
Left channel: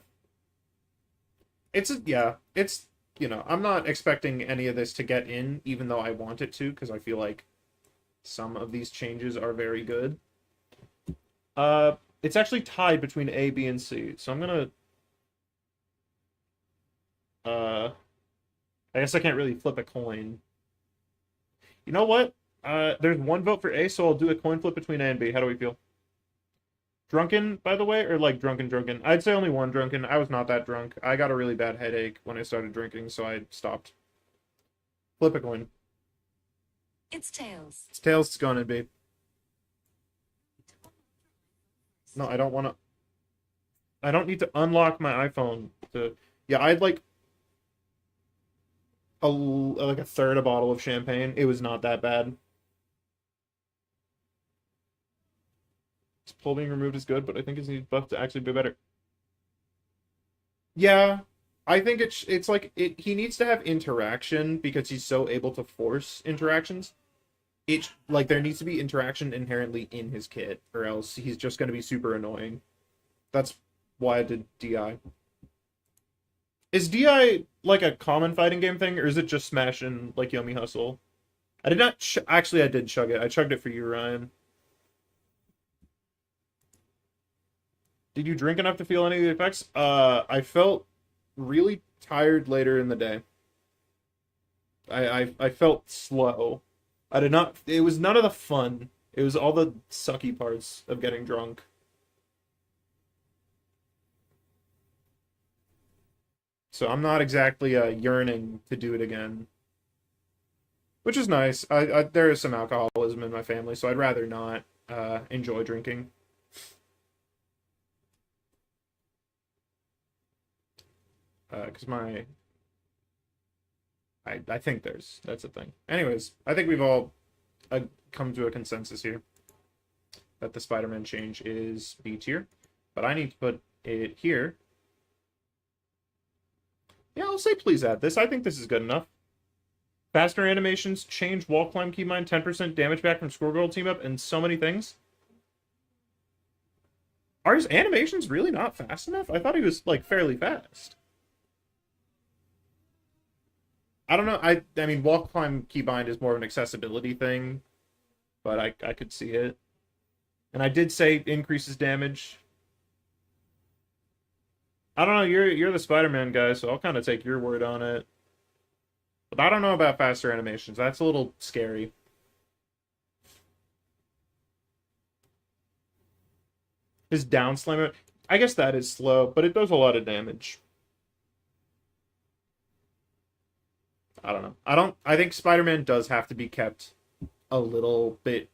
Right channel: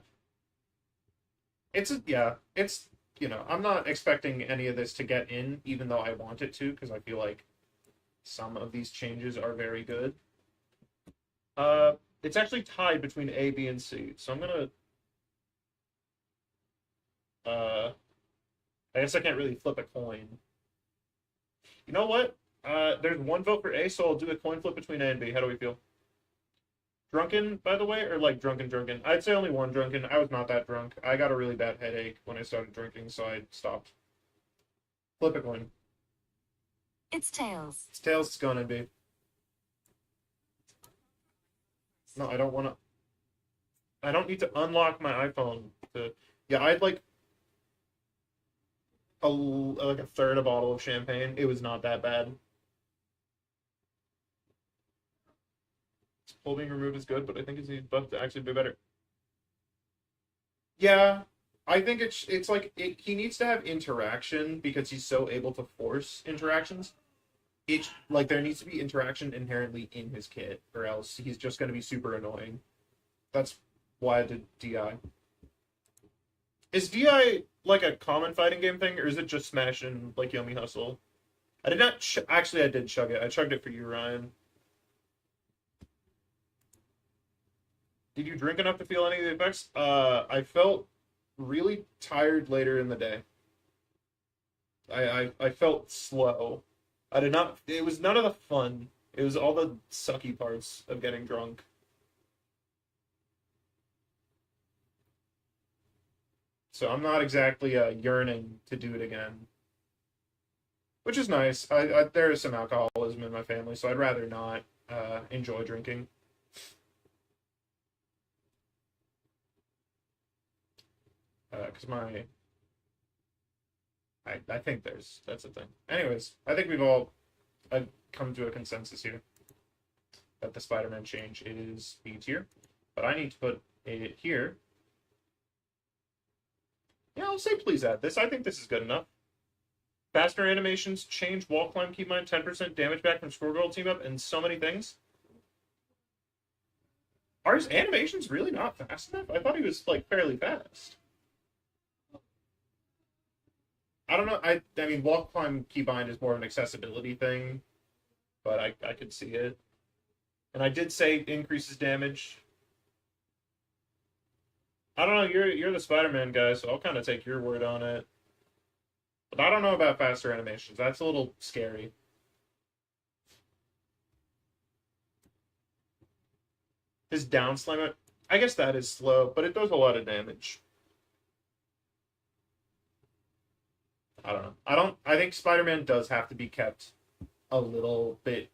Yeah, it's, you know, I'm not expecting any of this to get in, even though I want it to, because I feel like some of these changes are very good. It's actually tied between A, B, and C, so I'm gonna, I guess I can't really flip a coin. You know what? There's 1 vote for A, so I'll do a coin flip between A and B. How do we feel? Drunken, by the way, or like drunken? I'd say only 1 drunken. I was not that drunk. I got a really bad headache when I started drinking, so I stopped. Flip a coin. It's Tails. It's Tails. It's going in B. No, I don't want to. I don't need to unlock my iPhone to. Yeah, I'd like a third a bottle of champagne. It was not that bad. His pull being removed is good, but I think his buff to actually be better. Yeah, I think it's like he needs to have interaction because he's so able to force interactions. It's like there needs to be interaction inherently in his kit, or else he's just going to be super annoying. That's why I did DI. Is DI like a common fighting game thing, or is it just Smash and like Yomi Hustle? I did not actually. I did chug it. I chugged it for you, Ryan. Did you drink enough to feel any of the effects? I felt really tired later in the day. I felt slow. I did not. It was none of the fun. It was all the sucky parts of getting drunk. So I'm not exactly yearning to do it again. Which is nice. There is some alcoholism in my family, so I'd rather not enjoy drinking. Because I think that's a thing. Anyways, I think we've all come to a consensus here that the Spider-Man change is B tier, but I need to put it here. Yeah, I'll say please add this. I think this is good enough. Faster animations, change wall climb keybind, 10% damage back from Squirrel team up, and so many things. Are his animations really not fast enough? I thought he was, like, fairly fast. I don't know. I mean, wall climb keybind is more of an accessibility thing, but I could see it. And I did say increases damage. I don't know. You're the Spider-Man guy, so I'll kind of take your word on it. But I don't know about faster animations. That's a little scary. His down slam, I guess that is slow, but it does a lot of damage. I don't know. I think Spider-Man does have to be kept a little bit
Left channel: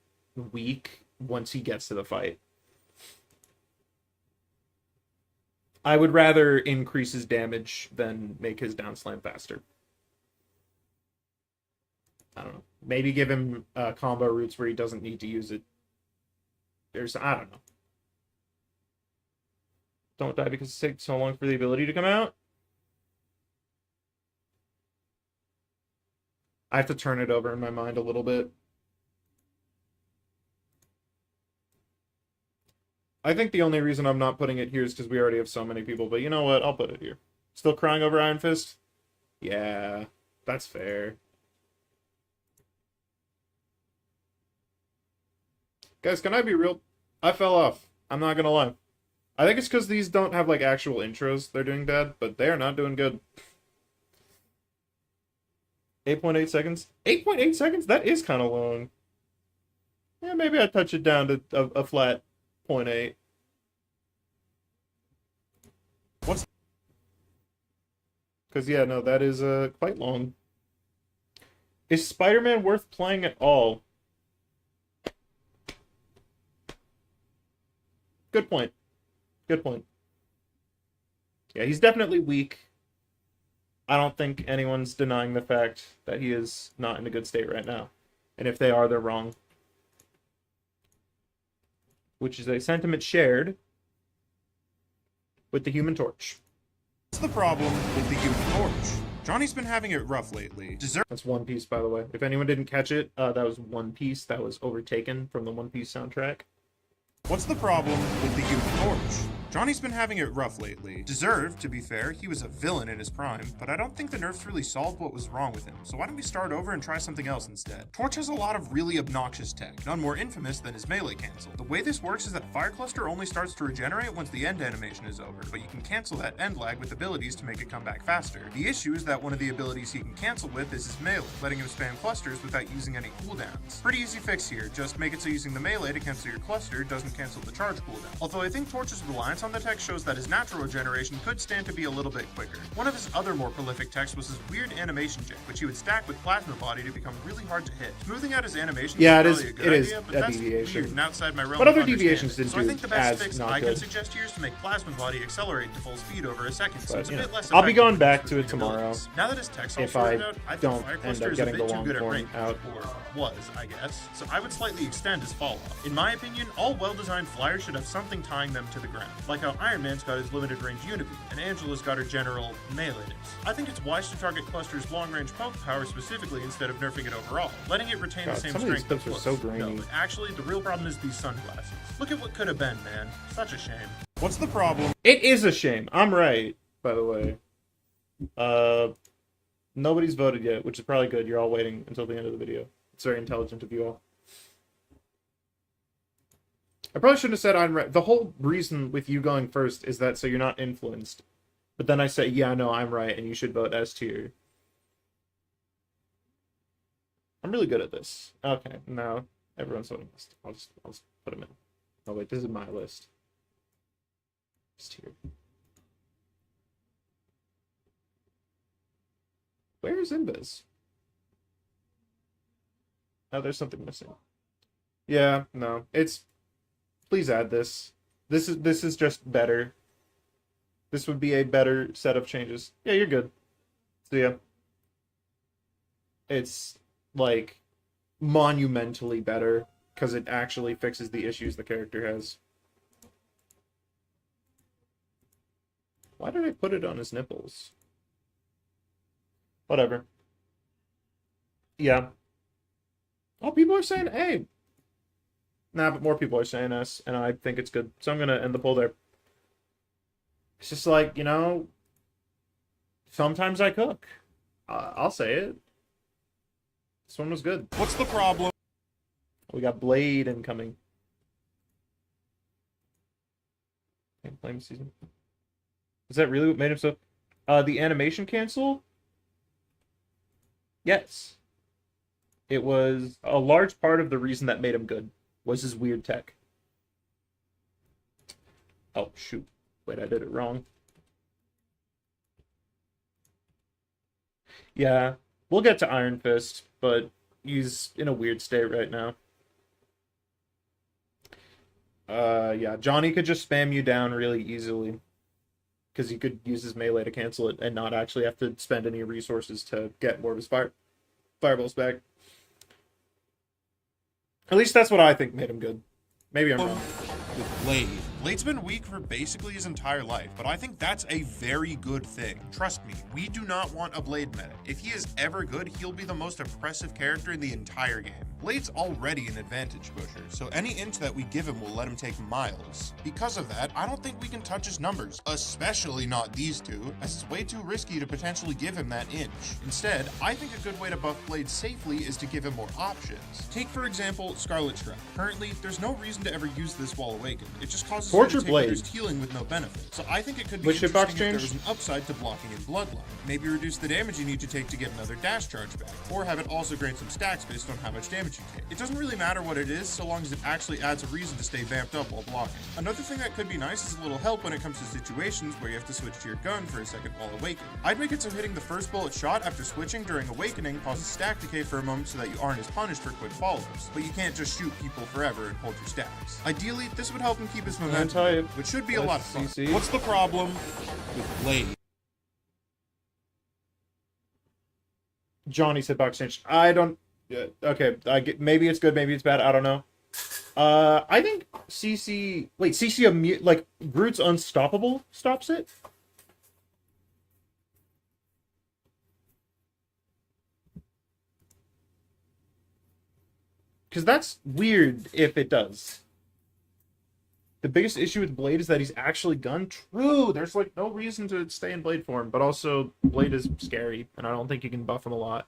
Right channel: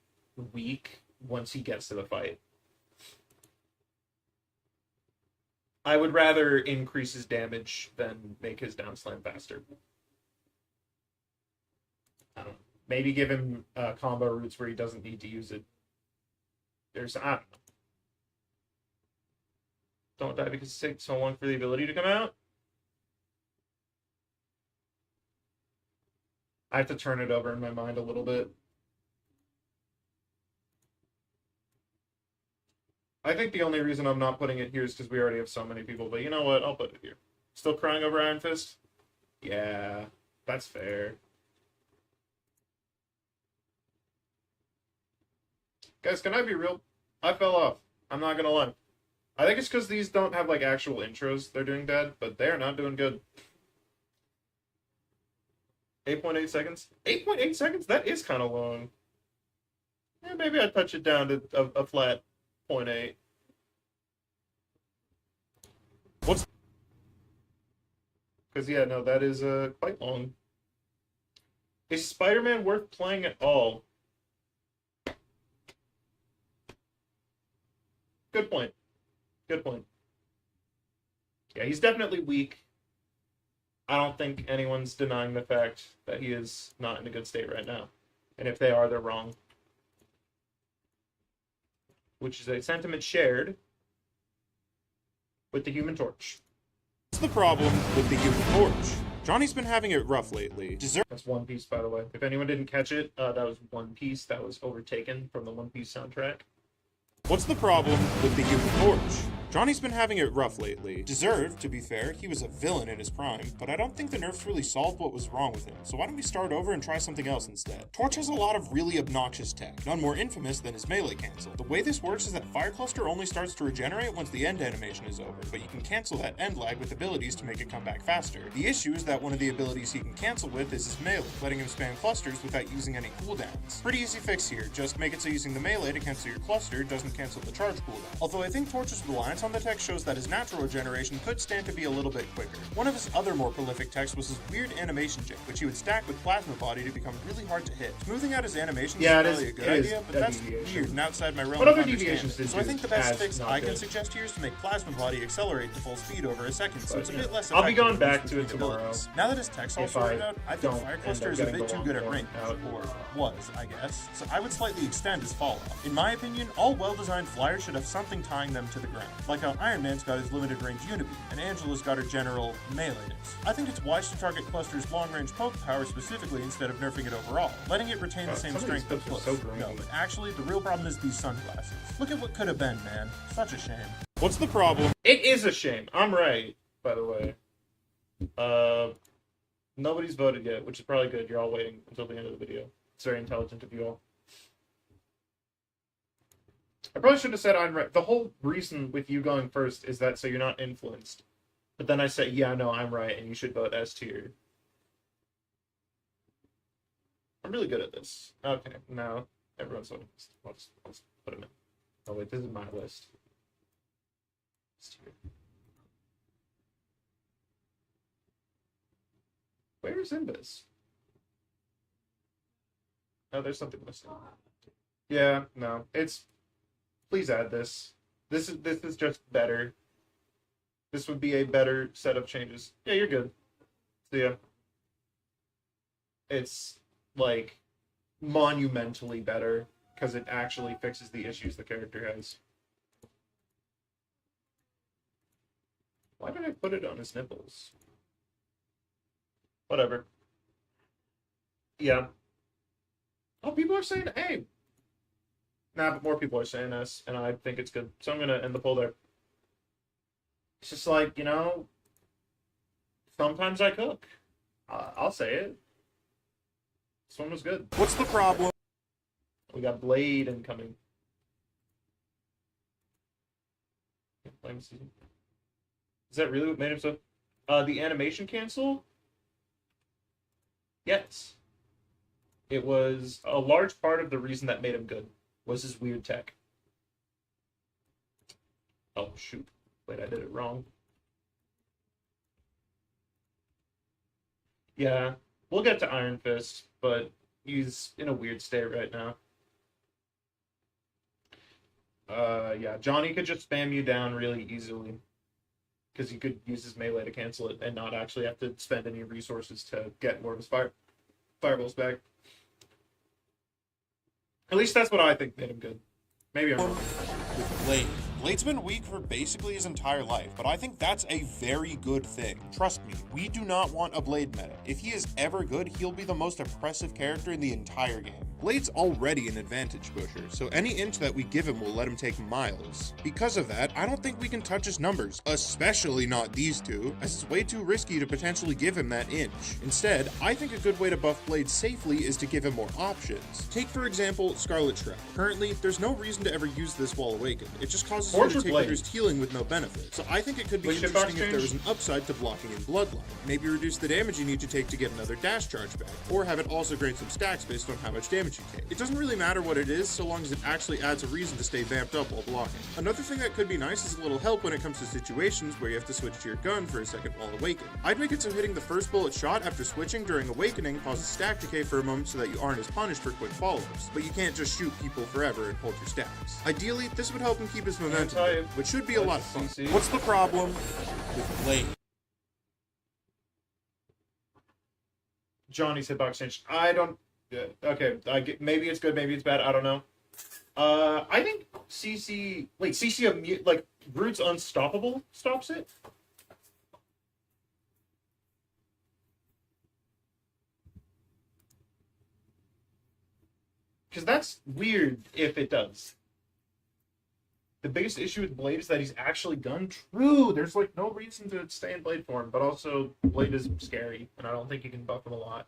weak once he gets to the fight. I would rather increase his damage than make his down slam faster. I don't know. Maybe give him combo routes where he doesn't need to use it. I don't know. Don't die because it takes so long for the ability to come out. I have to turn it over in my mind a little bit. I think the only reason I'm not putting it here is because we already have so many people, but you know what? I'll put it here. Still crying over Iron Fist? Yeah, that's fair. Guys, can I be real? I fell off. I'm not gonna lie. I think it's because these don't have, like, actual intros. They're doing bad, but they are not doing good. 8.8 seconds? 8.8 seconds? That is kind of long. Yeah, maybe I touch it down to a flat 0.8. What's... Because, yeah, no, that is quite long. Is Spider-Man worth playing at all? Good point. Good point. Yeah, he's definitely weak. I don't think anyone's denying the fact that he is not in a good state right now. And if they are, they're wrong. Which is a sentiment shared with the Human Torch. What's the problem with the Human Torch? Johnny's been having it rough lately. That's One Piece, by the way. If anyone didn't catch it, that was One Piece that was overtaken from the One Piece soundtrack. What's the problem with the Human Torch? Johnny's been having it rough lately. Deserved, to be fair, he was a villain in his prime, but I don't think the nerfs really solved what was wrong with him, so why don't we start over and try something else instead? Torch has a lot of really obnoxious tech, none more infamous than his melee cancel. The way this works is that Fire Cluster only starts to regenerate once the end animation is over, but you can cancel that end lag with abilities to make it come back faster. The issue is that one of the abilities he can cancel with is his melee, letting him spam clusters without using any cooldowns. Pretty easy fix here, just make it so using the melee to cancel your cluster doesn't cancel the charge cooldown. Although I think Torch's reliance on the tech shows that his natural regeneration could stand to be a little bit quicker. One of his other more prolific techs was his weird animation jig, which he would stack with Plasma Body to become really hard to hit. Smoothing out his animations is probably a good idea, but that's weird and outside my realm of understanding. So I think the best fix I can suggest here is to make Plasma Body accelerate to full speed over a second, so it's a bit less effective. I'll be going back to it tomorrow. Now that his tech's all sorted out, I think Fire Cluster is a bit too good at range, or was, I guess, so I would slightly extend his fall off. In my opinion, all well-designed flyers should have something tying them to the ground, like how Iron Man's got his limited range Unibeam, and Angela's got her general melee. I think it's wise to target Cluster's long-range poke power specifically instead of nerfing it overall, letting it retain the same strength of Plus. No, but actually, the real problem is these sunglasses. Look at what could have been, man. Such a shame. What's the problem? It is a shame. I'm right, by the way. Nobody's voted yet, which is probably good. You're all waiting until the end of the video. It's very intelligent of you all. I probably should have said I'm right. The whole reason with you going first is that so you're not influenced. But then I say, yeah, no, I'm right, and you should vote S tier. I'm really good at this. Okay, no. Everyone's on the list. I'll just put them in. Oh wait, this is my list. Just here. Where is Invis? Oh, there's something missing. Yeah, no. It's please add this. This is just better. This would be a better set of changes. Yeah, you're good. So yeah. It's like monumentally better because it actually fixes the issues the character has. Why did I put it on his nipples? Whatever. Yeah. Oh, people are saying A. Nah, but more people are saying S, and I think it's good. So I'm gonna end the poll there. It's just like, you know, sometimes I cook. I'll say it. This one was good. What's the problem? We got Blade incoming. Can't blame season. Is that really what made him so? The animation cancel? Yes. It was a large part of the reason that made him good was his weird tech. Oh, shoot. Wait, I did it wrong. Yeah, we'll get to Iron Fist, but he's in a weird state right now. Yeah, Johnny could just spam you down really easily. Because he could use his melee to cancel it and not actually have to spend any resources to get more of his fireballs back. At least that's what I think made him good. Maybe I'm wrong. With Blade. Blade's been weak for basically his entire life, but I think that's a very good thing. Trust me, we do not want a Blade meta. If he is ever good, he'll be the most oppressive character in the entire game. Blade's already an advantage pusher, so any inch that we give him will let him take miles. Because of that, I don't think we can touch his numbers, especially not these two, as it's way too risky to potentially give him that inch. Instead, I think a good way to buff Blade safely is to give him more options. Take for example, Scarlet Shroud. Currently, there's no reason to ever use this while awakened. It just causes her Torture to take Blade. reduced healing with no benefit. So I think it could be Which hitbox interesting if there change? was an upside to blocking in Bloodline. Maybe reduce the damage you need to take to get another dash charge back, or have it also grant some stacks based on how much damage you take. It doesn't really matter what it is, so long as it actually adds a reason to stay vamped up while blocking. Another thing that could be nice is a little help when it comes to situations where you have to switch to your gun for a second while awakened. I'd make it so hitting the first bullet shot after switching during awakening causes stack decay for a moment so that you aren't as punished for quick follow-ups, but you can't just shoot people forever and hold your stacks. Ideally, this would help him keep his momentum, tell you, which should be a lot of fun. CC. What's the problem with Blade? Johnny's hitbox change. I don't. Okay, maybe it's good, maybe it's bad. I don't know. I think CC. Wait, CC like Groot's Unstoppable stops it. Because that's weird if it does. The biggest issue with Blade is that he's actually gun. True, there's like no reason to stay in Blade form, but also Blade is scary, and I don't think you can buff him a lot.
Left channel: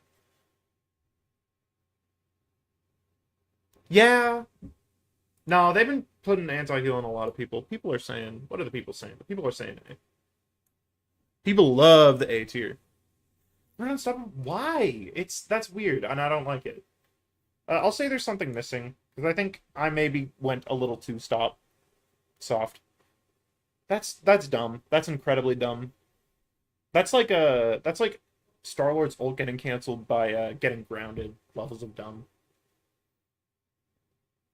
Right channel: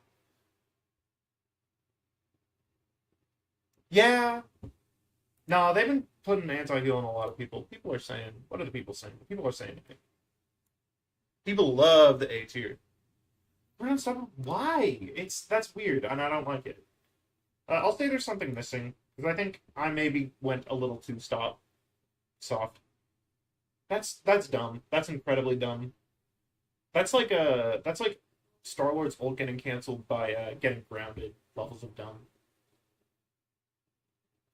Yeah. No, they've been putting anti-heal on a lot of people. People are saying, what are the people saying? But people are saying A. People love the A tier. Why? That's weird, and I don't like it. I'll say there's something missing, because I think I maybe went a little too soft. That's dumb. That's incredibly dumb. That's like Star-Lord's ult getting canceled by getting grounded levels of dumb.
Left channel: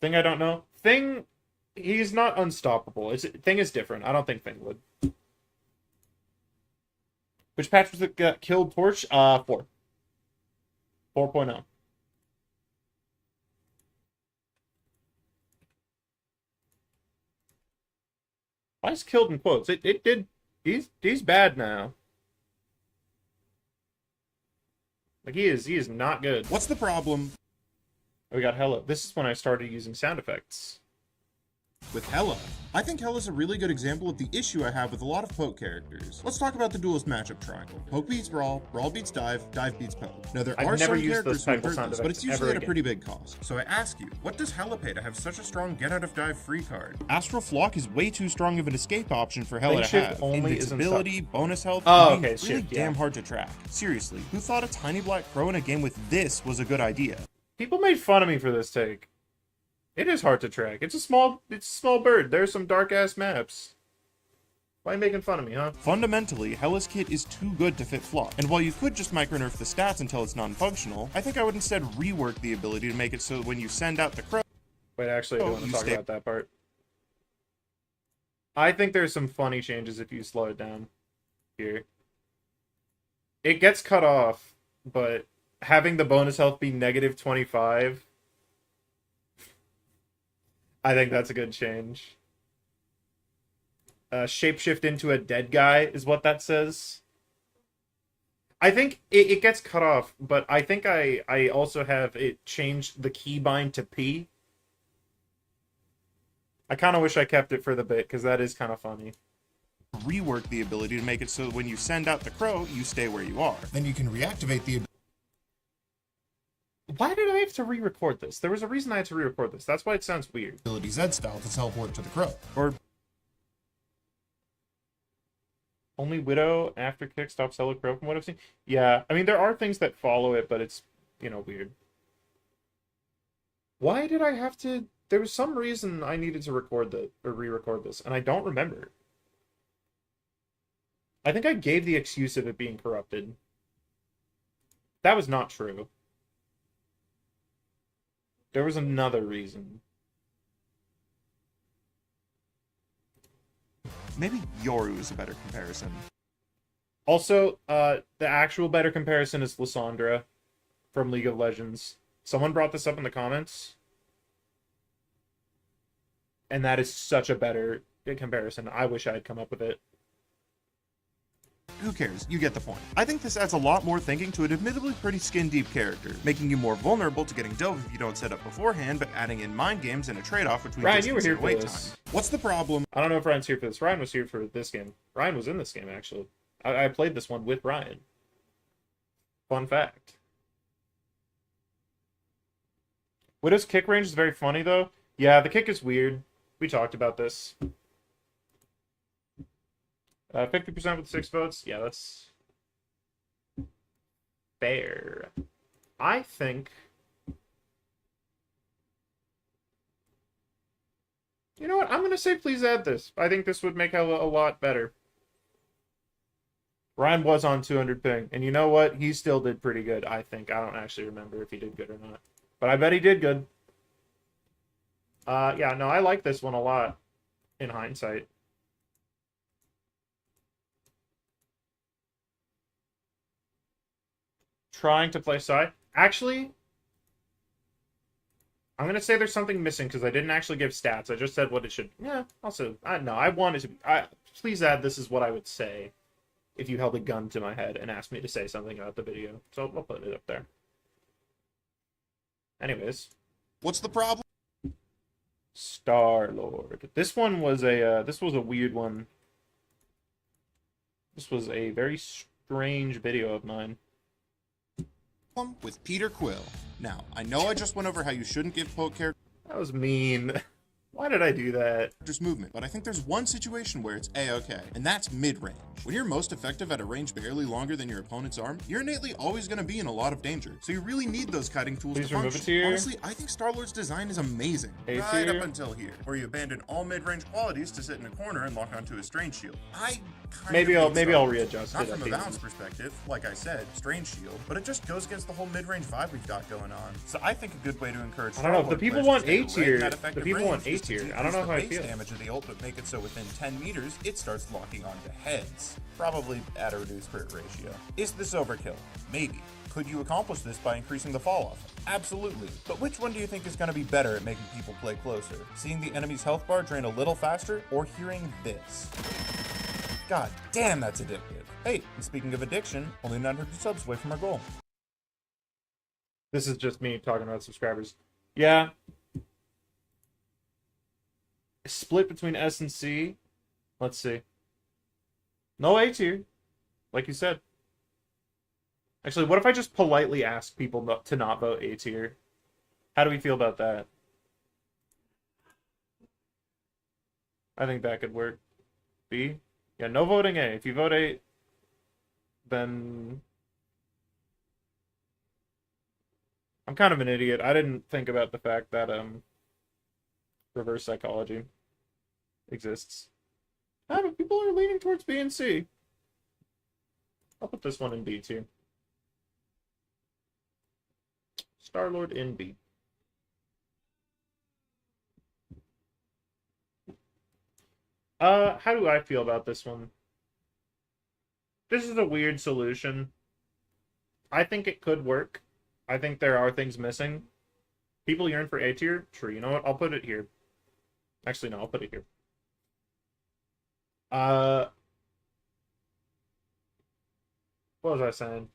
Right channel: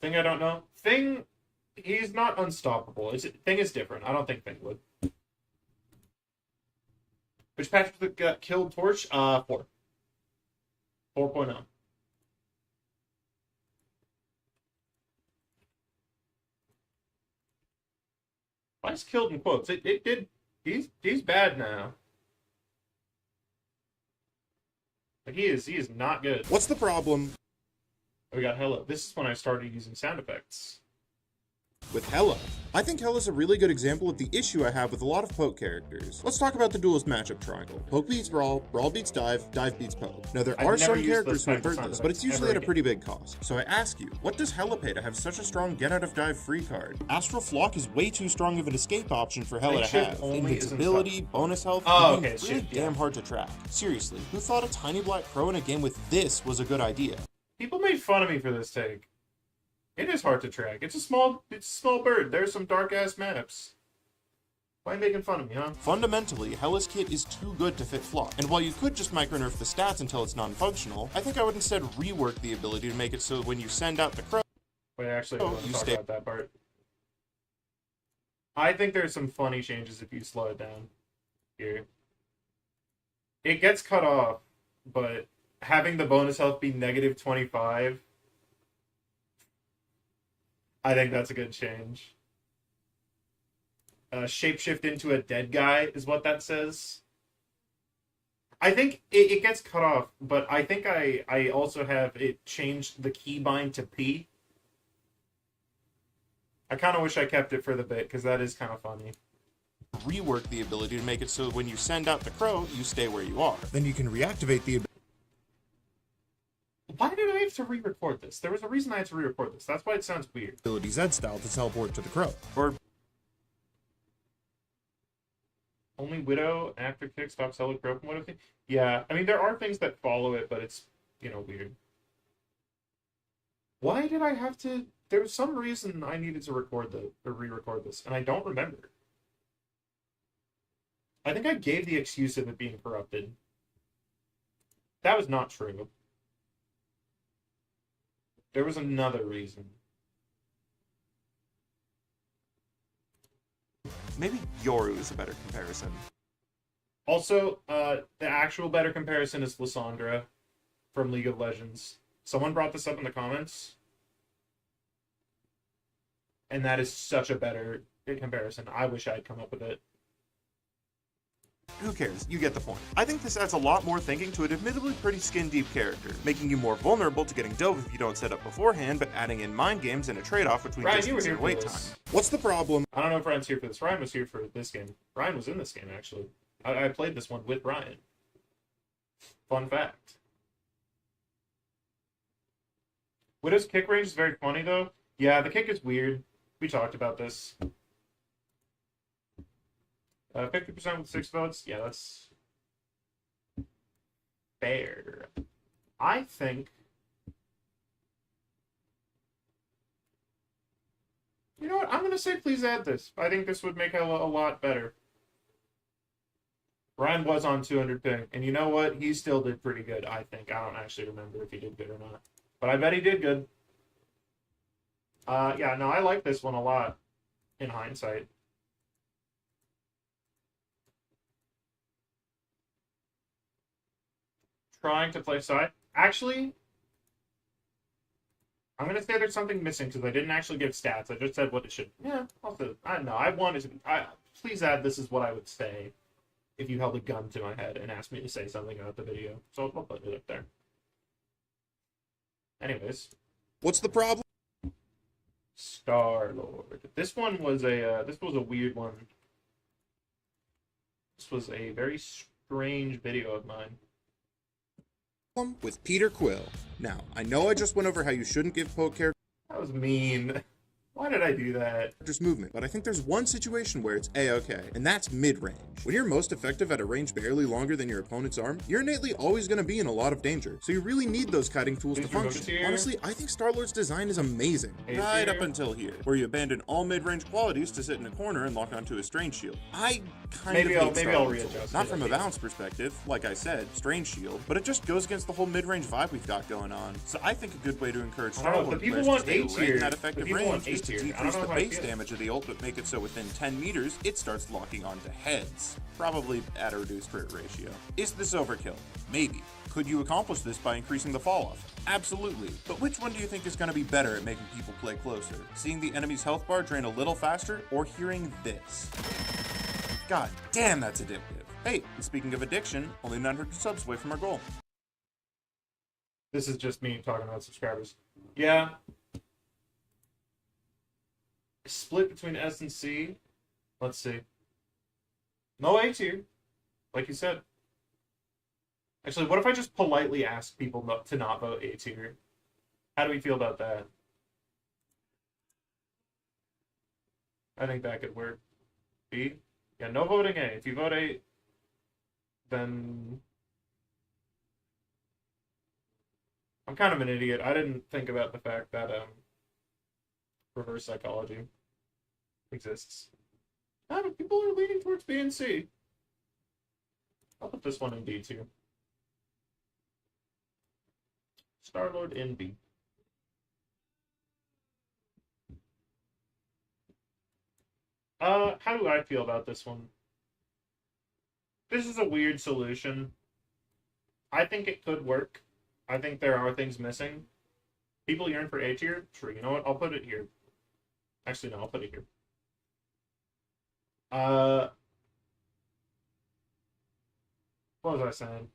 Thing I don't know. Thing, he's not unstoppable. Thing is different. I don't think Thing would. Which patch was it got killed Torch? 4. 4.0. Why is killed in quotes? It did. He's bad now. Like he is not good. What's the problem We got Hela. This is when I started using sound effects. with Hela? I think Hela's a really good example of the issue I have with a lot of poke characters. Let's talk about the duelist matchup triangle. Poke beats Brawl, Brawl beats Dive, Dive beats Poke. Now there I've are never some used characters those who type of invert sound this, but it's effects usually ever at a pretty big cost. So I ask you, what does Hela pay to have such a strong get out of dive free card? Astral Flock is way too strong of an escape option for Hela to Shift have. only Invincibility, bonus health, Oh, and being okay, really shift, yeah. damn hard to track. Seriously, who thought a tiny black crow in a game with this was a good idea? People made fun of me for this take. It is hard to track. It's a small bird. There's some dark ass maps. Why are you making fun of me, huh? Fundamentally, Hellas Kit is too good to fit flop, and while you could just micro-nerf the stats until it's non-functional, I think I would instead rework the ability to make it so when you send out the crow, Wait, actually, I you talk stay- about that part. I think there's some funny changes if you slow it down here. It gets cut off, but having the bonus health be negative 25, I think that's a good change. Shapeshift into a dead guy is what that says. I think it gets cut off, but I think I also have it changed the keybind to P. I kind of wish I kept it for the bit, because that is kind of funny. rework the ability to make it so when you send out the crow, you stay where you are. Then you can reactivate the Why did I have to re-record this? There was a reason I had to re-record this. That's why it sounds weird. ability Z style to teleport to the crow. Or Only Widow after kick stops Hello Crow from what I've seen. Yeah, I mean, there are things that follow it, but it's, weird. Why did I have to... There was some reason I needed to re-record this, and I don't remember. I think I gave the excuse of it being corrupted. That was not true. There was another reason. maybe Yoru is a better comparison. Also, the actual better comparison is Lysandra from League of Legends. Someone brought this up in the comments. And that is such a better comparison. I wish I had come up with it. Who cares? You get the point. I think this adds a lot more thinking to an admittedly pretty skin-deep character, making you more vulnerable to getting dove if you don't set up beforehand, but adding in mind games and a trade-off between Ryan, you were distance here and for wait this. time. What's the problem? I don't know if Ryan's here for this. Ryan was here for this game. Ryan was in this game, actually. I played this one with Ryan. Fun fact. Widow's kick range is very funny, though. Yeah, the kick is weird. We talked about this. 50% with 6 votes. Yeah, that's fair. I think... You know what? I'm going to say please add this. I think this would make Hella a lot better. Ryan was on 200 ping. And you know what? He still did pretty good, I think. I don't actually remember if he did good or not. But I bet he did good. Yeah, no, I like this one a lot. In hindsight. Trying to play Psy. Actually... I'm going to say there's something missing because I didn't actually give stats. I just said what it should... Yeah, also... I wanted to... please add this is what I would say if you held a gun to my head and asked me to say something about the video. So I'll put it up there. Anyways. What's the problem? Star-Lord. This one was a... this was a weird one. This was a very strange video of mine. With Peter Quill. Now, I know I just went over how you shouldn't give poke characters That was mean. Why did I do that? movement, but I think there's one situation where it's A-okay, and that's mid-range. When you're most effective at a range barely longer than your opponent's arm, you're innately always going to be in a lot of danger, so you really need those kiting tools Please to remove function. it here. Honestly, I think Star-Lord's design is amazing. A Right tier. up until here, where you abandon all mid-range qualities to sit in a corner and lock onto a strange shield. I kind Maybe of I'll hate maybe I'll Star-Lord's readjust. Not it, from I a guess. balance perspective, like I said, strange shield, but it just goes against the whole mid-range vibe we've got going on. So I think a good way to encourage I don't know, Star-Lord the people players to want stay A right tier. in that The effective people want range is A to tier. I don't decrease know the how I base feel. damage of the ult, but make it so within 10 meters, it starts locking onto heads. Probably at a reduced crit ratio. Is this overkill? Maybe. Could you accomplish this by increasing the fall off? Absolutely. But which one do you think is going to be better at making people play closer? Seeing the enemy's health bar drain a little faster, or hearing this? God damn, that's addictive. Hey, and speaking of addiction, only 900 subs away from our goal. This is just me talking about subscribers. Yeah. Split between S and C. Let's see. No A tier. Like you said. Actually, what if I just politely ask people to not vote A tier? How do we feel about that? I think that could work. B? Yeah, no voting A. If you vote A, then... I'm kind of an idiot. I didn't think about the fact that, reverse psychology exists. But people are leaning towards B and C. I'll put this one in B too. Star-Lord in B. How do I feel about this one? This is a weird solution. I think it could work. I think there are things missing. People yearn for A tier? Sure, you know what? I'll put it here. Actually, no, I'll put it here. What was I saying?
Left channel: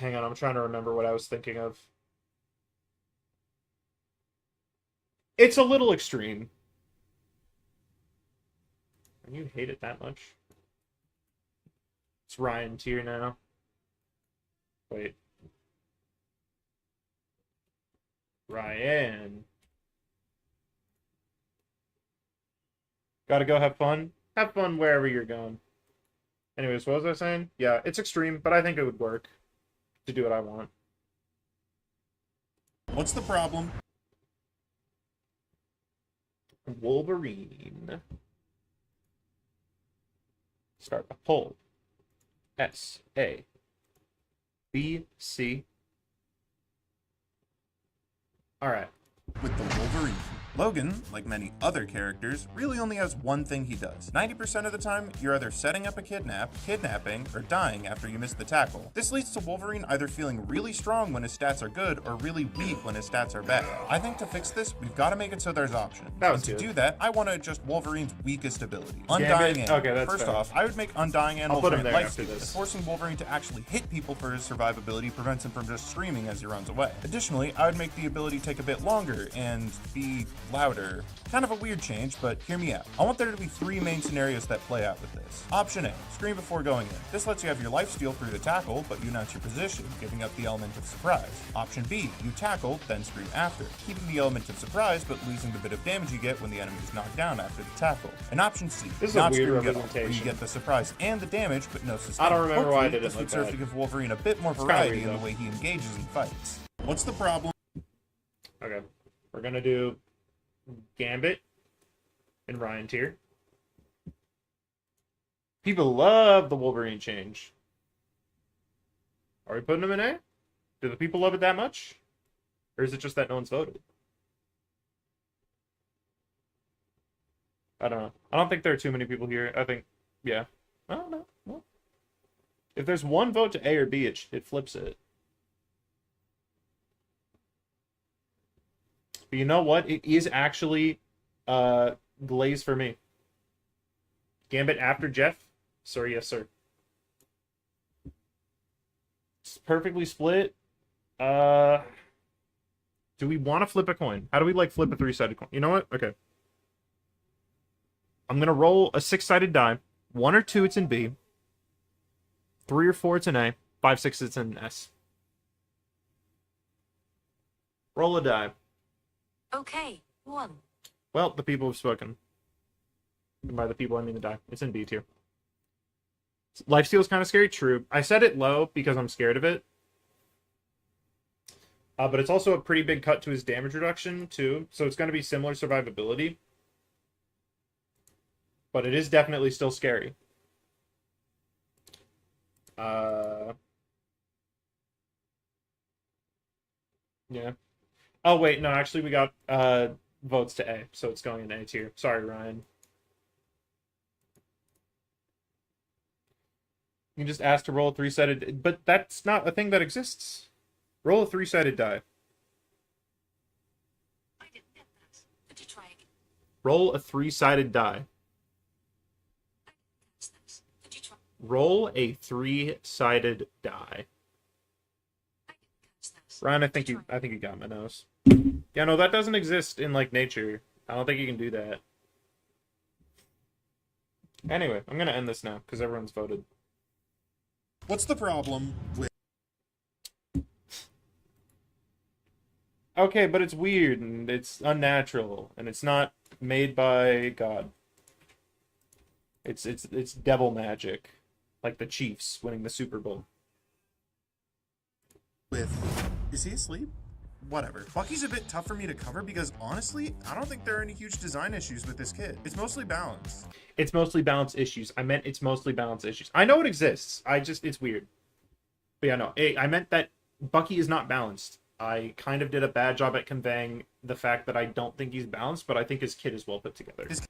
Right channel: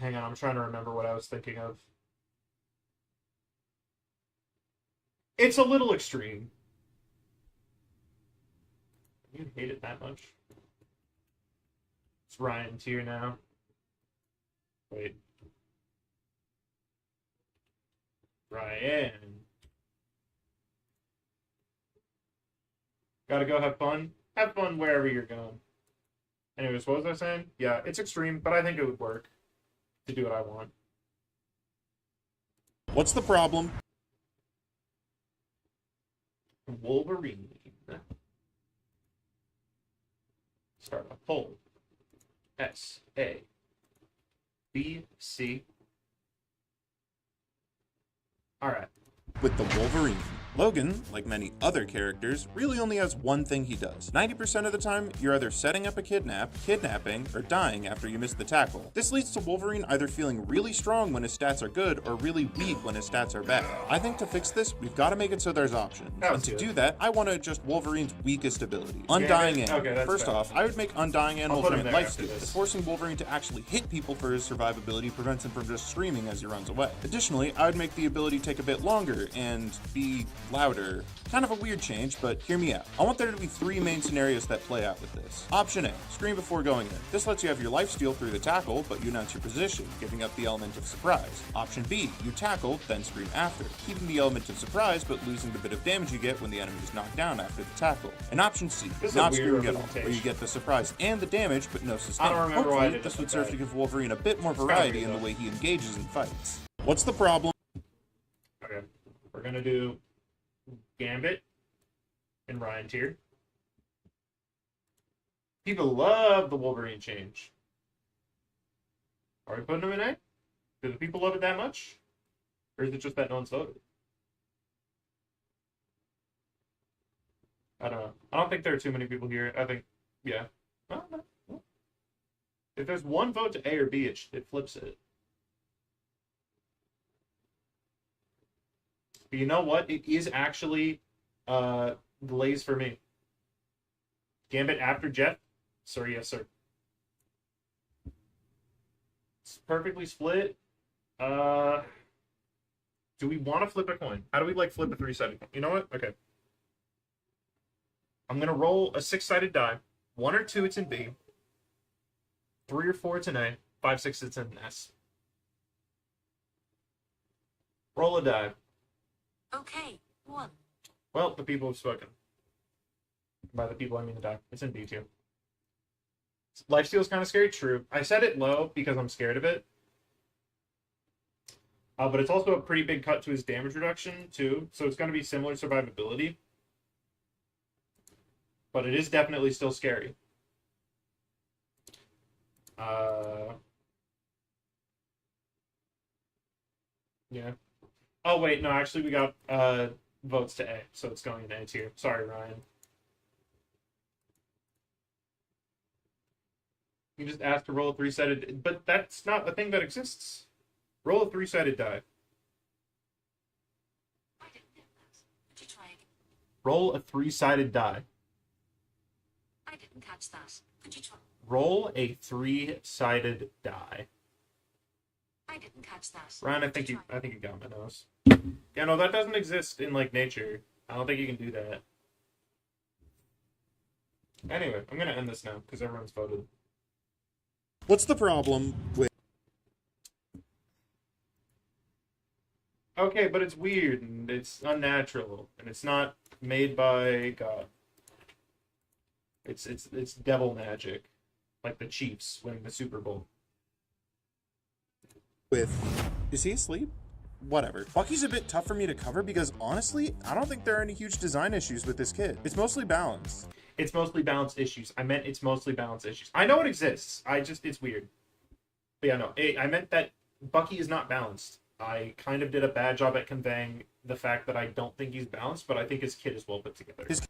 Hang on, I'm trying to remember what I was thinking of. It's a little extreme. You hate it that much? It's Ryan tier now. Wait. Ryan. Gotta go have fun? Have fun wherever you're going. Anyways, what was I saying? Yeah, it's extreme, but I think it would work to do what I want. What's the problem? Wolverine. Start a poll. S, A, B, C. Alright. With the Wolverine. Logan, like many other characters, really only has one thing he does. 90% of the time, you're either setting up a kidnapping, or dying after you miss the tackle. This leads to Wolverine either feeling really strong when his stats are good, or really weak when his stats are bad. I think to fix this, we've got to make it so there's options. And to do that, I want to adjust Wolverine's weakest ability. Undying Animal. Okay, First fair. off, I would make Undying Animal grant lifesteal, this. as forcing Wolverine to actually hit people for his survivability prevents him from just screaming as he runs away. Additionally, I would make the ability take a bit longer and be louder. Kind of a weird change, but hear me out. I want there to be 3 main scenarios that play out with this. Option A, scream before going in. This lets you have your lifesteal through the tackle, but you announce your position, giving up the element of surprise. Option B, you tackle, then scream after, keeping the element of surprise, but losing the bit of damage you get when the enemy is knocked down after the tackle. And option C, not screaming at all, where you get the surprise and the damage, but no sustain. Hopefully, this would serve to give Wolverine a bit more variety in the way he engages in fights. What's the problem? Okay. We're gonna do Gambit and Ryan tier. People love the Wolverine change. Are we putting him in A? Do the people love it that much? Or is it just that no one's voted? I don't know. I don't think there are too many people here. I think, yeah. I don't know. Well, if there's one vote to A or B, it flips it. But you know what? It is actually Glaze for me. Gambit after Jeff? Sir, yes, sir. It's perfectly split. Do we want to flip a coin? How do we like flip a 3-sided coin? You know what? Okay. I'm gonna roll a 6-sided die. 1 or 2, it's in B. 3 or 4, it's in A. 5, 6, it's in S. Roll a die. Okay, 1. Well, the people have spoken. And by the people, I mean the die. It's in B tier. Lifesteal is kind of scary. True. I set it low because I'm scared of it. But it's also a pretty big cut to his damage reduction, too. So it's going to be similar survivability. But it is definitely still scary. Yeah. Oh, wait. No, actually, we got votes to A. So it's going in A, too. Sorry, Ryan. You can just ask to roll a 3-sided... But that's not a thing that exists. Roll a 3-sided die. I didn't get that. Could you try again? Roll a 3-sided die. I didn't catch that. Could you try? Roll a 3-sided die. I didn't catch that. Ryan, I think you got my nose. Yeah, no, that doesn't exist in like nature. I don't think you can do that. Anyway, I'm gonna end this now because everyone's voted. What's the problem with... Okay, but it's weird and it's unnatural and it's not made by God. It's devil magic, like the Chiefs winning the Super Bowl. with Is he asleep? Whatever. Bucky's a bit tough for me to cover because honestly, I don't think there are any huge design issues with this kit. It's mostly balanced. It's mostly balance issues. I meant it's mostly balance issues. I know it exists. It's weird. But yeah, no. I meant that Bucky is not balanced. I kind of did a bad job at conveying the fact that I don't think he's balanced, but I think his kit is well put together. His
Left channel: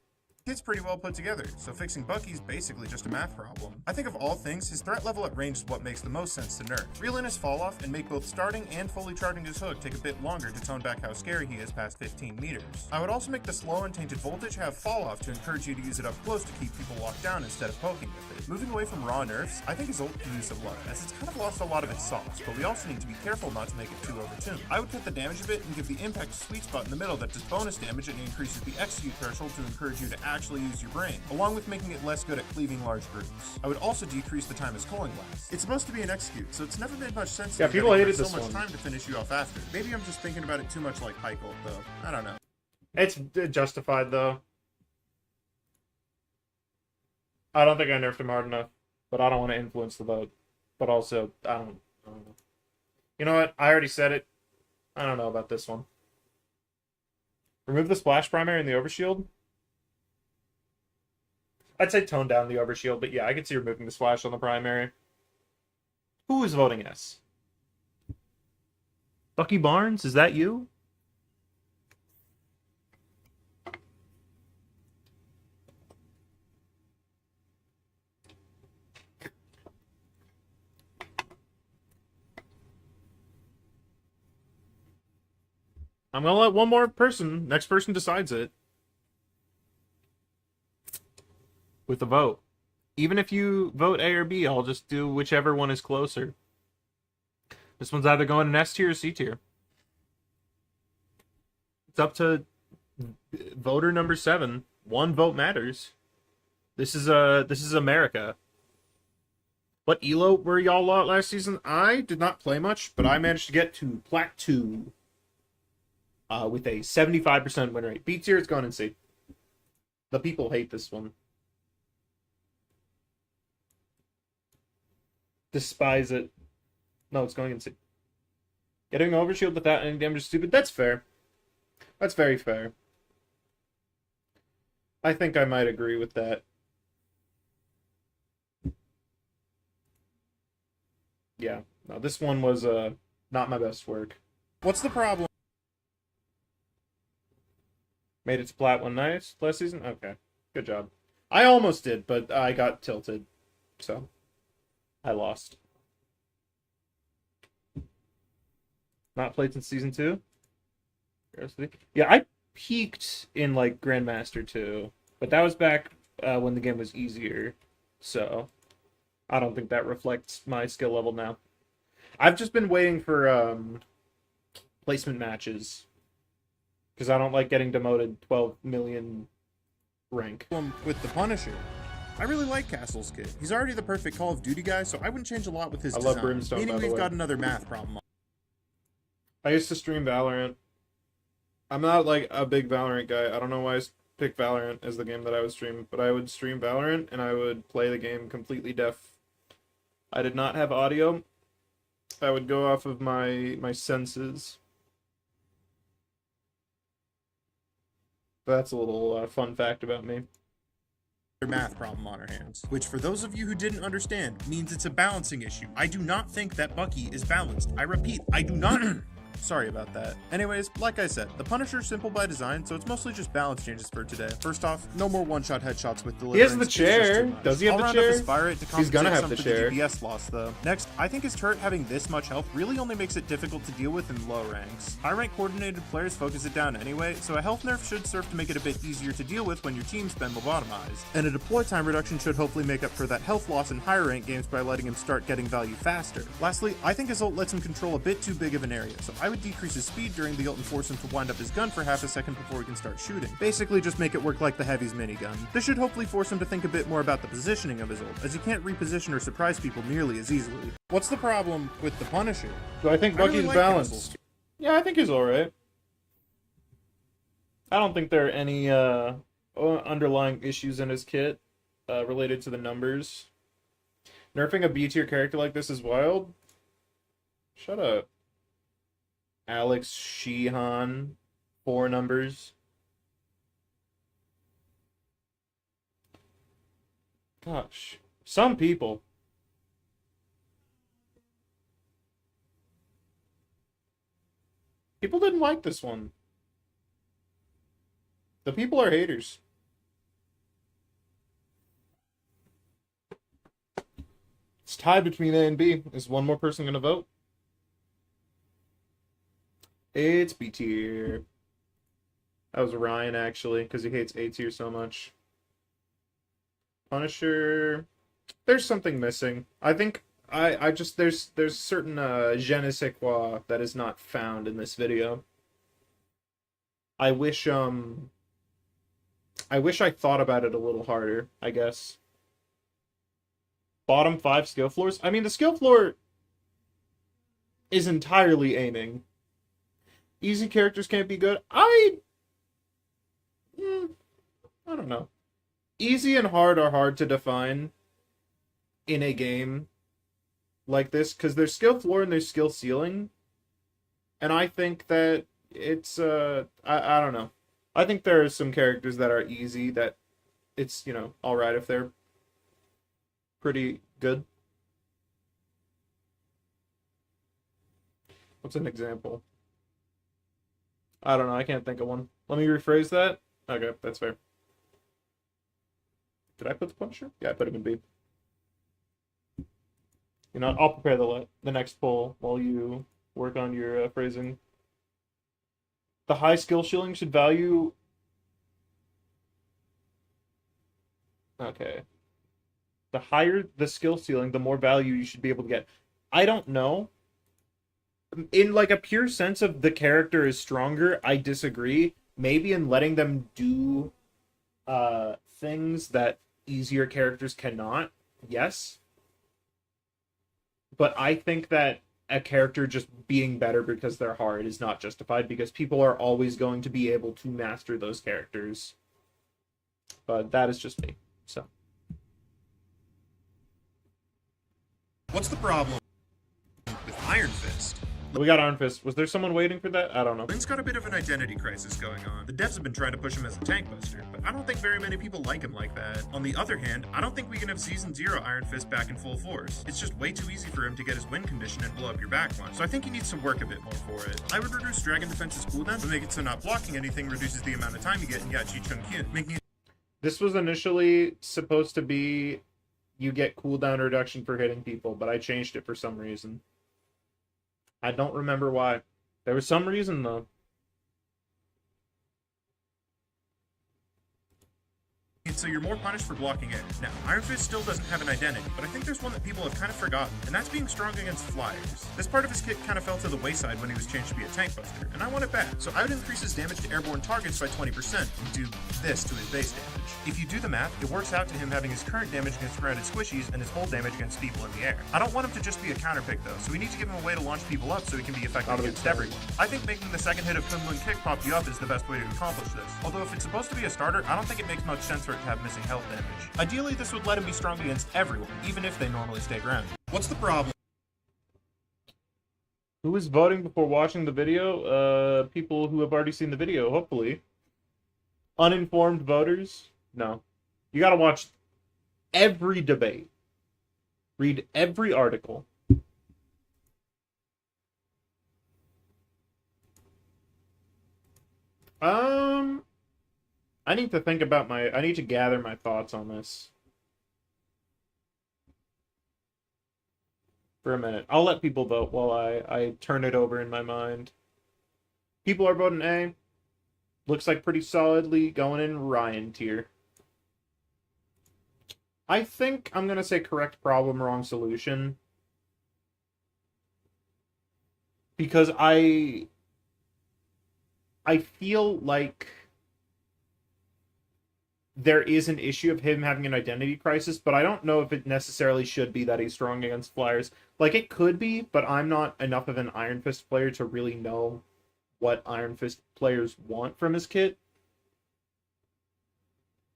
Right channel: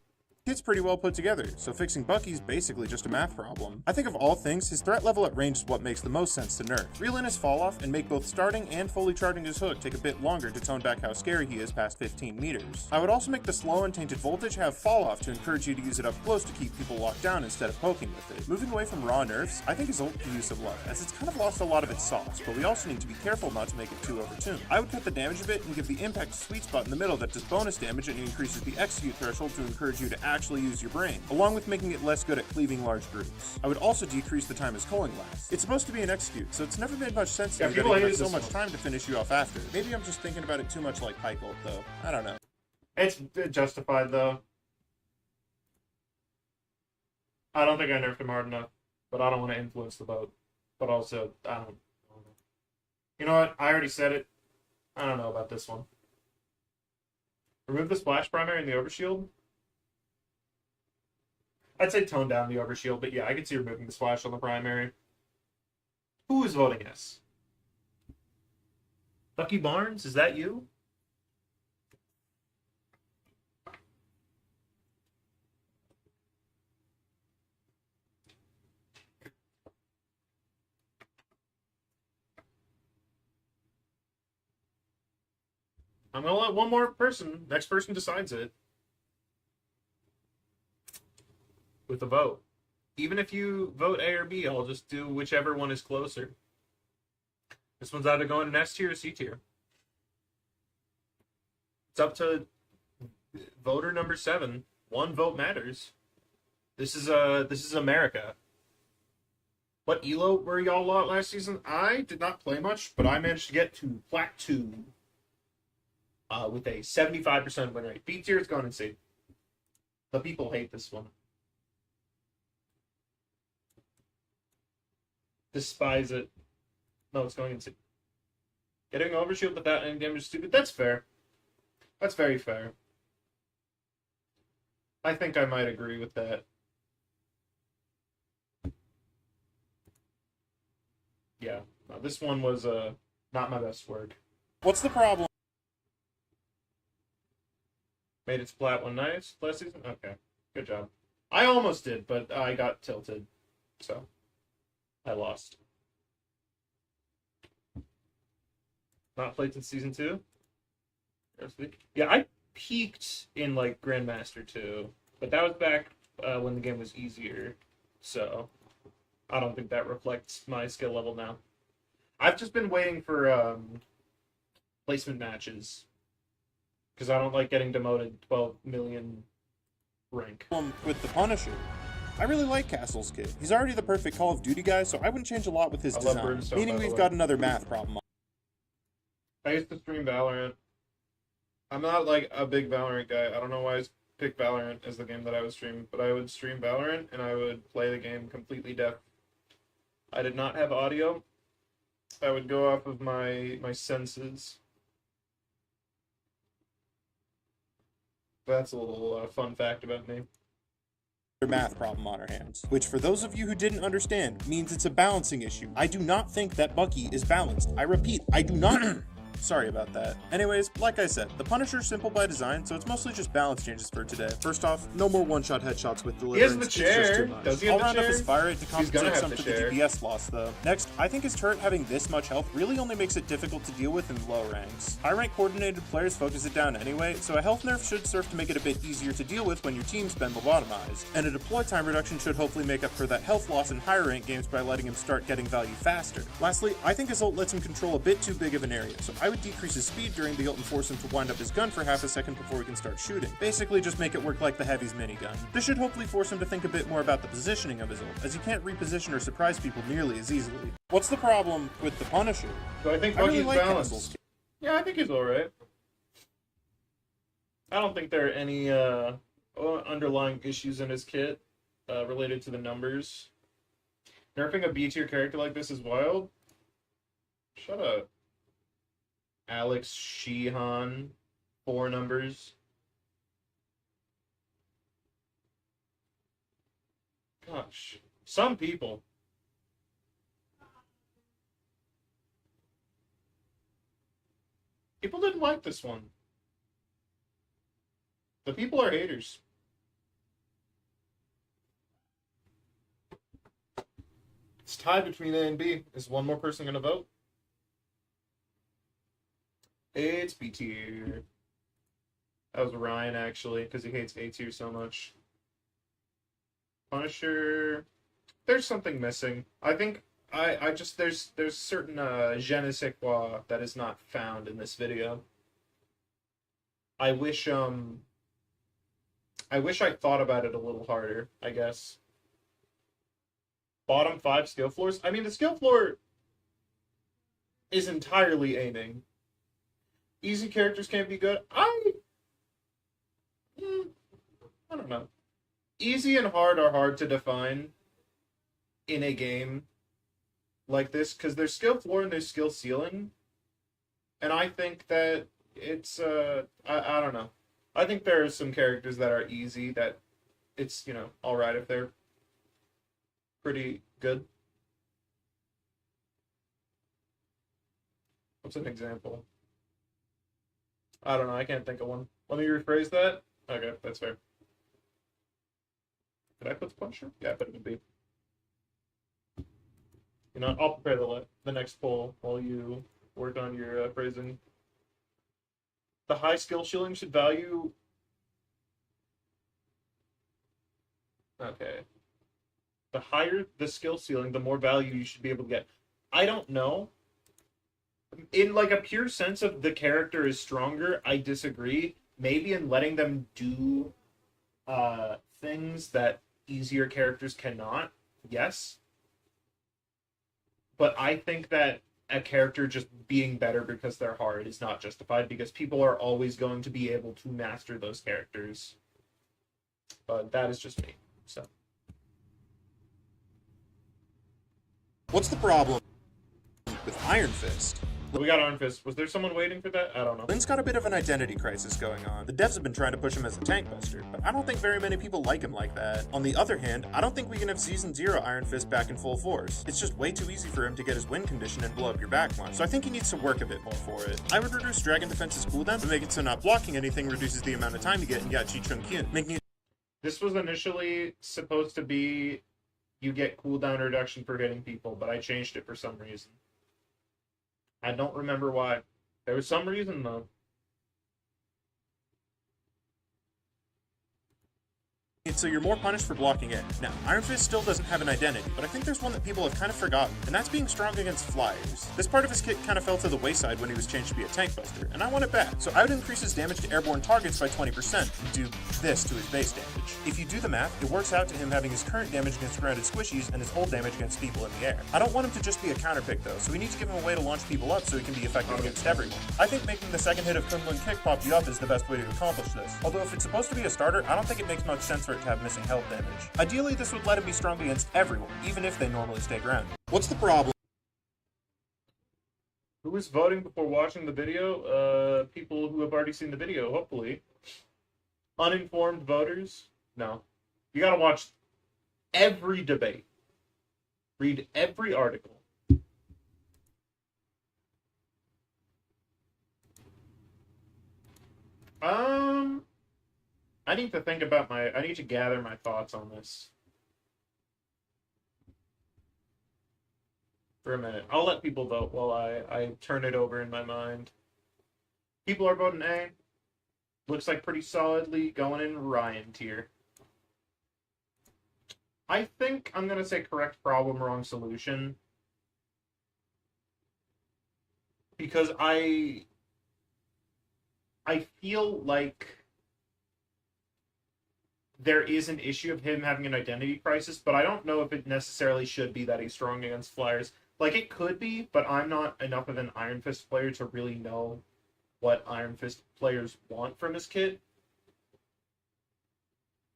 kit's pretty well put together, so fixing Bucky's basically just a math problem. I think of all things, his threat level at range is what makes the most sense to nerf. Reel in his fall off and make both starting and fully charging his hook take a bit longer to tone back how scary he is past 15 meters. I would also make the slow and tainted voltage have fall off to encourage you to use it up close to keep people locked down instead of poking with it. Moving away from raw nerfs, I think his ult can use some love, as it's kind of lost a lot of its sauce, but we also need to be careful not to make it too overtuned. I would cut the damage a bit and give the impact a sweet spot in the middle that does bonus damage and increases the execute threshold to encourage you to actually use your brain, along with making it less good at cleaving large groups. I would also decrease the time his culling lasts. It's supposed to be an execute, so it's never made much sense to me that people it hated has so this much one. time to finish you off after. Maybe I'm just thinking about it too much like Pike ult, though. I don't know. It's justified, though. I don't think I nerfed him hard enough, but I don't want to influence the vote. But also, I don't know. You know what? I already said it. I don't know about this one. Remove the splash primary and the overshield. I'd say tone down the overshield, but yeah, I could see removing the splash on the primary. Who is voting yes? Bucky Barnes, is that you? I'm gonna let one more person, next person decides it. With a vote. Even if you vote A or B, I'll just do whichever one is closer. This one's either going in S tier or C tier. It's up to voter number 7. One vote matters. This is America. What elo were y'all at last season? I did not play much, but I managed to get to Plat 2 with a 75% win rate. B tier is going in C. The people hate this one. Despise it. No, it's going in C. Getting an overshield without any damage is stupid. That's fair. That's very fair. I think I might agree with that. Yeah. No, this one was not my best work. What's the problem? Made it to Plat 1 nice last season? Okay. Good job. I almost did, but I got tilted. So I lost. Not played since season 2. Yeah, I peaked in like Grandmaster 2, but that was back when the game was easier. So I don't think that reflects my skill level now. I've just been waiting for placement matches because I don't like getting demoted 12 million rank. With the Punisher. I really like Castle's kit. He's already the perfect Call of Duty guy, so I wouldn't change a lot with his I love design. Brimstone, Meaning by the we've way. got another math problem. I used to stream Valorant. I'm not like a big Valorant guy. I don't know why I picked Valorant as the game that I would stream, but I would stream Valorant and I would play the game completely deaf. I did not have audio. I would go off of my senses. That's a little fun fact about me. Math problem on our hands, which for those of you who didn't understand means it's a balancing issue. I do not think that Bucky is balanced. I repeat, I do not. Sorry about that. Anyways, like I said, the Punisher's simple by design, so it's mostly just balance changes for today. First off, no more one-shot headshots with deliverance. the It's just chair. too much. Does he have I'll the round up chair? his fire rate to He's gonna compensate have some the for chair. the DPS loss, though. Next, I think his turret having this much health really only makes it difficult to deal with in low ranks. High-rank coordinated players focus it down anyway, so a health nerf should serve to make it a bit easier to deal with when your team's been lobotomized. And a deploy time reduction should hopefully make up for that health loss in higher rank games by letting him start getting value faster. Lastly, I think his ult lets him control a bit too big of an area, so I would decrease his speed during the ult and force him to wind up his gun for half a second before he can start shooting. Basically, just make it work like the Heavy's minigun. This should hopefully force him to think a bit more about the positioning of his ult, as he can't reposition or surprise people nearly as easily. What's the problem with the Punisher? So I think I really Bucky's like balanced. Castle's. Yeah, I think he's alright. I don't think there are any underlying issues in his kit related to the numbers. Nerfing a B tier character like this is wild. Shut up. Alex Sheehan, 4 numbers. Gosh, some people. People didn't like this one. The people are haters. It's tied between A and B. Is one more person gonna vote? It's B tier. That was Ryan, actually, because he hates A tier so much. Punisher. There's something missing. I think I just there's certain je ne sais quoi that is not found in this video. I wish I thought about it a little harder, I guess. Bottom 5 skill floors. I mean, the skill floor is entirely aiming. Easy characters can't be good. I don't know. Easy and hard are hard to define in a game like this because there's skill floor and there's skill ceiling. And I think that it's I don't know. I think there are some characters that are easy that it's, all right if they're pretty good. What's an example? I don't know. I can't think of one. Let me rephrase that. Okay, that's fair. Did I put the Punisher? Yeah, I put him in B. I'll prepare the next poll while you work on your phrasing. The high skill ceiling should value. Okay. The higher the skill ceiling, the more value you should be able to get. I don't know. In like a pure sense of the character is stronger, I disagree. Maybe in letting them do things that easier characters cannot, yes. But I think that a character just being better because they're hard is not justified because people are always going to be able to master those characters. But that is just me. So. What's the problem with Iron Fist? We got Iron Fist. Was there someone waiting for that? I don't know. Lynn's got a bit of an identity crisis going on. The devs have been trying to push him as a tank buster, but I don't think very many people like him like that. On the other hand, I don't think we can have Season 0 Iron Fist back in full force. It's just way too easy for him to get his win condition and blow up your backline, so I think he needs to work a bit more for it. I would reduce Dragon Defense's cooldown to make it so not blocking anything reduces the amount of time you get in Yachi Chung Kyun, making it. This was initially supposed to be you get cooldown reduction for hitting people, but I changed it for some reason. I don't remember why. There was some reason, though. So you're more punished for blocking it. Now, Iron Fist still doesn't have an identity, but I think there's one that people have kind of forgotten, and that's being strong against flyers. This part of his kit kind of fell to the wayside when he was changed to be a tank buster, and I want it back. So I would increase his damage to airborne targets by 20% and do this to his base damage. If you do the math, it works out to him having his current damage against grounded squishies and his whole damage against people in the air. I don't want him to just be a counterpick though, so we need to give him a way to launch people up so he can be effective against everyone. I think making the second hit of Kunlun Kick pop you up is the best way to accomplish this. Although if it's supposed to be a starter, I don't think it makes much sense for it to have missing health damage. Ideally, this would let him be strong against everyone, even if they normally stay grounded. What's the problem? Who is voting before watching the video? People who have already seen the video, hopefully. Uninformed voters? No. You gotta watch every debate. Read every article. I need to think about I need to gather my thoughts on this. For a minute. I'll let people vote while I turn it over in my mind. People are voting A. Looks like pretty solidly going in Ryan tier. I think I'm going to say correct problem, wrong solution. Because I feel like there is an issue of him having an identity crisis, but I don't know if it necessarily should be that he's strong against flyers. Like, it could be, but I'm not enough of an Iron Fist player to really know what Iron Fist players want from his kit.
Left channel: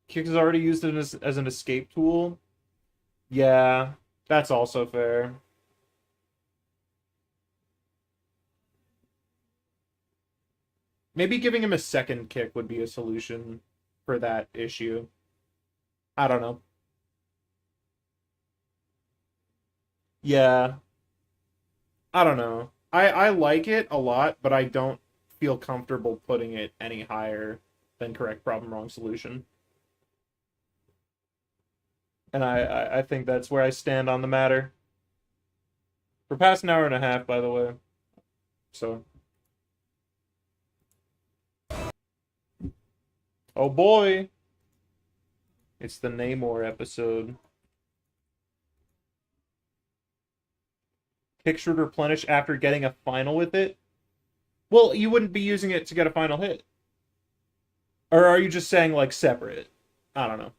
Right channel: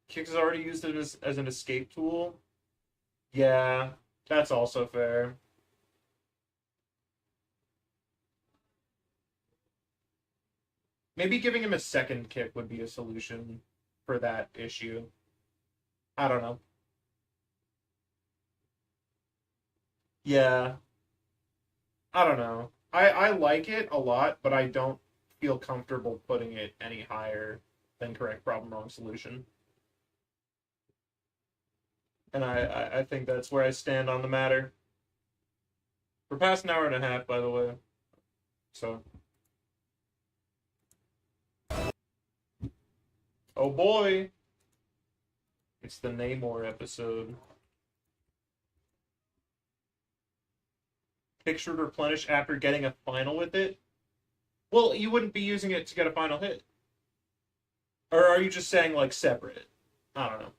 Kick is already used it as an escape tool. Yeah, that's also fair. Maybe giving him a second kick would be a solution for that issue. I don't know. Yeah. I don't know. I like it a lot, but I don't feel comfortable putting it any higher than correct problem wrong solution. And I think that's where I stand on the matter. We're past an hour and a half, by the way. So. Oh boy. It's the Namor episode. Picture replenish after getting a final with it? Well, you wouldn't be using it to get a final hit. Or are you just saying, like, separate? I don't know.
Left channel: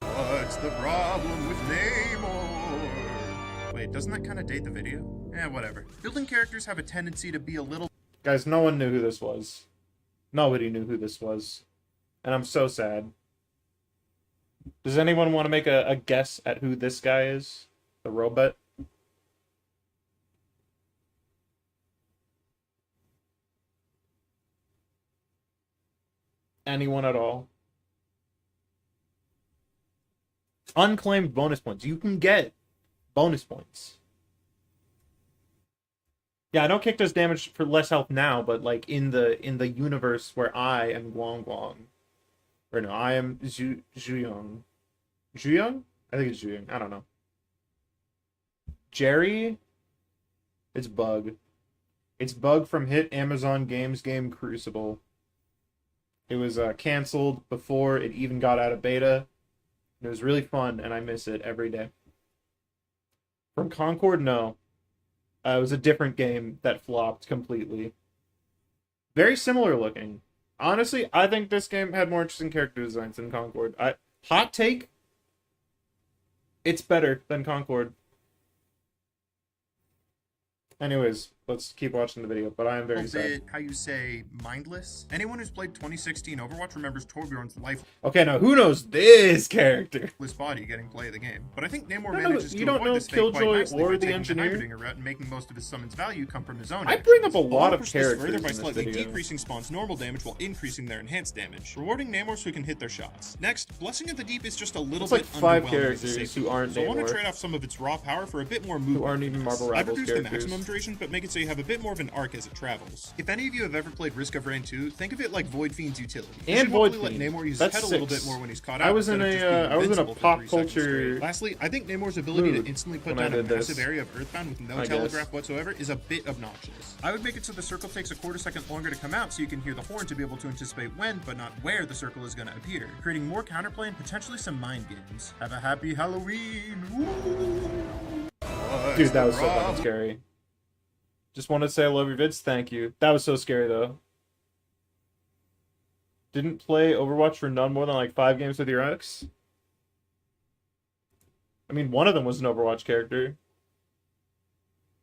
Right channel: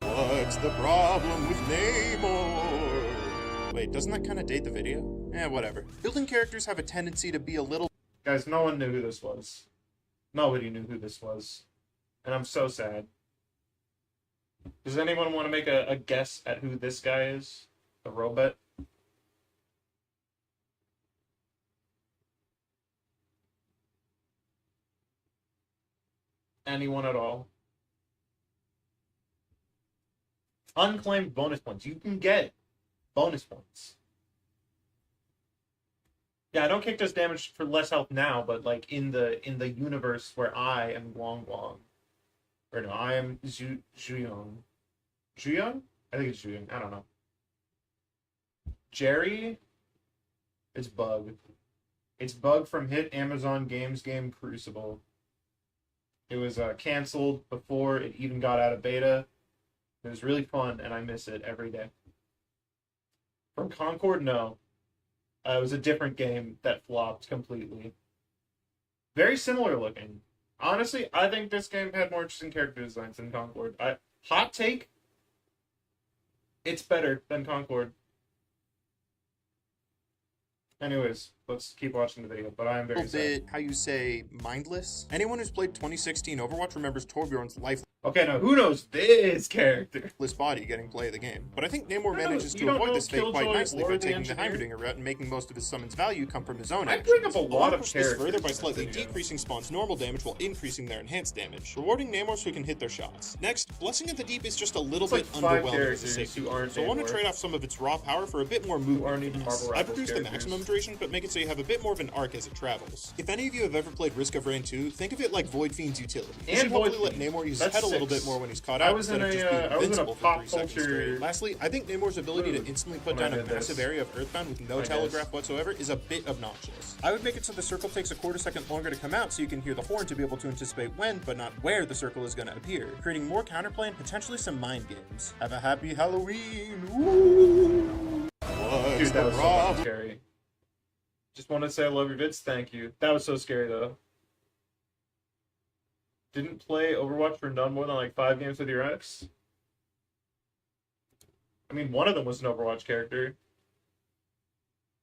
What's the problem with Namor? Wait, doesn't that kind of date the video? Eh, whatever. Building characters have a tendency to be a little... Guys, no one knew who this was. Nobody knew who this was. And I'm so sad. Does anyone want to make a guess at who this guy is? The robot? Anyone at all? Unclaimed bonus points. You can get bonus points. Yeah, I know Kick does damage for less health now, but like in the universe where I am Guang Guang, or no, I am Zhuyong. Zhuyong? I think it's Zhuyong. I don't know. Jerry? It's Bug. It's Bug from hit Amazon Games game Crucible. It was canceled before it even got out of beta. It was really fun, and I miss it every day. From Concord, no. It was a different game that flopped completely. Very similar looking. Honestly, I think this game had more interesting character designs than Concord. Hot take, it's better than Concord. Anyways, let's keep watching the video, but I am very sad. How you say, mindless? Anyone who's played 2016 Overwatch remembers Torbjorn's lifeless Okay, now who knows this character? body getting play of the game. But I think Namor No, manages you to don't avoid know this fate quite Killjoy nicely or by the taking the engineer? Heimerdinger route and making most of his summon's value come from his own I actions. bring up a lot I'll of push this characters further in by this slightly video. decreasing Spawn's normal damage while increasing their enhanced damage, rewarding Namors who can hit their shots. Next, Blessing of the Deep is just a little It's like bit 5 underwhelming as a characters safety who tool, aren't so I want to Namor. trade off some of its raw power for a bit more Who movement. aren't even finesse. Marvel I've Rivals reduced the characters. maximum duration, but make it so you have a bit more of an arc as it travels. If any of you have ever played Risk of Rain 2, think of it like Void Fiend's utility. You And should Void hopefully let Fiend. Namor use his That's head a little 6. bit more when he's caught I out was in instead of just being a invincible pop for 3 seconds culture straight. Lastly, I think Namor's ability mood to instantly put when I down a did massive this. area of Earthbound with no I guess. telegraph whatsoever is a bit obnoxious. I would make it so the circle takes a quarter second longer to come out so you can hear the horn to be able to anticipate when, but not where, the circle is going to appear, creating more counterplay and potentially some mind games. Have a happy Halloween! Woo! Dude, that was so fucking scary. Just wanted to say I love your vids, thank you. That was so scary though. Didn't play Overwatch for none more than like 5 games with your ex? I mean, one of them was an Overwatch character.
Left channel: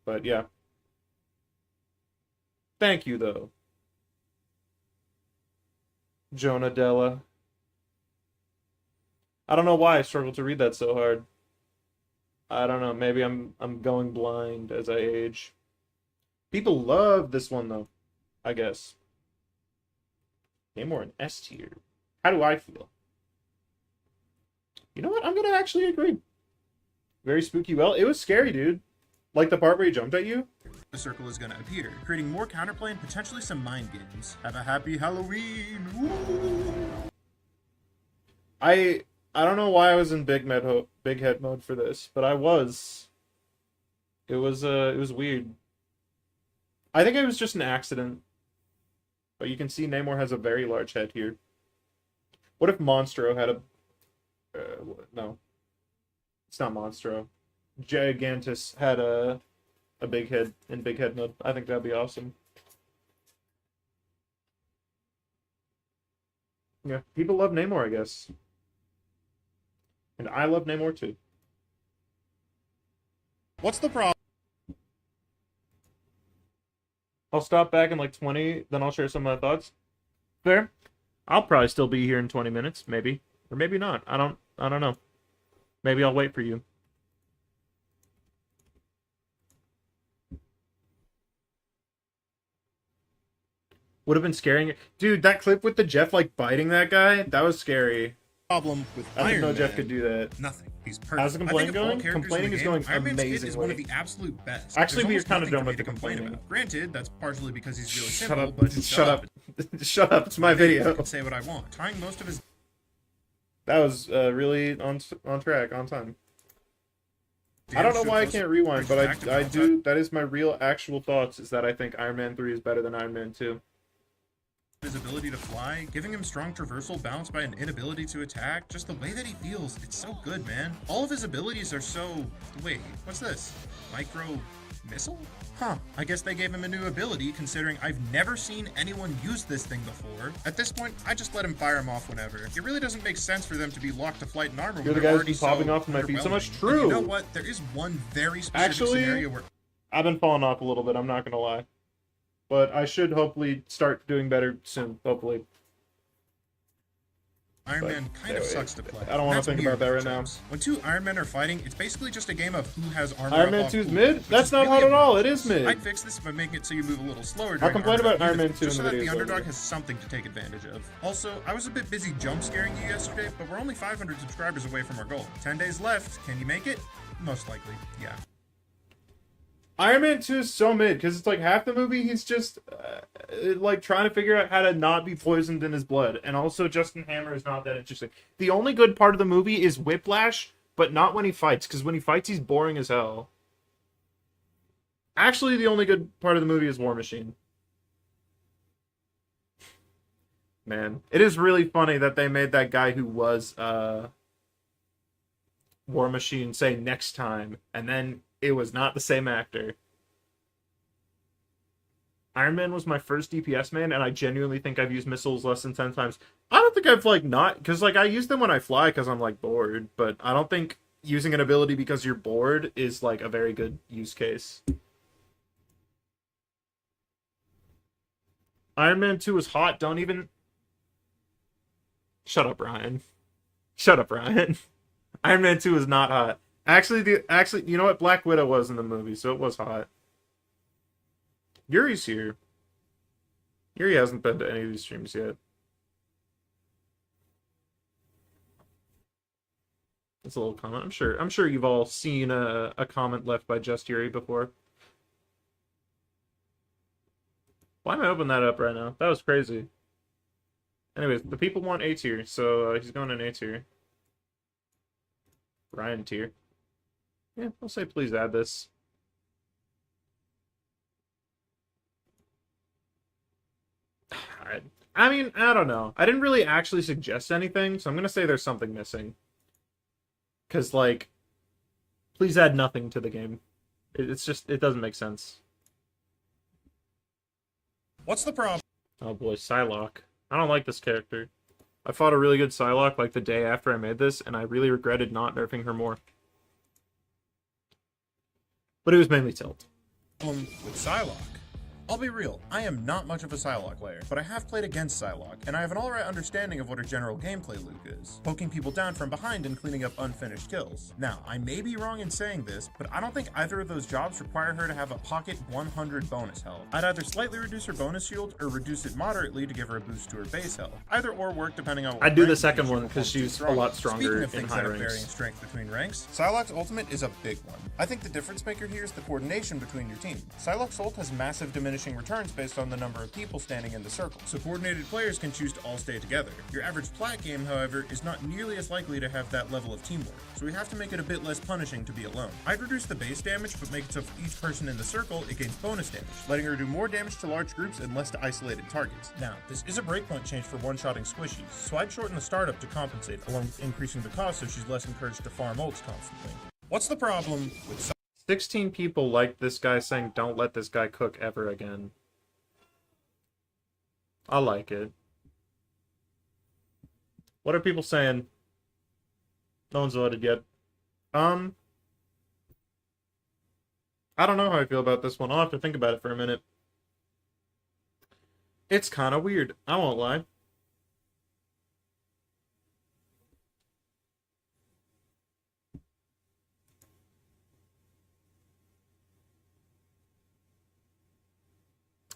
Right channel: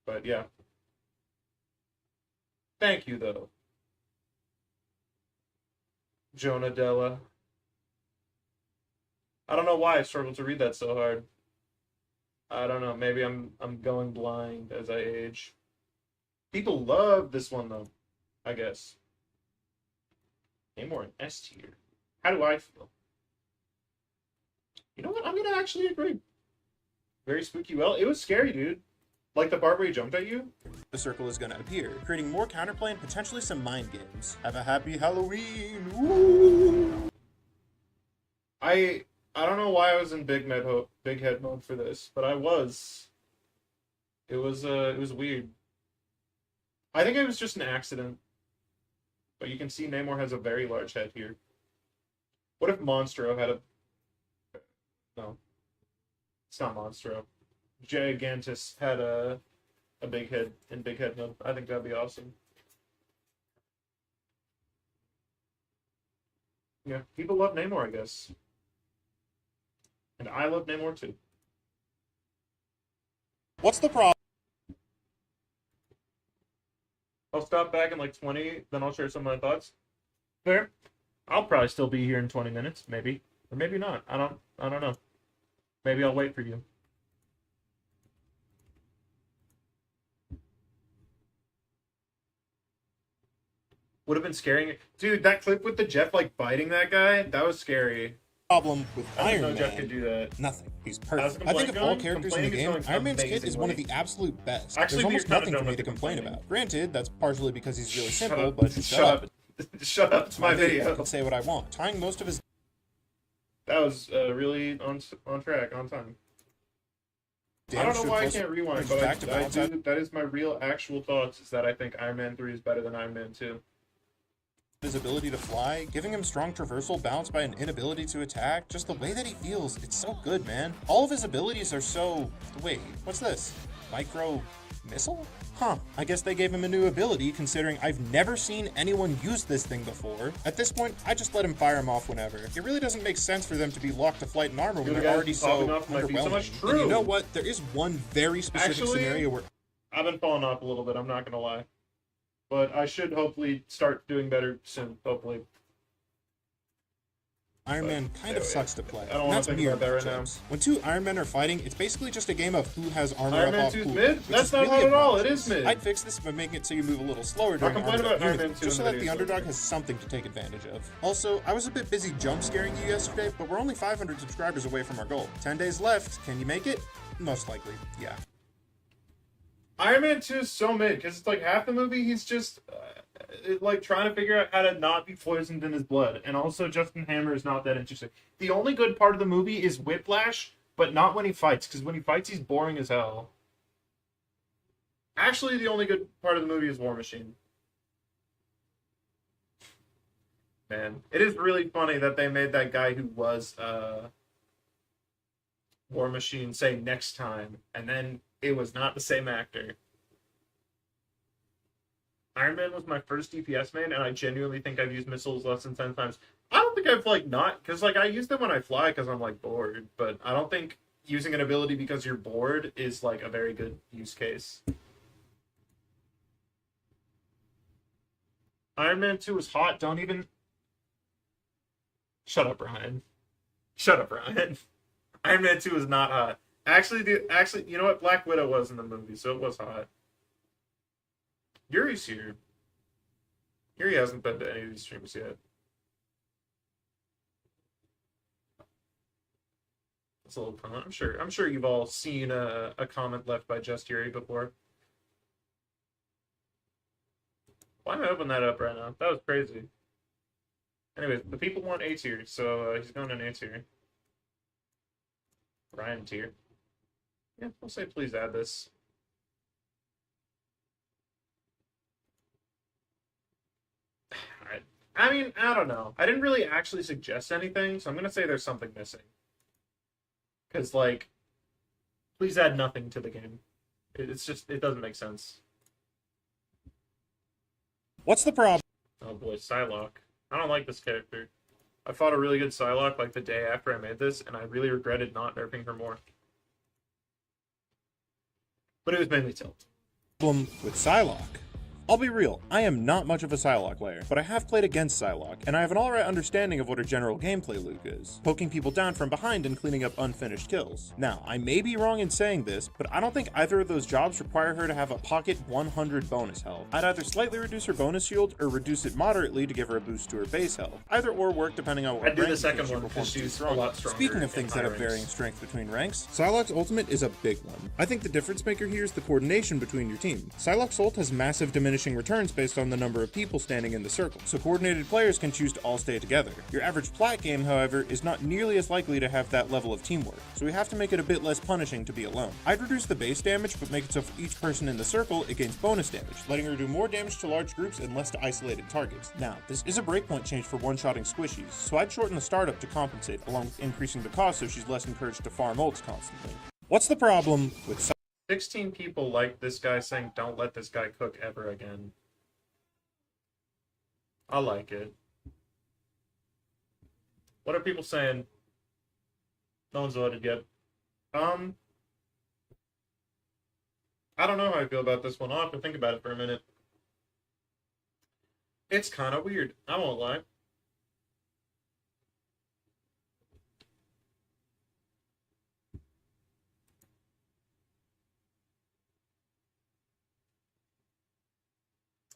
But yeah. Thank you though. Jonah Della. I don't know why I struggled to read that so hard. I don't know, maybe I'm going blind as I age. People love this one though, I guess. Namor an S tier. How do I feel? You know what? I'm gonna actually agree. Very spooky. Well, it was scary, dude. Like the part where he jumped at you. The circle is going to appear, creating more counterplay and potentially some mind games. Have a happy Halloween! Woo! I don't know why I was in big head mode for this, but I was. It was weird. I think it was just an accident. But you can see Namor has a very large head here. What if Monstro had a... no. It's not Monstro. Gigantus had a big head in big head mode. I think that'd be awesome. Yeah, people love Namor, I guess. And I love Namor too. What's the problem? I'll stop back in like 20, then I'll share some of my thoughts. Fair. I'll probably still be here in 20 minutes, maybe. Or maybe not. I don't know. Maybe I'll wait for you. Would have been scaring. Dude, that clip with the Jeff like biting that guy, that was scary. Problem with I didn't know Iron Jeff Man. could do that. Nothing. He's How's perfect. the I think complaint of all going? characters in the Complaining is game, going Iron Man's kid is one of amazingly. the absolute best. Actually, There's we were almost kinda nothing done for me with to the complain complaining. about. Granted, that's partially because he's really simple, up. but Shut up. Shut up. It's my I video. can say what I want. Tying most of his That was really on track, on time. I damage don't to know why I close can't rewind, brings but back to I balance out do. That is my real actual thoughts. Is that I think Iron Man 3 is better than Iron Man 2. his ability to fly, giving him strong traversal balanced by an inability to attack. Just the way that he feels, it's so good, man. All of his abilities are so... Wait, what's this? Micro missile? Huh, I guess they gave him a new ability, considering I've never seen anyone use this thing before. At this point, I just let him fire him off whenever. It really doesn't make sense for them to be locked to flight and armor when You're the they're guy already who's so popping off my feet so underwhelming. much. And you know True. what? There is one very specific Actually, scenario where I've been falling off a little bit. I'm not gonna lie, but I should hopefully start doing better soon. Hopefully. Iron But Man kind of anyway, sucks to play. I don't and wanna that's think weird about that right now. matchups. When two Iron Men are fighting, it's basically just a game of who has armor Iron up Man off 2's pool, mid? which That's is not really hard at all. It obnoxious. is mid. I'd fix this by making it so you move a little slower during complain armor about Iron units, Man 2 just so in that the the video. underdog has something to take advantage of. Also, I was a bit busy jump scaring you yesterday, but we're only 500 subscribers away from our goal. 10 days left. Can you make it? Most likely, yeah. Iron Man 2 is so mid because it's like half the movie he's just like trying to figure out how to not be poisoned in his blood, and also Justin Hammer is not that interesting. The only good part of the movie is Whiplash, but not when he fights, because when he fights he's boring as hell. Actually, the only good part of the movie is War Machine. Man, it is really funny that they made that guy who was War Machine say next time, and then it was not the same actor. Iron Man was my first DPS main, and I genuinely think I've used missiles less than 10 times. I don't think I've, like, not... Because, like, I use them when I fly because I'm, like, bored. But I don't think using an ability because you're bored is, like, a very good use case. Iron Man 2 is hot. Don't even... Shut up, Ryan. Shut up, Ryan. Iron Man 2 is not hot. Actually, you know what? Black Widow was in the movie, so it was hot. Yuri's here. Yuri hasn't been to any of these streams yet. That's a little comment. I'm sure you've all seen a comment left by Just Yuri before. Why am I opening that up right now? That was crazy. Anyways, the people want A tier, so he's going in A tier. Ryan tier. Yeah, we'll say please add this. I mean, I don't know. I didn't really actually suggest anything, so I'm gonna say there's something missing. Because, like, please add nothing to the game. It's just, it doesn't make sense. What's the problem? Oh boy, Psylocke. I don't like this character. I fought a really good Psylocke like the day after I made this, and I really regretted not nerfing her more. But it was mainly Tilt. With Psylocke? I'll be real, I am not much of a Psylocke player, but I have played against Psylocke, and I have an alright understanding of what her general gameplay loop is, poking people down from behind and cleaning up unfinished kills. Now, I may be wrong in saying this, but I don't think either of those jobs require her to have a pocket 100 bonus health. I'd either slightly reduce her bonus shield, or reduce it moderately to give her a boost to her base health. Either or work depending on what I'd do the rank second she one, 'cause performs to she's a strongest. lot stronger Speaking of in things high that have ranks. varying strength between ranks, Psylocke's ultimate is a big one. I think the difference maker here is the coordination between your team. Psylocke's ult has massive diminishing returns based on the number of people standing in the circle, so coordinated players can choose to all stay together. Your average plat game, however, is not nearly as likely to have that level of teamwork, so we have to make it a bit less punishing to be alone. I'd reduce the base damage, but make it so for each person in the circle, it gains bonus damage, letting her do more damage to large groups and less to isolated targets. Now, this is a breakpoint change for one-shotting squishies, so I'd shorten the startup to compensate, along with increasing the cost so she's less encouraged to farm ults constantly. What's the problem with 16 people like this guy saying, don't let this guy cook ever again. I like it. What are people saying? No one's voted yet. I don't know how I feel about this one. I'll have to think about it for a minute. It's kind of weird. I won't lie.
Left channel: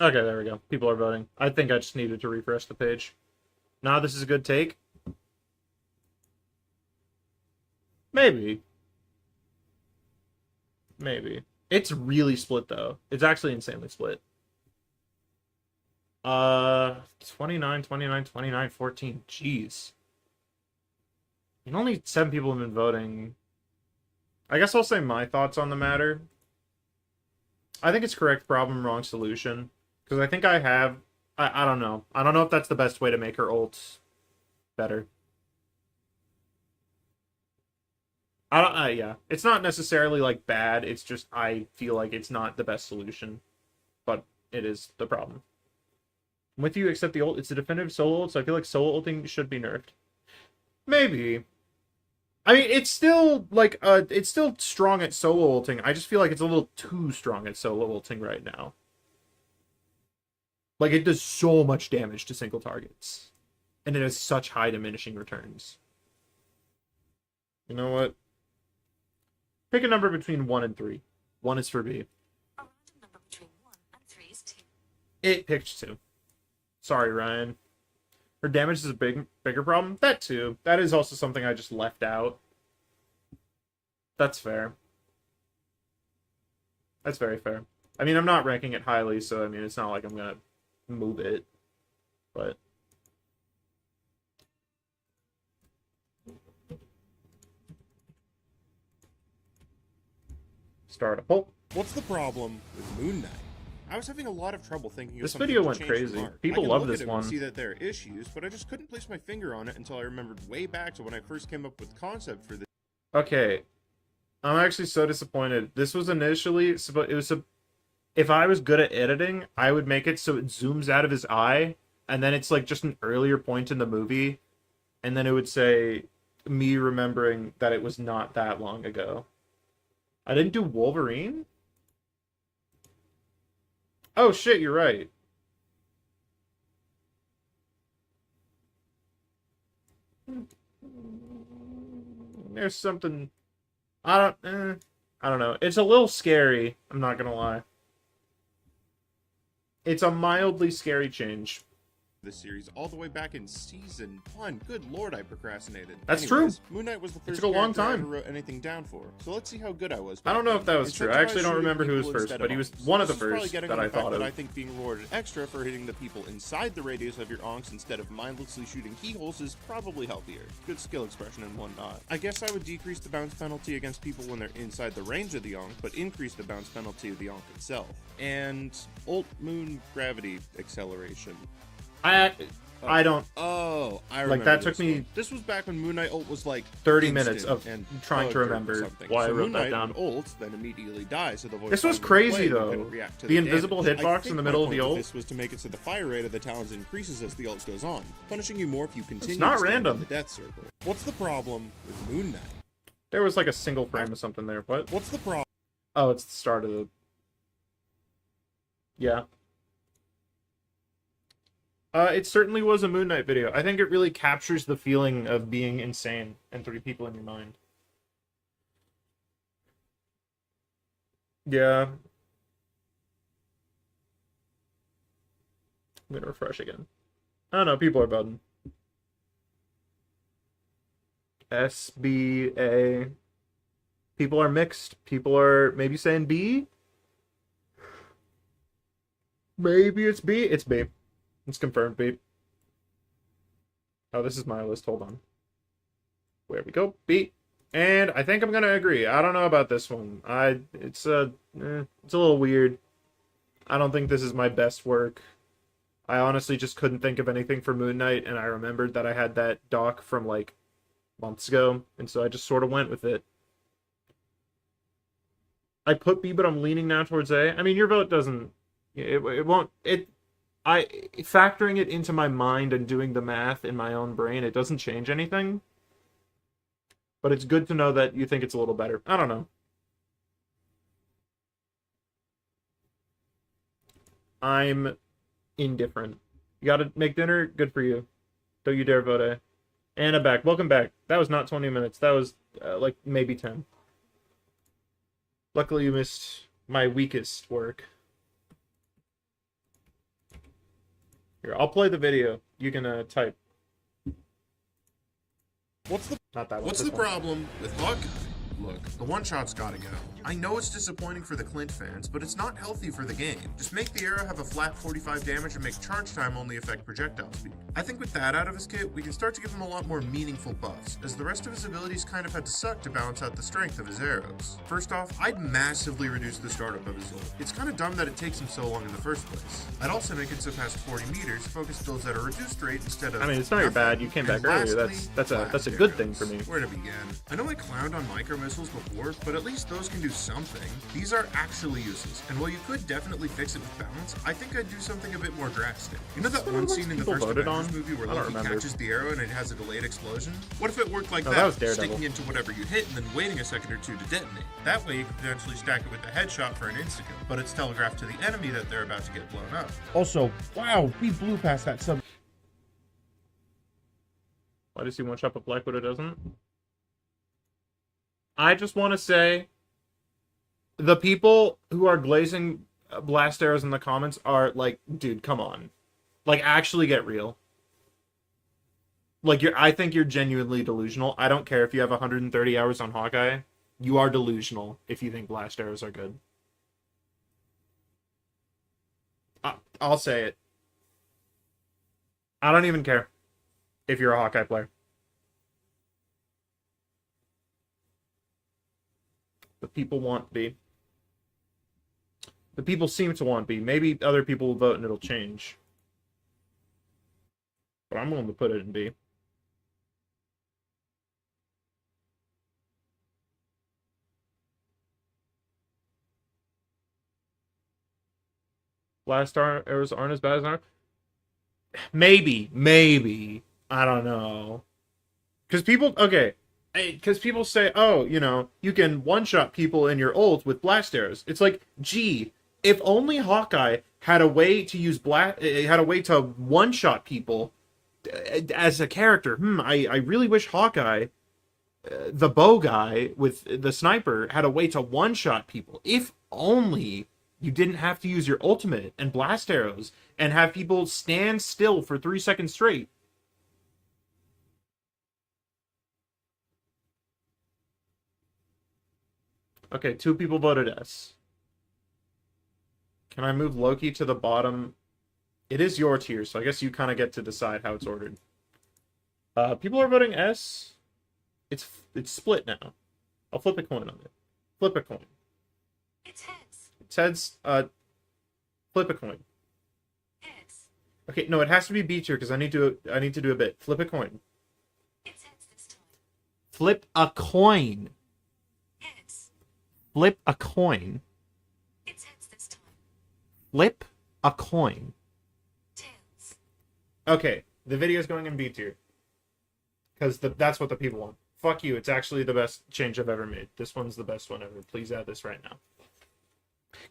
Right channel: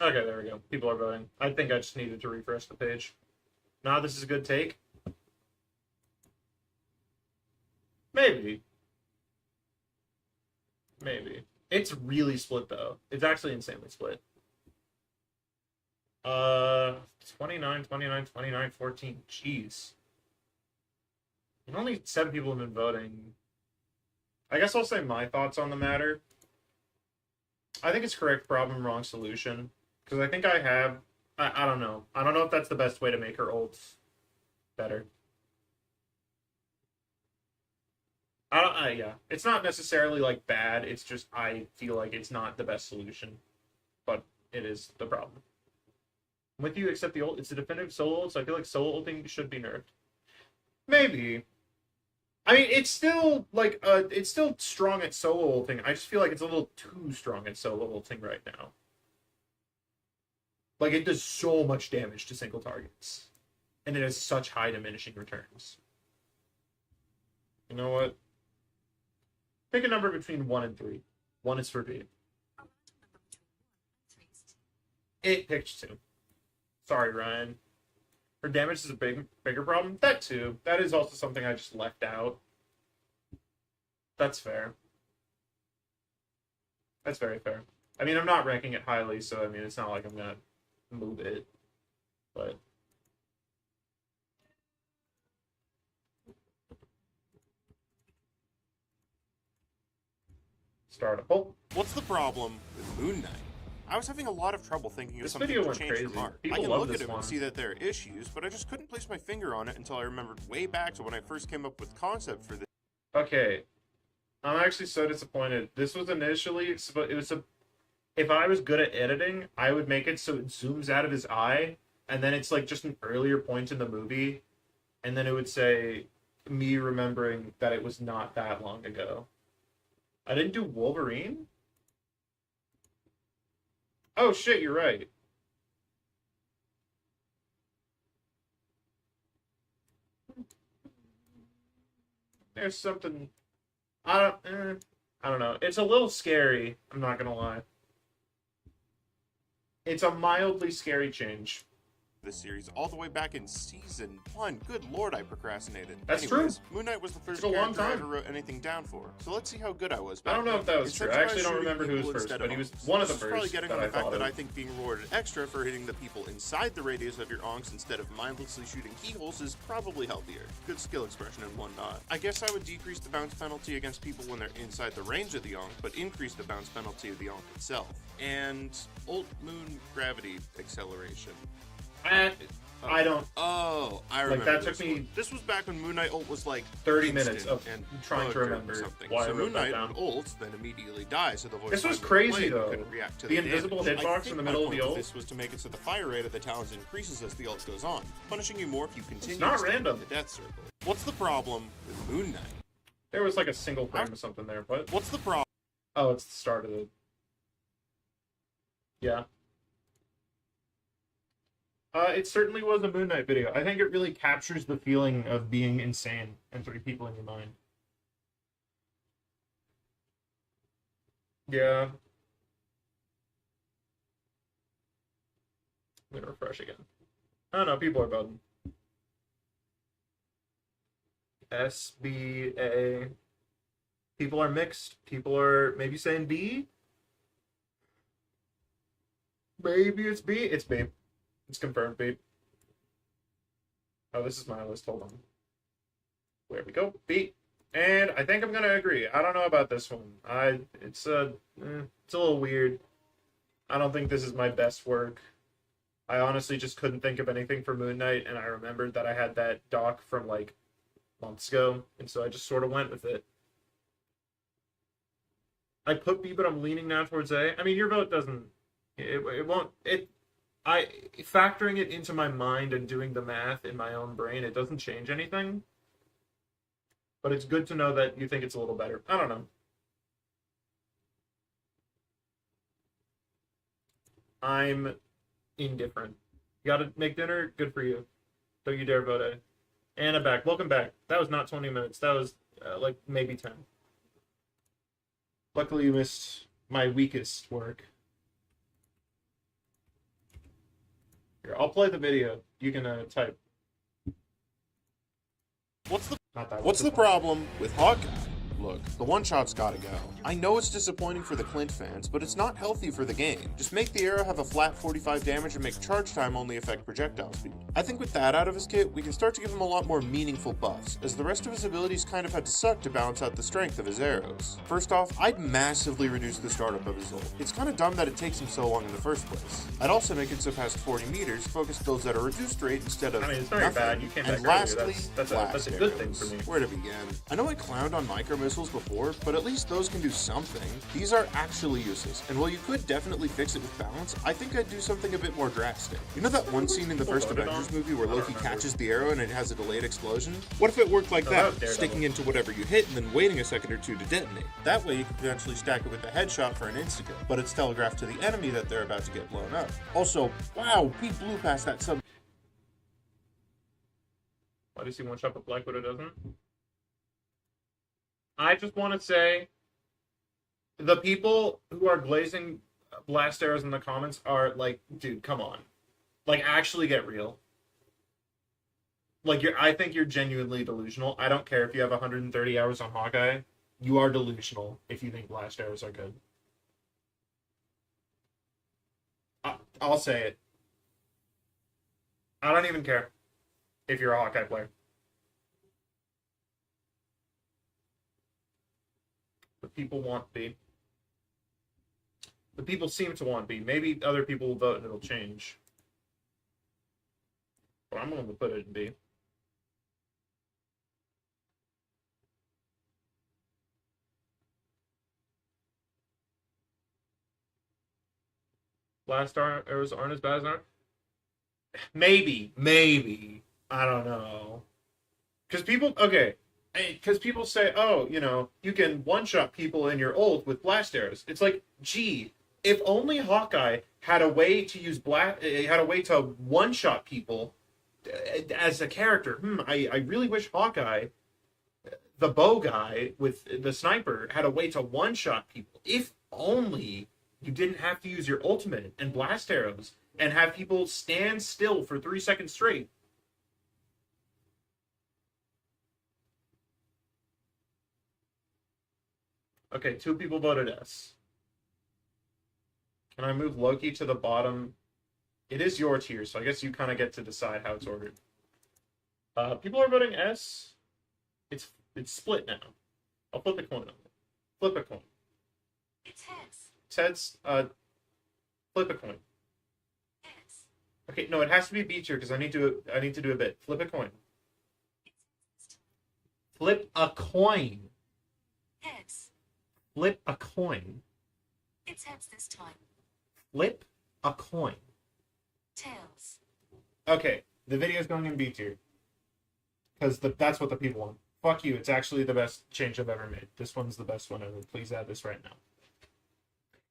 Okay, there we go. People are voting. I think I just needed to refresh the page. Nah, this is a good take. Maybe. Maybe. It's really split, though. It's actually insanely split. 29, 29, 29, 14. Jeez. And only 7 people have been voting. I guess I'll say my thoughts on the matter. I think it's correct problem, wrong solution. Because I think I have... I don't know. I don't know if that's the best way to make her ult better. I don't... yeah. It's not necessarily, like, bad. It's just I feel like it's not the best solution. But it is the problem. I'm with you, except the ult. It's a definitive solo ult, so I feel like solo ulting should be nerfed. Maybe. I mean, it's still, like, it's still strong at solo ulting. I just feel like it's a little too strong at solo ulting right now. Like, it does so much damage to single targets. And it has such high diminishing returns. You know what? Pick a number between 1 and 3. 1 is for B. A random number between 1 and 3 is 2. It picked 2. Sorry, Ryan. Her damage is a bigger problem? That too. That is also something I just left out. That's fair. That's very fair. I mean, I'm not ranking it highly, so I mean, it's not like I'm gonna move it. But... start a poll. What's the problem with Moon Knight? I was having a lot of trouble thinking of This something video to went change crazy. from art. People I can love look this at it one. and see that there are issues, but I just couldn't place my finger on it until I remembered way back to when I first came up with concept for this. Okay. I'm actually so disappointed. This was initially... it was a... if I was good at editing, I would make it so it zooms out of his eye, and then it's like just an earlier point in the movie, and then it would say me remembering that it was not that long ago. I didn't do Wolverine? Oh shit, you're right. There's something... I don't know. It's a little scary, I'm not gonna lie. It's a mildly scary change. This series all the way back in season 1. Good lord, I procrastinated. That's Anyways, Moon Knight was the first took a long character I time. ever wrote anything down for. So let's see how good I was. I don't know if that was true. I actually don't remember who was first, but he was one of the Probably first getting that on I the fact thought that I of. think being rewarded extra for hitting the people inside the radius of your onks instead of mindlessly shooting keyholes is probably healthier. Good skill expression and whatnot. I guess I would decrease the bounce penalty against people when they're inside the range of the onk, but increase the bounce penalty of the onk itself. And ult moon gravity acceleration. I don't... Oh, I remember. that took this me one. This was back when Moon Knight ult was like 30 instant minutes of and trying to bugged or remember something. why I so wrote Moon that Knight down. would ult, then immediately die. So the voice This was line would crazy, play, but though. couldn't react to The damage. invisible I hitbox think in the my middle of point the with ult. This was to make it so the fire rate of the talons increases as the ult goes on, punishing you more if you continue not to stand random. in the death circle. What's the problem with Moon Knight? There was like a single frame of something there. What? What's the problem? Oh, it's the start of the... yeah. It certainly was a Moon Knight video. I think it really captures the feeling of being insane and 3 people in your mind. Yeah. I'm gonna refresh again. I don't know, people are voting. SBA. People are mixed. People are maybe saying B. Maybe it's B. It's B. It's confirmed B. Oh, this is my list. Hold on. Where we go. B. And I think I'm gonna agree. I don't know about this one. It's a little weird. I don't think this is my best work. I honestly just couldn't think of anything for Moon Knight, and I remembered that I had that doc from like months ago, and so I just sort of went with it. I put B, but I'm leaning now towards A. I mean, your vote doesn't... It won't... Factoring it into my mind and doing the math in my own brain, it doesn't change anything. But it's good to know that you think it's a little better. I don't know. I'm indifferent. You gotta make dinner? Good for you. Don't you dare vote A. Anna back. Welcome back. That was not 20 minutes. That was like maybe 10. Luckily you missed my weakest work. Here, I'll play the video. You can type. What's the Not that one, What's this the one. problem with Hawkeye? Look, the one-shot's gotta go. I know it's disappointing for the Clint fans, but it's not healthy for the game. Just make the arrow have a flat 45 damage and make charge time only affect projectile speed. I think with that out of his kit, we can start to give him a lot more meaningful buffs, as the rest of his abilities kind of had to suck to balance out the strength of his arrows. First off, I'd massively reduce the startup of his ult. It's kind of dumb that it takes him so long in the first place. I'd also make it so past 40 meters, focus builds at a reduced rate instead of I mean, it's not nothing. bad. You came back And earlier. lastly, That's a blast good thing arrows. for me. Where to begin? I know I clowned on micro missiles before, but at least those can do something. These are actually useless, and while you could definitely fix it with balance, I think I'd do something a bit more drastic. You know that one scene in the People first voted Avengers on? movie where I don't Loki remember. catches the arrow and it has a delayed explosion? What if it worked like Oh, that was that, Daredevil. sticking into whatever you hit and then waiting a second or two to detonate? That way you could potentially stack it with the headshot for an insta-kill, but it's telegraphed to the enemy that they're about to get blown up. Also, wow, he blew past that sub. Why does he one shot but Black Widow doesn't? I just want to say, the people who are glazing blast arrows in the comments are like, dude, come on, like actually get real. Like I think you're genuinely delusional. I don't care if you have 130 hours on Hawkeye. You are delusional if you think blast arrows are good. I'll say it. I don't even care if you're a Hawkeye player. The people want B. The people seem to want B. Maybe other people will vote and it'll change. But I'm willing to put it in B. Blast arrows aren't as bad as ours. Maybe. I don't know. Because people say, oh, you can one-shot people in your ult with blast arrows. It's like, gee, if only Hawkeye had a way to use had a way to one-shot people as a character. I really wish Hawkeye, the bow guy with the sniper, had a way to one-shot people. If only you didn't have to use your ultimate and blast arrows and have people stand still for 3 seconds straight. Okay, 2 people voted S. Can I move Loki to the bottom? It is your tier, so I guess you kind of get to decide how it's ordered. People are voting S. It's split now. I'll flip a coin on it. Flip a coin. It's heads. It's heads. Flip a coin. Heads. Okay, no, it has to be B tier because I need to do a bit. Flip a coin. It's heads this time. Flip a coin. Heads. Flip a coin. It's heads this time. Flip a coin. Tails. Okay, the video's going in B tier. Because that's what the people want. Fuck you, it's actually the best change I've ever made. This one's the best one ever. Please add this right now.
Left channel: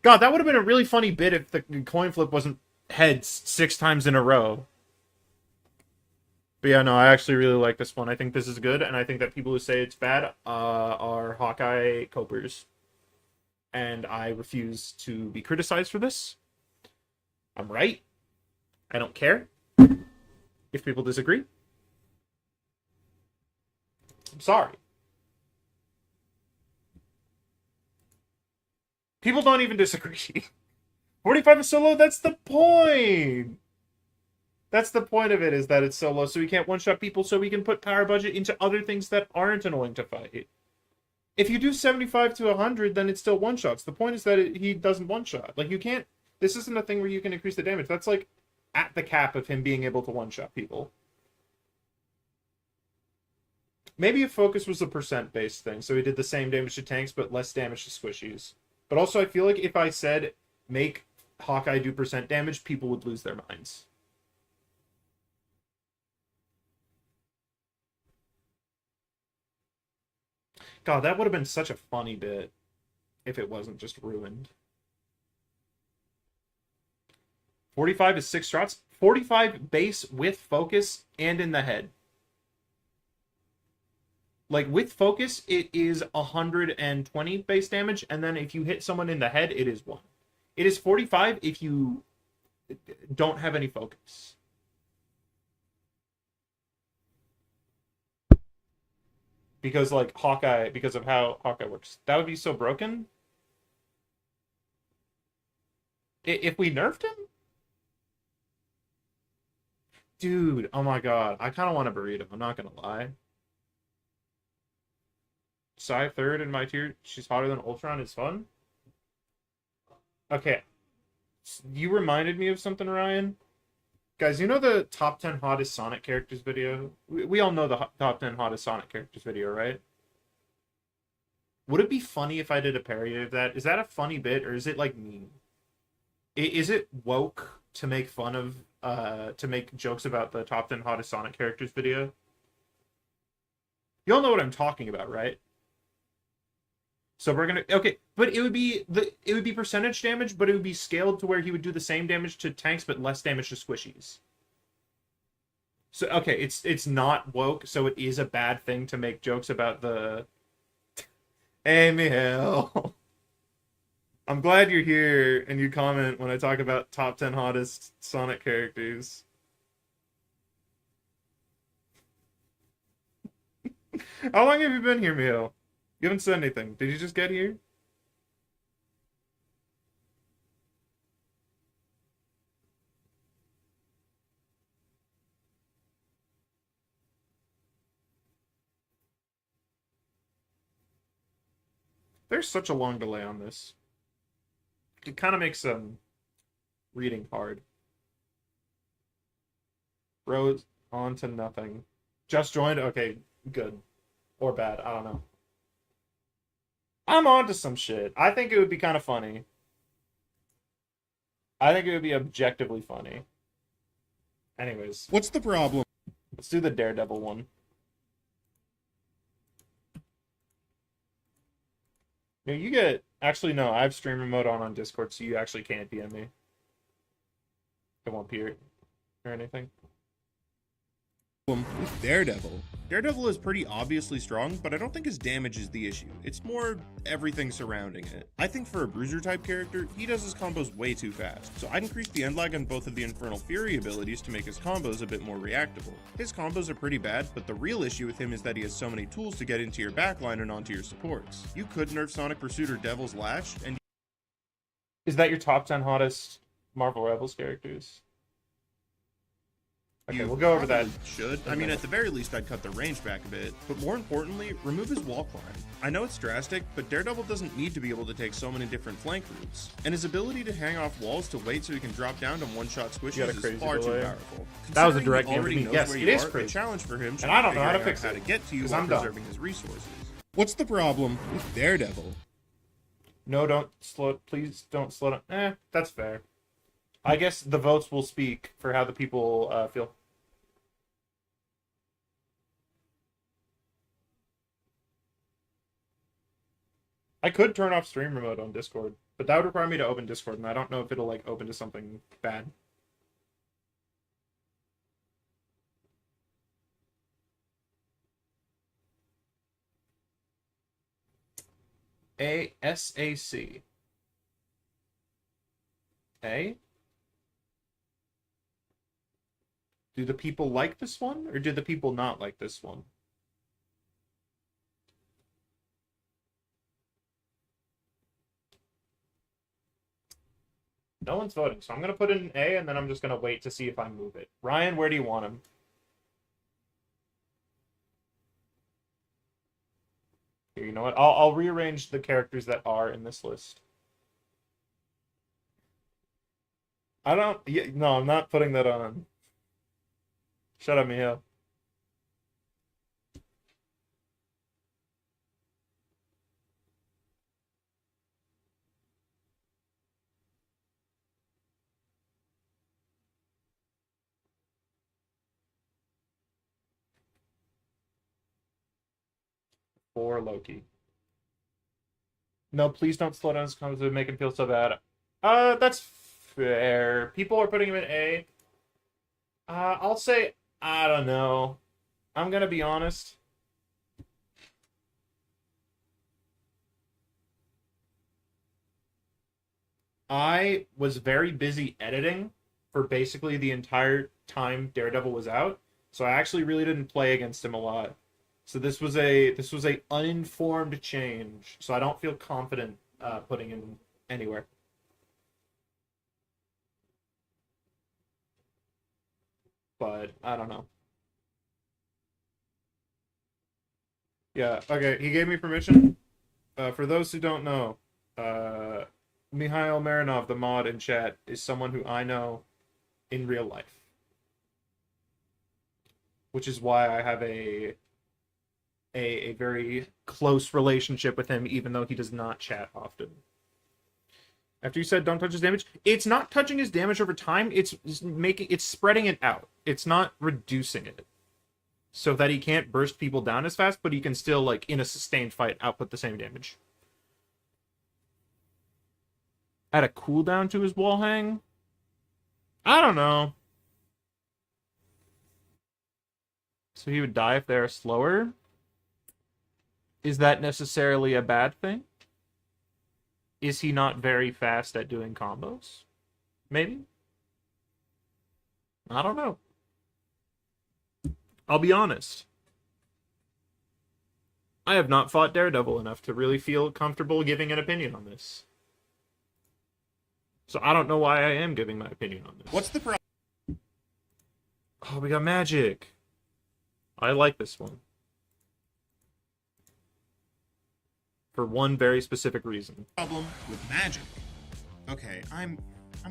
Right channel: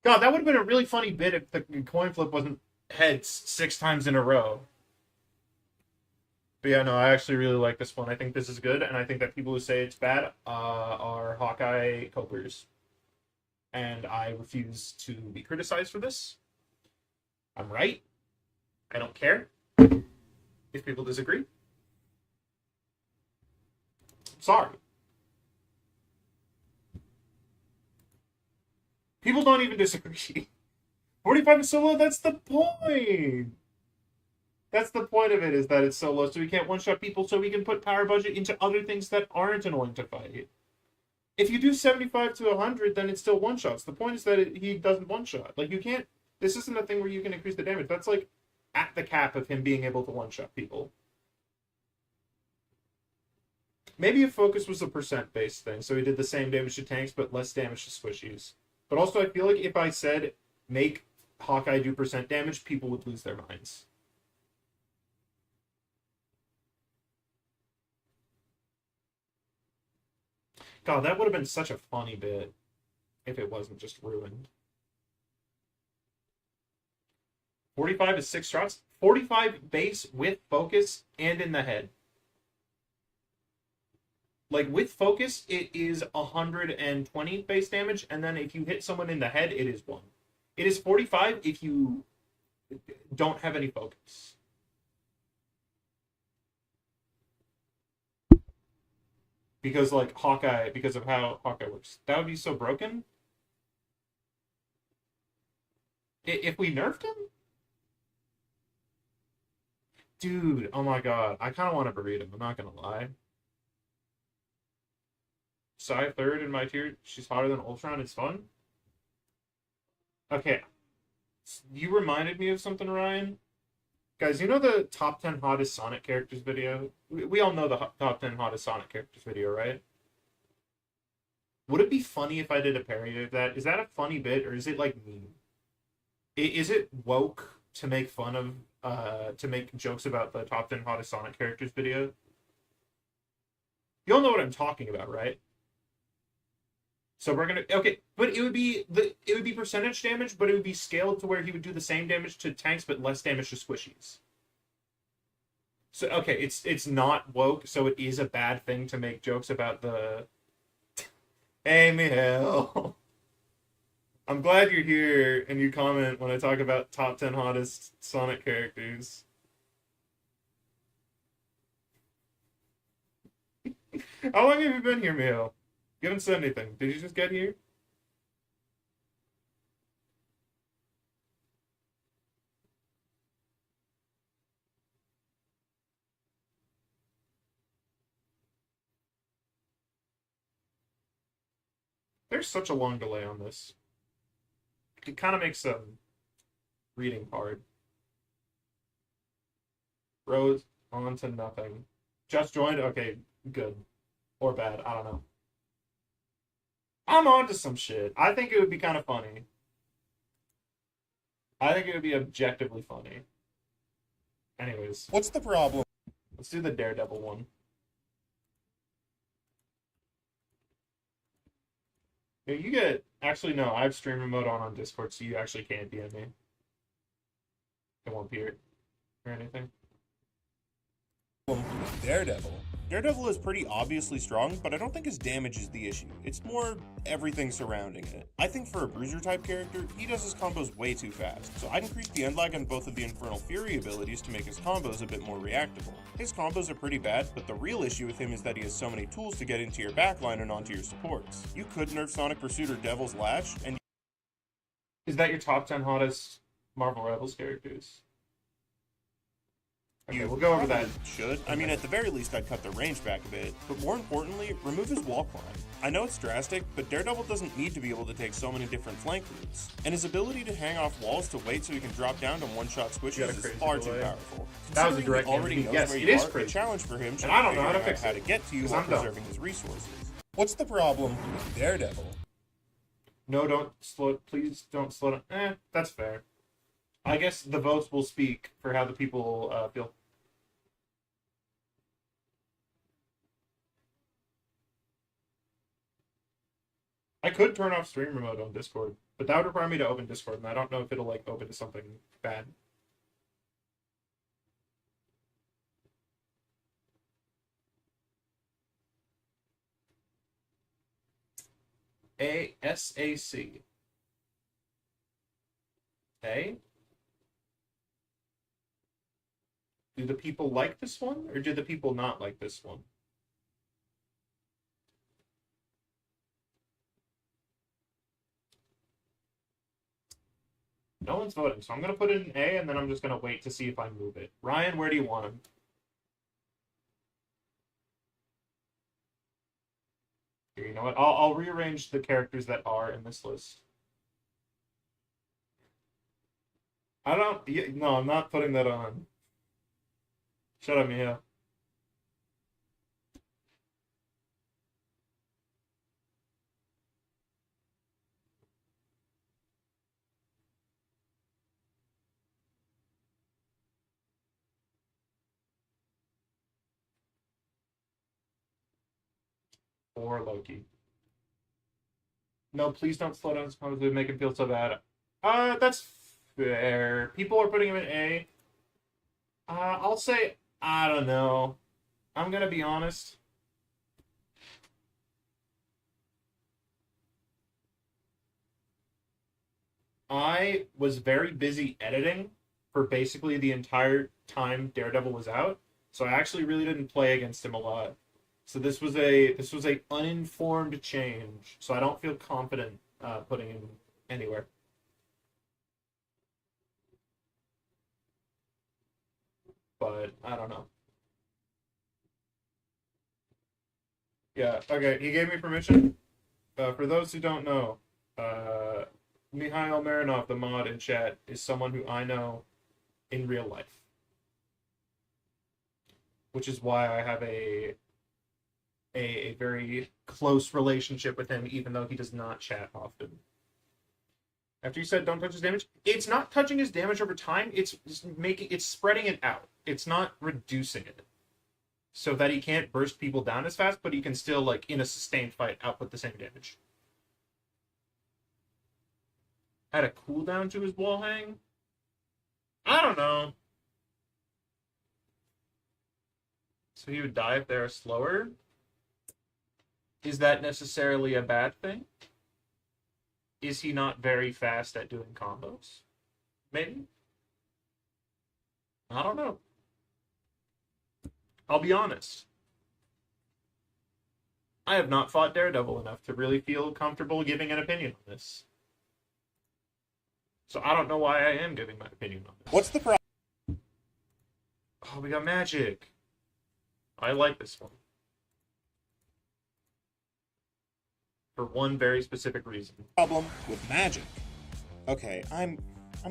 God, that would have been a really funny bit if the coin flip wasn't heads 6 times in a row. But yeah, no, I actually really like this one. I think this is good, and I think that people who say it's bad are Hawkeye copers. And I refuse to be criticized for this. I'm right. I don't care if people disagree. I'm sorry. People don't even disagree. 45 is so low, that's the point. That's the point of it, is that it's so low, so we can't one-shot people, so we can put power budget into other things that aren't annoying to fight. If you do 75 to 100, then it's still one-shots. The point is that he doesn't one-shot. Like, you can't... This isn't a thing where you can increase the damage. That's, like, at the cap of him being able to one-shot people. Maybe if focus was a percent-based thing, so he did the same damage to tanks, but less damage to squishies. But also, I feel like if I said, make Hawkeye do percent damage, people would lose their minds. God, that would have been such a funny bit if it wasn't just ruined. 45 is 6 shots. 45 base with focus and in the head. Like, with focus, it is 120 base damage, and then if you hit someone in the head, it is 1. It is 45 if you don't have any focus. because like Hawkeye, because of how Hawkeye works. That would be so broken. If we nerfed him, dude. Oh my god, I kind of want to burrito. I'm not gonna lie. Psy third in my tier. She's hotter than Ultron. It's fun. Okay, you reminded me of something, Ryan. Guys, you know the top 10 hottest Sonic characters video? We all know the top 10 hottest Sonic characters video, right? Would it be funny if I did a parody of that? Is that a funny bit, or is it like mean? Is it woke to make fun of, to make jokes about the top 10 hottest Sonic characters video? You all know what I'm talking about, right? So we're gonna, okay, but it would be percentage damage, but it would be scaled to where he would do the same damage to tanks but less damage to squishies. So okay, it's not woke, so it is a bad thing to make jokes about the. Hey, Mihail. I'm glad you're here and you comment when I talk about top 10 hottest Sonic characters. How long have you been here, Mihail? You haven't said anything. Did you just get here? There's such a long delay on this. It kind of makes reading hard. Rose on to nothing. Just joined? Okay, good. Or bad. I don't know. I'm on to some shit. I think it would be kind of funny. I think it would be objectively funny. Anyways, What's the problem? let's do the Daredevil one. No, you get... Actually, no, I have stream remote on Discord, so you actually can't DM me. It won't appear or anything. With Daredevil. Daredevil is pretty obviously strong, but I don't think his damage is the issue. It's more everything surrounding it. I think for a bruiser type character, he does his combos way too fast, so I'd increase the end lag on both of the Infernal Fury abilities to make his combos a bit more reactable. His combos are pretty bad, but the real issue with him is that he has so many tools to get into your backline and onto your supports. You could nerf Sonic Pursuit or Devil's Lash, and Is that your top 10 hottest Marvel Rebels characters? Okay, you we'll go over probably that. should. I mean, at the very least, I'd cut the range back a bit, but more importantly, remove his wall climb. I know it's drastic, but Daredevil doesn't need to be able to take so many different flank routes, and his ability to hang off walls to wait so he can drop down to one-shot You got squishies a is crazy far too delay. powerful. That was a Considering direct he already hit. knows Yes, where it you is are, the crazy. challenge for him should And I be don't know figuring how to out fix how it, to get to you 'cause while I'm dumb. preserving his resources. What's the problem with Daredevil? No, don't slow. Please don't slow down. That's fair. I guess the votes will speak for how the people feel. I could turn off stream remote on Discord, but that would require me to open Discord, and I don't know if it'll like open to something bad. ASAC. A? Do the people like this one, or do the people not like this one? No one's voting, so I'm going to put in A, and then I'm just going to wait to see if I move it. Ryan, where do you want him? Here, you know what? I'll rearrange the characters that are in this list. I don't... Yeah, no, I'm not putting that on. Shut up, Mia. For Loki. No, please don't slow down his combos. It would make him feel so bad. That's fair. People are putting him in A. I'll say, I don't know. I'm gonna be honest. I was very busy editing for basically the entire time Daredevil was out, so I actually really didn't play against him a lot. So this was a uninformed change. So I don't feel confident putting him anywhere. But I don't know. Yeah, okay, he gave me permission. For those who don't know, Mikhail Marinov, the mod in chat, is someone who I know in real life. Which is why I have a very close relationship with him, even though he does not chat often. After you said don't touch his damage, it's not touching his damage over time, it's spreading it out. It's not reducing it. So that he can't burst people down as fast, but he can still, like, in a sustained fight, output the same damage. Add a cooldown to his wall hang? I don't know. So he would die if they're slower? Is that necessarily a bad thing? Is he not very fast at doing combos? Maybe? I don't know. I'll be honest. I have not fought Daredevil enough to really feel comfortable giving an opinion on this. So I don't know why I am giving my opinion on this. What's the problem? Oh, we got magic. I like this one. For one very specific reason. Problem with magic? Okay, I'm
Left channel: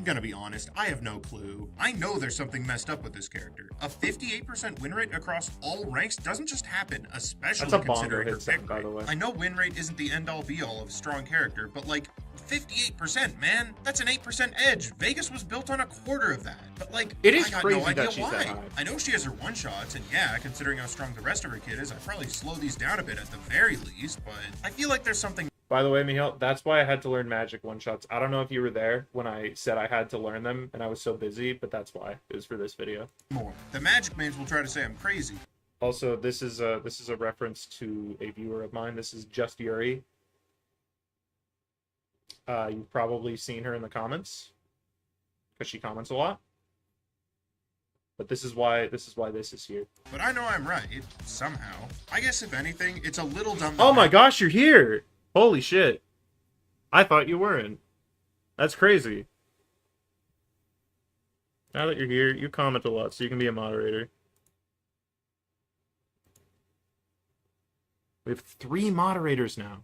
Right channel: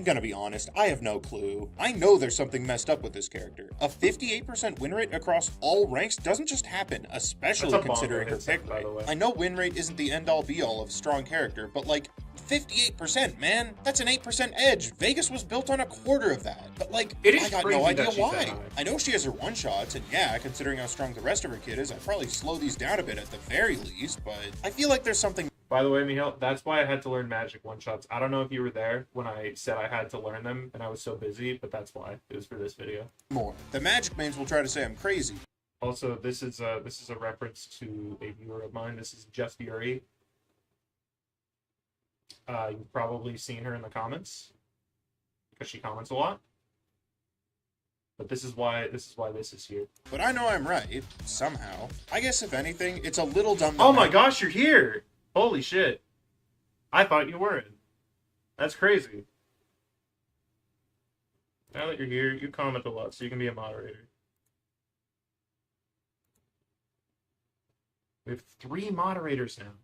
gonna be honest, I have no clue. I know there's something messed up with this character. A 58% win rate across all ranks doesn't just happen, especially That's a considering her bomb pick by rate. the way. I know win rate isn't the end-all be-all of a strong character, but like, 58%, man. That's an 8% edge. Vegas was built on a quarter of that. But like, It is I got crazy no that idea she's that why. high. I know she has her one-shots, and yeah, considering how strong the rest of her kit is, I'd probably slow these down a bit at the very least, but I feel like there's something By the way, Mihail, that's why I had to learn magic one-shots. I don't know if you were there when I said I had to learn them, and I was so busy, but that's why. It was for this video. more. The magic mains will try to say I'm crazy. Also, this is a reference to a viewer of mine. This is Just Yuri. You've probably seen her in the comments because she comments a lot. But this is why this is here. But I know I'm right, somehow. I guess if anything, it's a little dumb that Oh my gosh, you're here! Holy shit! I thought you weren't. That's crazy. Now that you're here, you comment a lot, so you can be a moderator. We have 3 moderators now.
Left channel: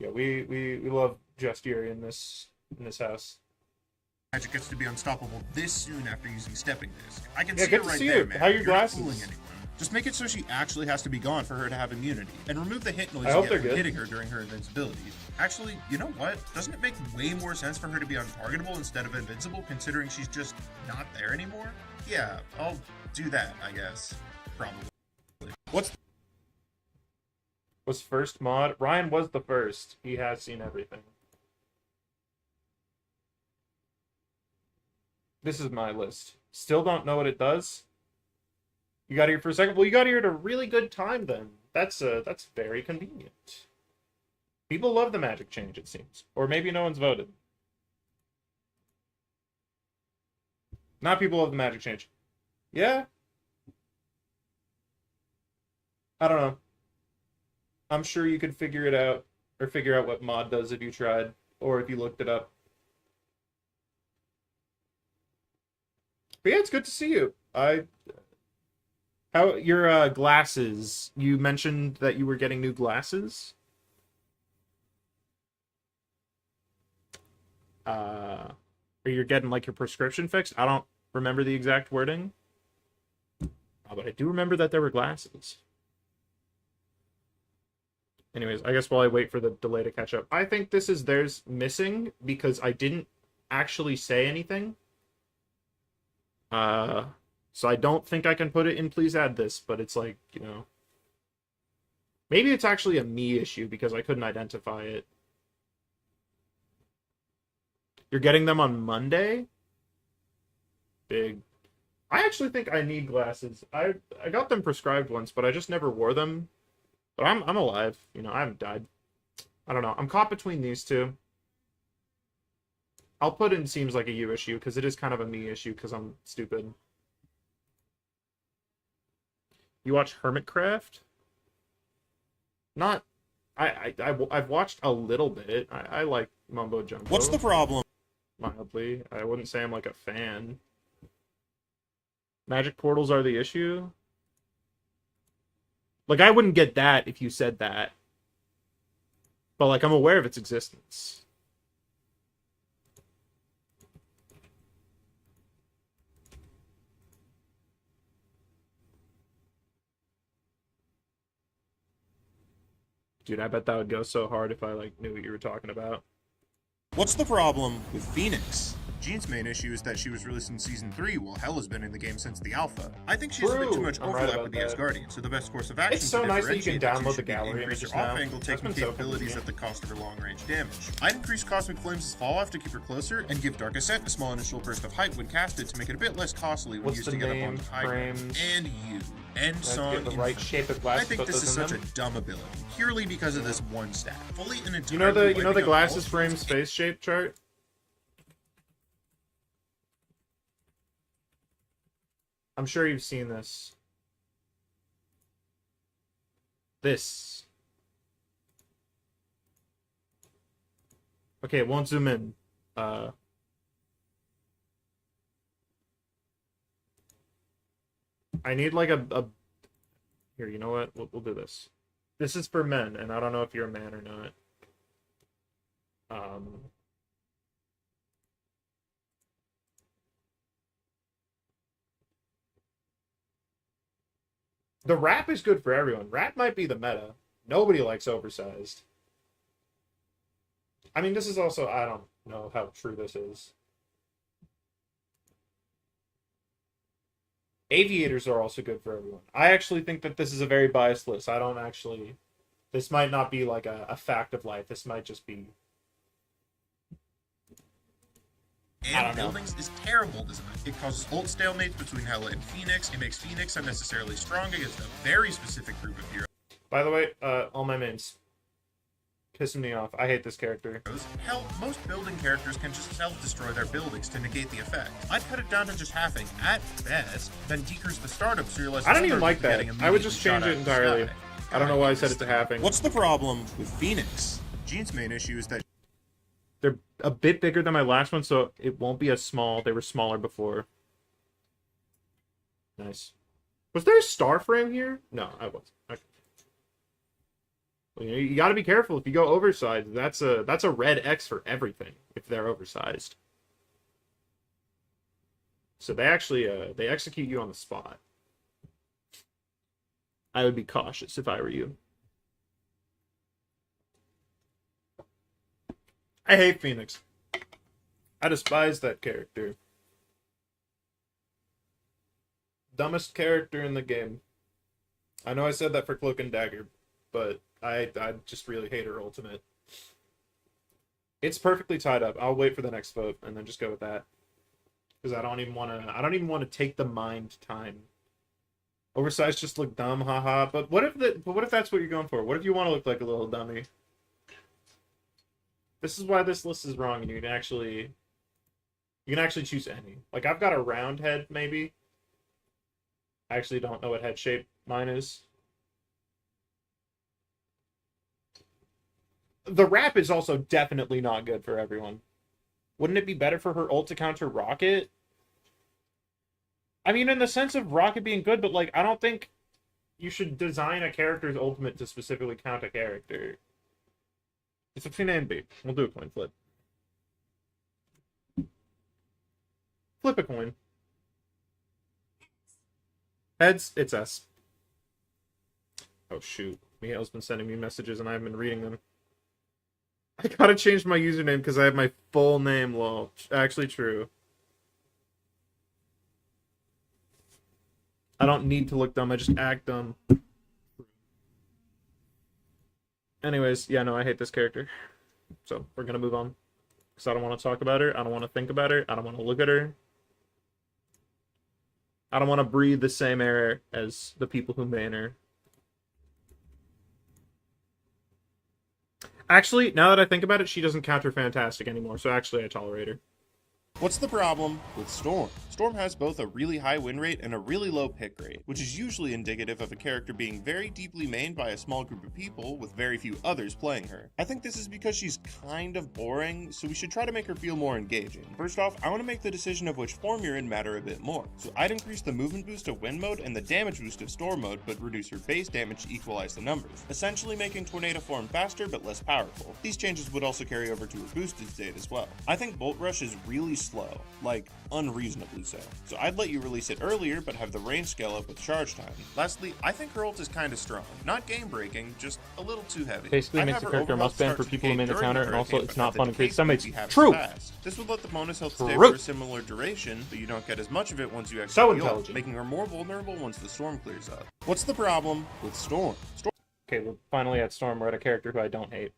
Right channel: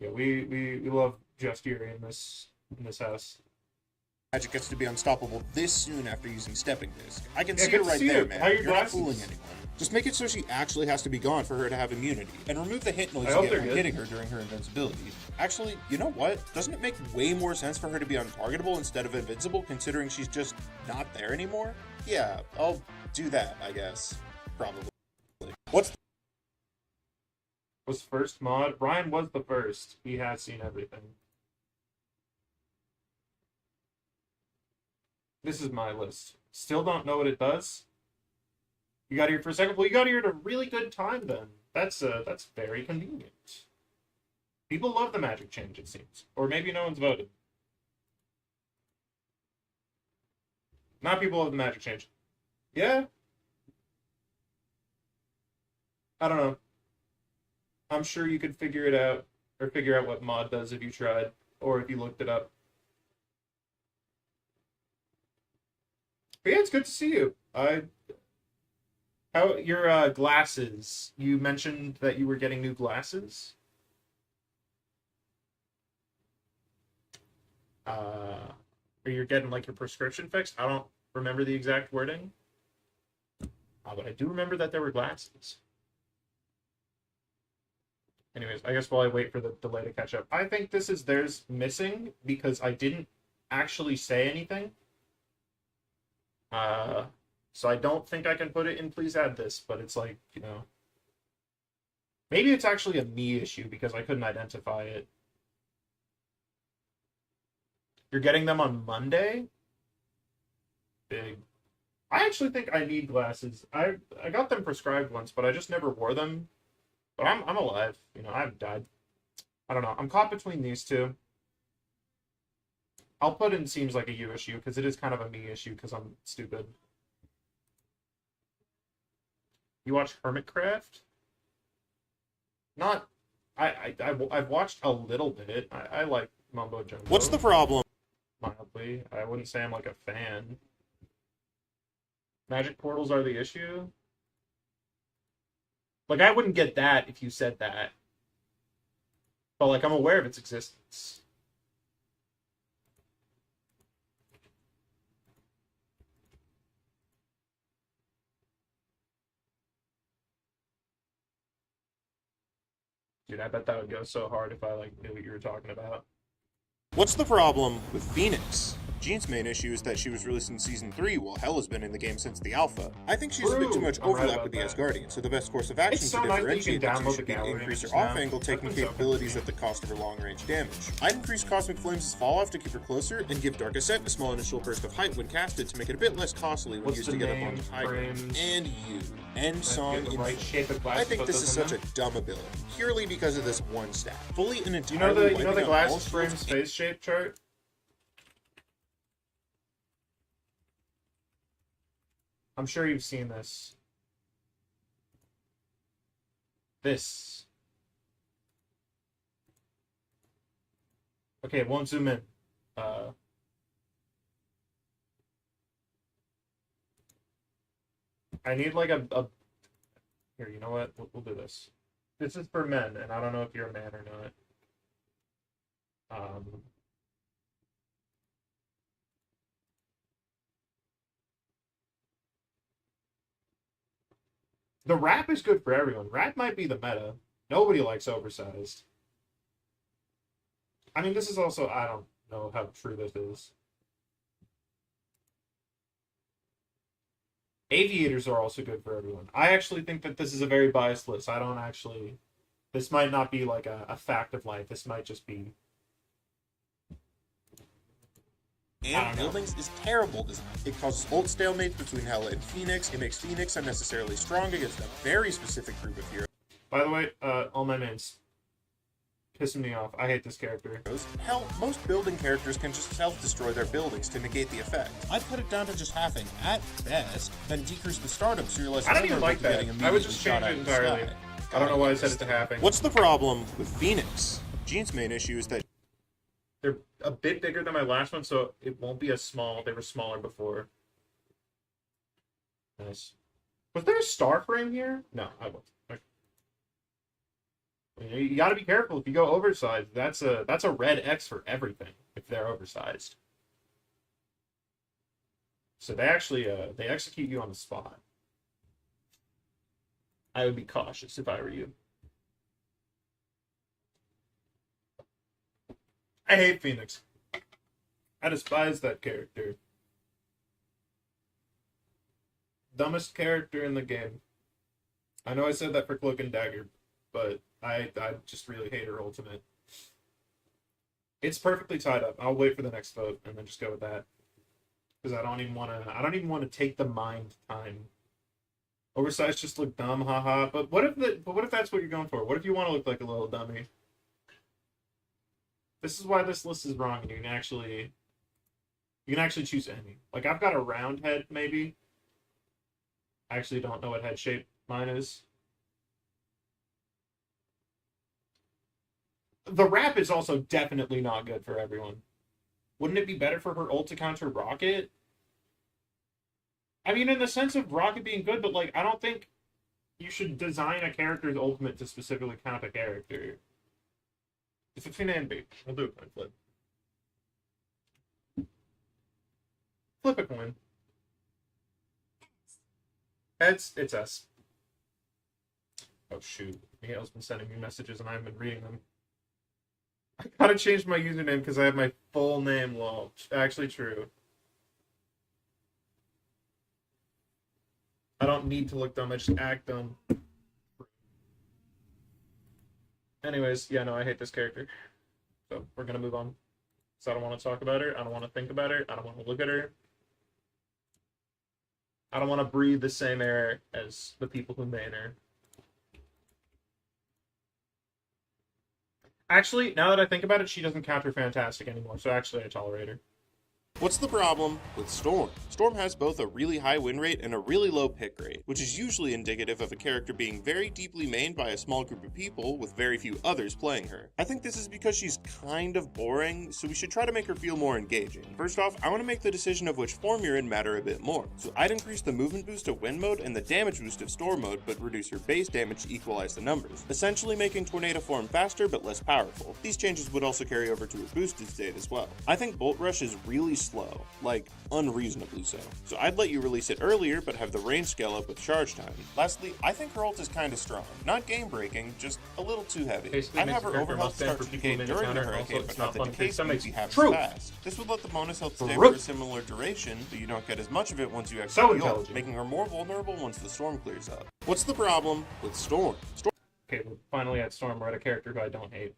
Yeah, we love Just Yuri in this house. Magic gets to be unstoppable this soon after using Stepping Disc. I can Yeah, see good it to right see there, you. man. How are your You're not glasses? fooling anyone. Just make it so she actually has to be gone for her to have immunity. And remove the hit noise I you hope get they're from good. hitting her during her invincibility. Actually, you know what? Doesn't it make way more sense for her to be untargetable instead of invincible, considering she's just not there anymore? Yeah, I'll do that, I guess. Probably. Was first mod. Ryan was the first. He has seen everything. This is my list. Still don't know what it does. You got here for a second. Well, you got here at a really good time then. That's very convenient. People love the magic change, it seems. Or maybe no one's voted. Not people love the magic change. Yeah? I don't know. I'm sure you could figure it out, or figure out what mod does if you tried, or if you looked it up. But yeah, it's good to see you. How your glasses? You mentioned that you were getting new glasses. Or you're getting like your prescription fixed. I don't remember the exact wording, but I do remember that there were glasses. Anyways, I guess while I wait for the delay to catch up, I think this is theirs missing because I didn't actually say anything. So I don't think I can put it in please add this, but it's like, you know, maybe it's actually a me issue because I couldn't identify it. You're getting them on Monday? Big. I actually think I need glasses. I got them prescribed once, but I just never wore them. But I'm alive. You know, I haven't died. I don't know. I'm caught between these two. I'll put in seems like a you issue because it is kind of a me issue because I'm stupid. You watch Hermitcraft? Not. I've watched a little bit. I like Mumbo Jumbo. What's the problem? Mildly. I wouldn't say I'm like a fan. Magic portals are the issue? Like, I wouldn't get that if you said that. But, like, I'm aware of its existence. Dude, I bet that would go so hard if I, like, knew what you were talking about. What's the problem with Phoenix? Jean's main issue is that she was released in Season 3 while Hel has been in the game since the alpha. I think she has a bit too much True. I'm right overlap about with the that. Asgardian, so the best course of action It's to so nice that you differentiate can the two download should the be to gallery increase her just now. off-angle taking That's so capabilities cool. at the cost of her long-range damage. I'd increase Cosmic Flames' fall-off to keep her closer, and give Dark Ascent a small initial burst of height when casted to make it a bit less costly when What's used the to get up name, onto high ground. frames? And you. End song in I think this is such a dumb ability, purely because of this one stat. Fully and You know entirely the wiping out all glasses shields frames face shape chart? I'm sure you've seen this. This. Okay, it won't zoom in. I need like a... Here, you know what? We'll do this. This is for men, and I don't know if you're a man or not. The wrap is good for everyone. Wrap might be the meta. Nobody likes oversized. I mean, this is also... I don't know how true this is. Aviators are also good for everyone. I actually think that this is a very biased list. I don't actually... This might not be like a fact of life. This might just be... And buildings is terrible design. It causes ult stalemates between Hela and Phoenix. It makes Phoenix unnecessarily strong against a very specific group of heroes. By the way, all my mains. Pissing me off. I hate this character. Hell, most building characters can just self-destroy their buildings to negate the effect. I'd cut it down to just halving, at best, then decrease the startup so you're less I don't even vulnerable like to that. getting I would immediately just shot change out it of the entirely. sky. I don't know why I said it to happen. What's the problem with Phoenix? Jean's main issue is that They're a bit bigger than my last one, so it won't be as small. They were smaller before. Nice. Was there a star frame here? No, I wasn't. Okay. Well, you got to be careful if you go oversized. That's a red X for everything if they're oversized. So they actually they execute you on the spot. I would be cautious if I were you. I hate Phoenix. I despise that character. Dumbest character in the game. I know I said that for Cloak and Dagger, but I just really hate her ultimate. It's perfectly tied up. I'll wait for the next vote and then just go with that. Because I don't even want to take the mind time. Oversized just look dumb, haha. But what if that's what you're going for? What if you want to look like a little dummy? This is why this list is wrong, and you can actually choose any. Like, I've got a round head, maybe. I actually don't know what head shape mine is. The wrap is also definitely not good for everyone. Wouldn't it be better for her ult to counter Rocket? I mean, in the sense of Rocket being good, but, like, I don't think you should design a character's ultimate to specifically count a character. It's between A and B. We'll do a coin flip. Flip a coin. Heads, it's S. Oh, shoot. Miguel's been sending me messages and I haven't been reading them. I gotta change my username because I have my full name, lol. Actually true. I don't need to look dumb, I just act dumb. Anyways, yeah, no, I hate this character. So, we're gonna move on. Because I don't want to talk about her, I don't want to think about her, I don't want to look at her. I don't want to breathe the same air as the people who main her. Actually, now that I think about it, she doesn't counter Fantastic anymore, so actually I tolerate her. What's the problem with Storm? Storm has both a really high win rate and a really low pick rate, which is usually indicative of a character being very deeply mained by a small group of people with very few others playing her. I think this is because she's kind of boring, so we should try to make her feel more engaging. First off, I want to make the decision of which form you're in matter a bit more. So I'd increase the movement boost of Wind mode and the damage boost of Storm mode, but reduce her base damage to equalize the numbers, essentially making Tornado form faster but less powerful. These changes would also carry over to her boosted state as well. I think Bolt Rush is really slow, like unreasonably so. So I'd let you release it earlier, but have the range scale up with charge time. Lastly, I think her ult is kind of strong. Not game breaking, just a little too heavy. Basically I'd makes have the her character overhealth must ban start for to people in decay mid during the counter, and also hurricane, it's but not have the fun to decay kick. Some speed makes be half as true. fast. This would let the bonus health stay True. for a similar duration, but you don't get as much of it once you exit So the ult, intelligent. making her more vulnerable once the storm clears up. What's the problem with Storm? Okay, we're finally at Storm. We're at a character who I don't hate.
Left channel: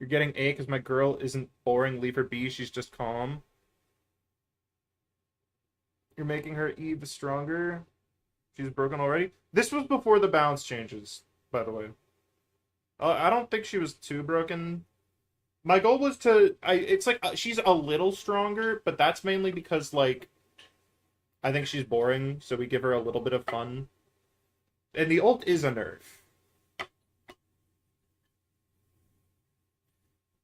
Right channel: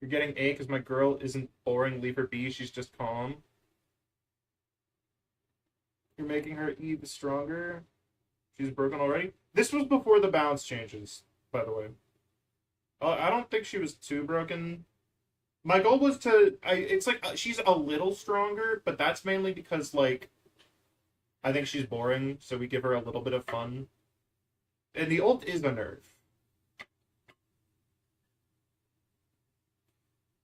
You're getting A because my girl isn't boring. Leave her B. She's just calm. You're making her E stronger. She's broken already. This was before the balance changes, by the way. I don't think she was too broken. My goal was to... it's like, she's a little stronger, but that's mainly because, like, I think she's boring, so we give her a little bit of fun. And the ult is a nerf.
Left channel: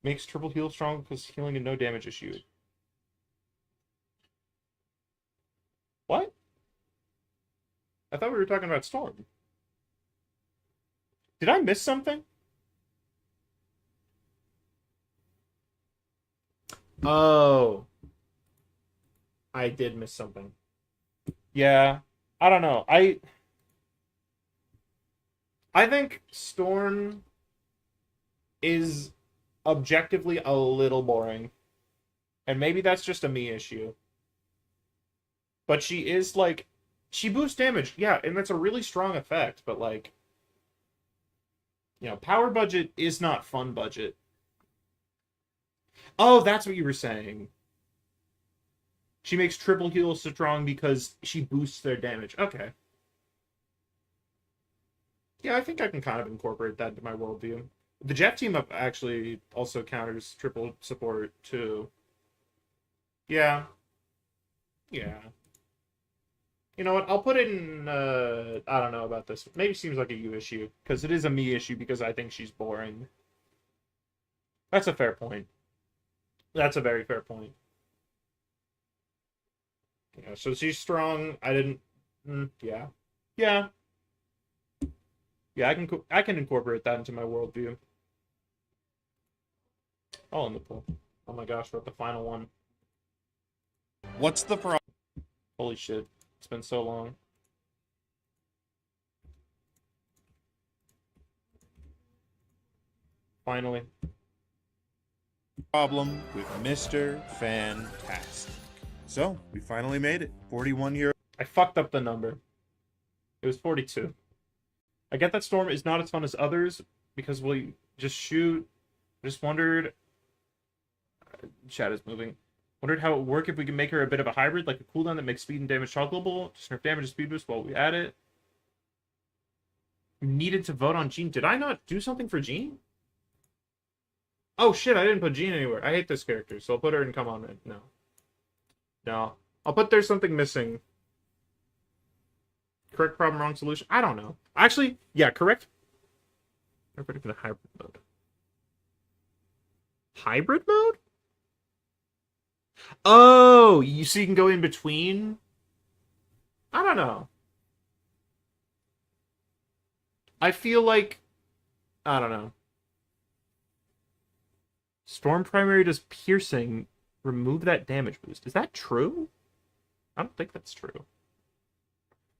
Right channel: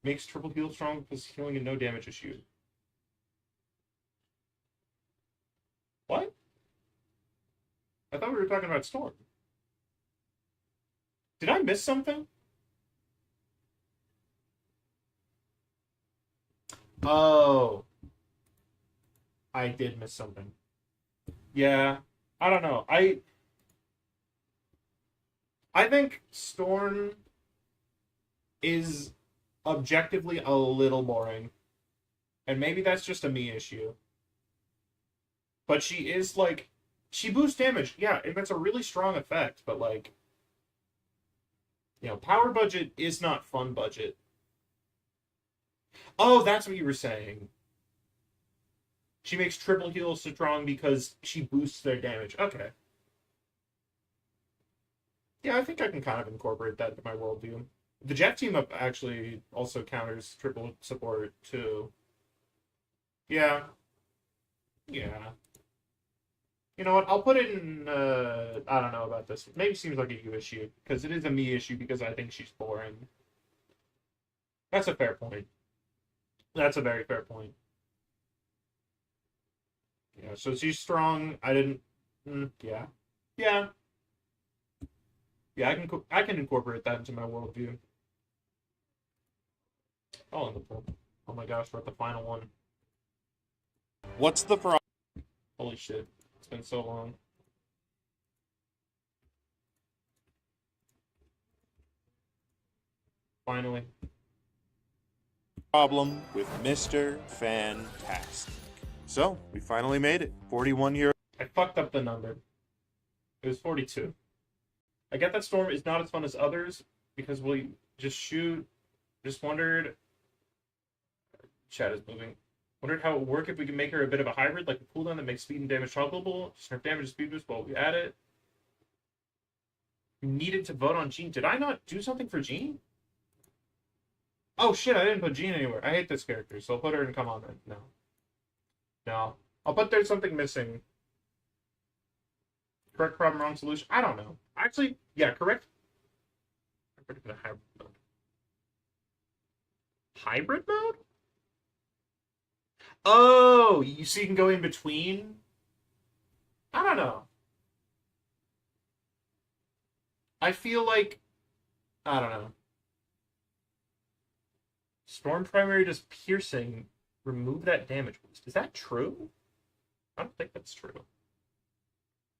Makes triple heal strong because healing and no damage issue. What? I thought we were talking about Storm. Did I miss something? Oh. I did miss something. Yeah. I don't know. I think Storm is objectively a little boring. And maybe that's just a me issue. But she is, like... She boosts damage, yeah, and that's a really strong effect, but, like... You know, power budget is not fun budget. Oh, that's what you were saying. She makes triple heal strong because she boosts their damage. Okay. Yeah, I think I can kind of incorporate that into my worldview. The Jet team up actually also counters triple support, too. Yeah. Yeah. You know what? I'll put it in, I don't know about this. Maybe it seems like a you issue, because it is a me issue because I think she's boring. That's a fair point. That's a very fair point. Yeah, so she's strong. I didn't... yeah. Yeah. Yeah, I can incorporate that into my worldview. Oh, in the pool. Oh my gosh, we're at the final one. What's the problem? Holy shit. It's been so long. Finally. Problem with Mr. Fantastic. So, we finally made it. 41 year I fucked up the number. It was 42. I get that Storm is not as fun as others because we just shoot. Just wondered. Chat is moving. Wondered how it would work if we could make her a bit of a hybrid, like a cooldown that makes speed and damage toggleable. Just nerf damage and speed boost while we add it. Needed to vote on Jean. Did I not do something for Jean? Oh shit, I didn't put Jean anywhere. I hate this character, so I'll put her in Come On Then. No. No. I'll put There's Something Missing. Correct problem, wrong solution. I don't know. Actually, yeah, correct. I'm ready for the hybrid mode. Hybrid mode? Oh, so you can go in between? I don't know. I feel like... I don't know. Storm primary does piercing. Remove that damage boost. Is that true? I don't think that's true.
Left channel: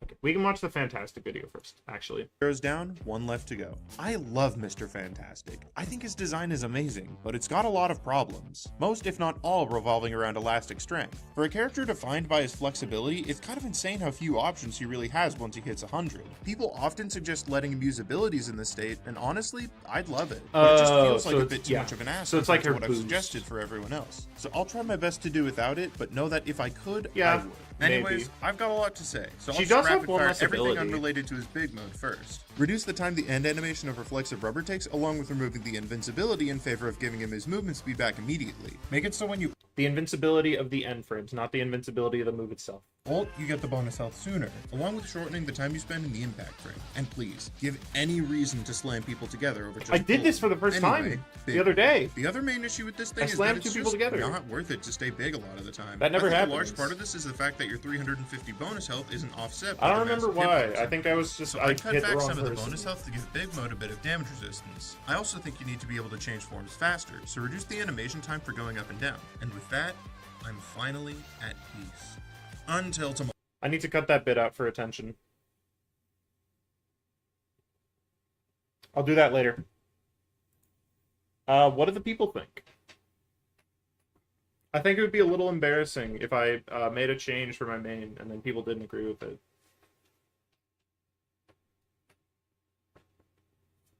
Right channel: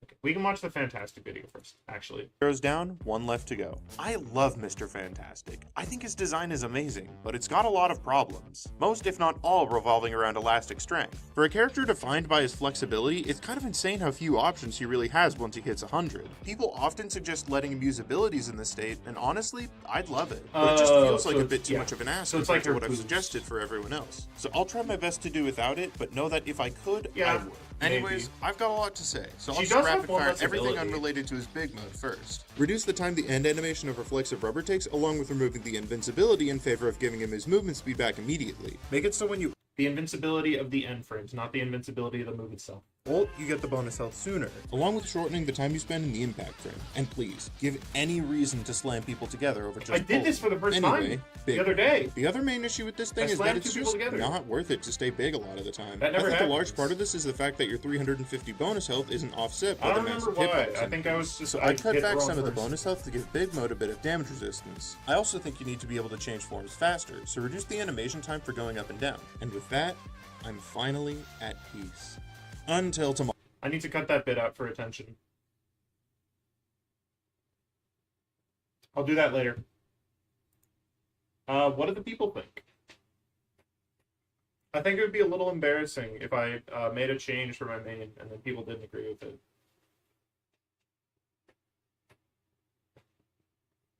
Okay, we can watch the Fantastic video first, actually. Heroes down, one left to go. I love Mr. Fantastic. I think his design is amazing, but it's got a lot of problems. Most, if not all, revolving around elastic strength. For a character defined by his flexibility, it's kind of insane how few options he really has once he hits 100. People often suggest letting him use abilities in this state, and honestly, I'd love it. But it just feels like a bit too much of an ask So it's compared like to her what I've boost. suggested for everyone else. So I'll try my best to do without it, but know that if I could, Yeah, I would. maybe. Anyways, I've got a lot to say, so I'll She just does have rapid one fire less everything ability. unrelated to his big mode first. Reduce the time the end animation of Reflexive Rubber takes, along with removing the invincibility in favor of giving him his movement speed back immediately. Make it so when you The invincibility of the end frames, not the invincibility of the move itself. Ult, you get the bonus health sooner, along with shortening the time you spend in the impact frame. And please, give any reason to slam people together over just I did ult. this for the first Anyway, time big. the other day. The other main issue with this thing I is slammed that it's two people just together. not worth it to stay big a lot of the time. That I never think a large happens. part of this is the fact that your 350 bonus health isn't offset by I the don't remember massive why. hitbox I think that was just So I I cut hit the back wrong some of the person. bonus health to give Big Mode a bit of damage resistance. I also think you need to be able to change forms faster, so reduce the animation time for going up and down. And with that, I'm finally at peace. Until tomorrow. I need to cut that bit out for attention. I'll do that later. What do the people think? I think it would be a little embarrassing if I made a change for my main and then people didn't agree with it.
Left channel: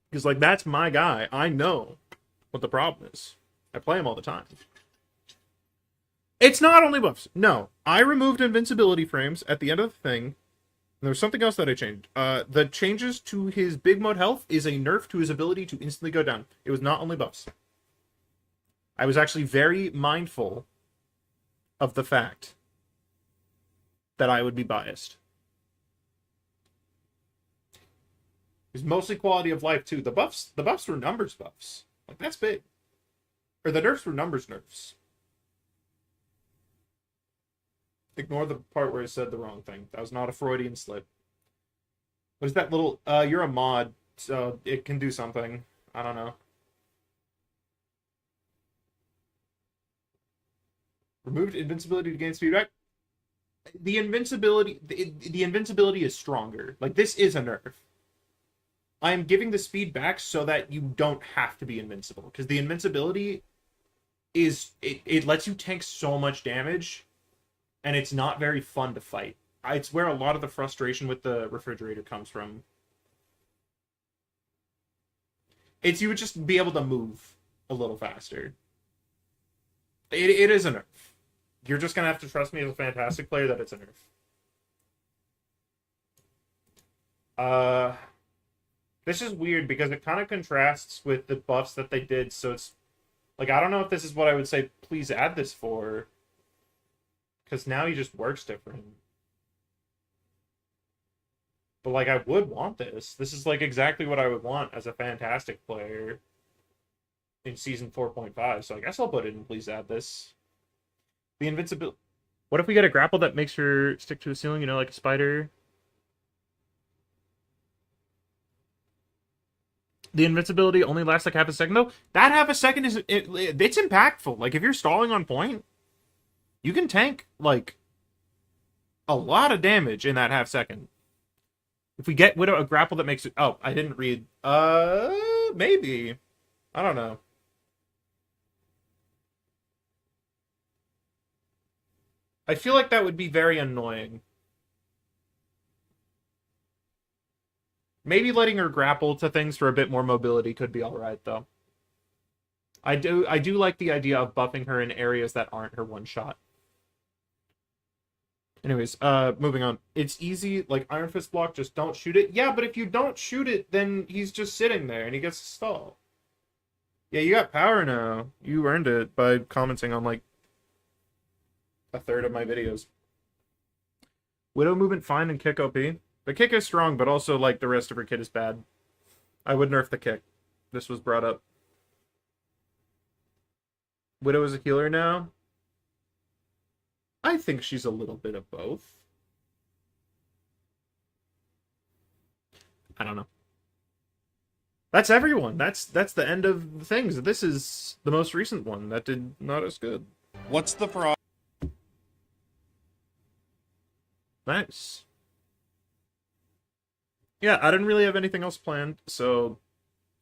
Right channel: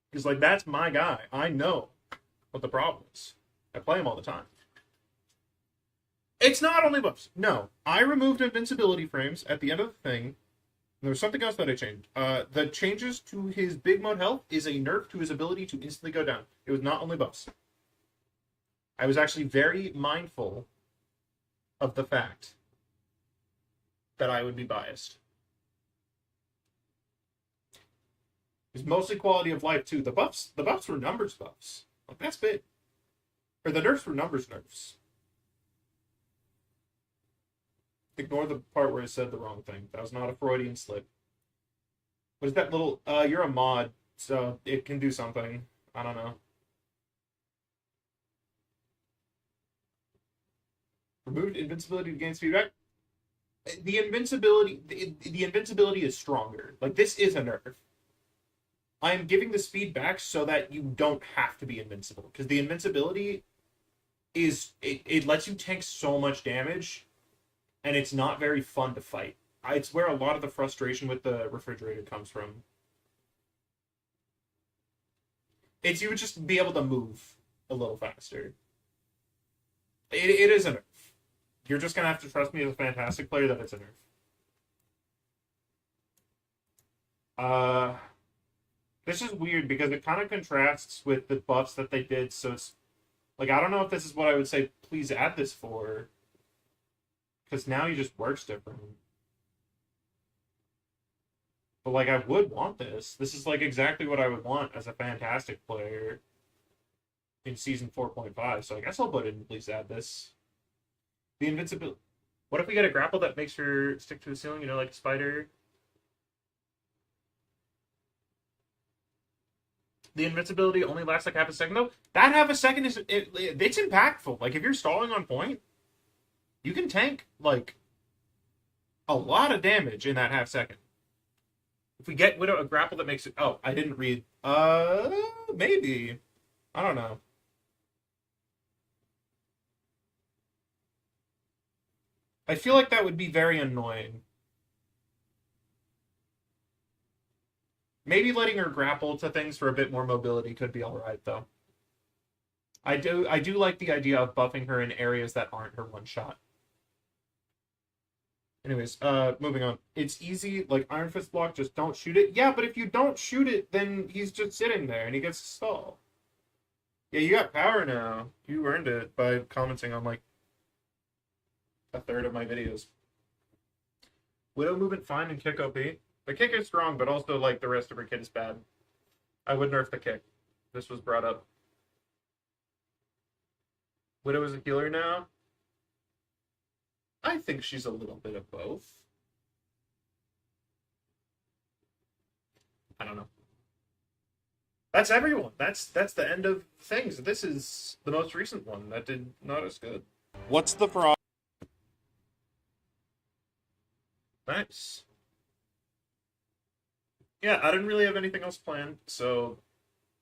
Because, like, that's my guy. I know what the problem is. I play him all the time. It's not only buffs. No. I removed invincibility frames at the end of the thing. And there was something else that I changed. The changes to his big mode health is a nerf to his ability to instantly go down. It was not only buffs. I was actually very mindful of the fact that I would be biased. It's mostly quality of life too. The buffs were numbers buffs. Like, that's big. Or the nerfs were numbers nerfs. Ignore the part where I said the wrong thing. That was not a Freudian slip. Was that little you're a mod, so it can do something. I don't know. Removed invincibility to gain speed back. The invincibility is stronger. Like, this is a nerf. I am giving the speed back so that you don't have to be invincible. Because the invincibility is it lets you tank so much damage, and it's not very fun to fight. It's where a lot of the frustration with the refrigerator comes from. It's you would just be able to move a little faster. It is a nerf. You're just going to have to trust me as a fantastic player that it's a nerf. This is weird because it kind of contrasts with the buffs that they did, so it's... Like, I don't know if this is what I would say, please add this for. Because now he just works different. But, like, I would want this. This is, like, exactly what I would want as a fantastic player in Season 4.5. So I guess I'll put it in, please add this. The invincibility. What if we get a grapple that makes her stick to a ceiling, you know, like a spider? The invincibility only lasts like half a second, though. That half a second it's impactful. Like, if you're stalling on point, you can tank, like, a lot of damage in that half second. If we get Widow a grapple that makes it... Oh, I didn't read. Maybe. I don't know. I feel like that would be very annoying. Maybe letting her grapple to things for a bit more mobility could be alright, though. I do like the idea of buffing her in areas that aren't her one-shot. Anyways, moving on. It's easy, like Iron Fist block, just don't shoot it. Yeah, but if you don't shoot it, then he's just sitting there and he gets to stall. Yeah, you got power now. You earned it by commenting on, like, a third of my videos. Widow movement fine and kick OP. The kick is strong, but also, like, the rest of her kit is bad. I would nerf the kick. This was brought up. Widow is a healer now. I think she's a little bit of both. I don't know. That's everyone. That's the end of the things. This is the most recent one that did not as good. What's the problem? Nice. Yeah, I didn't really have anything else planned, so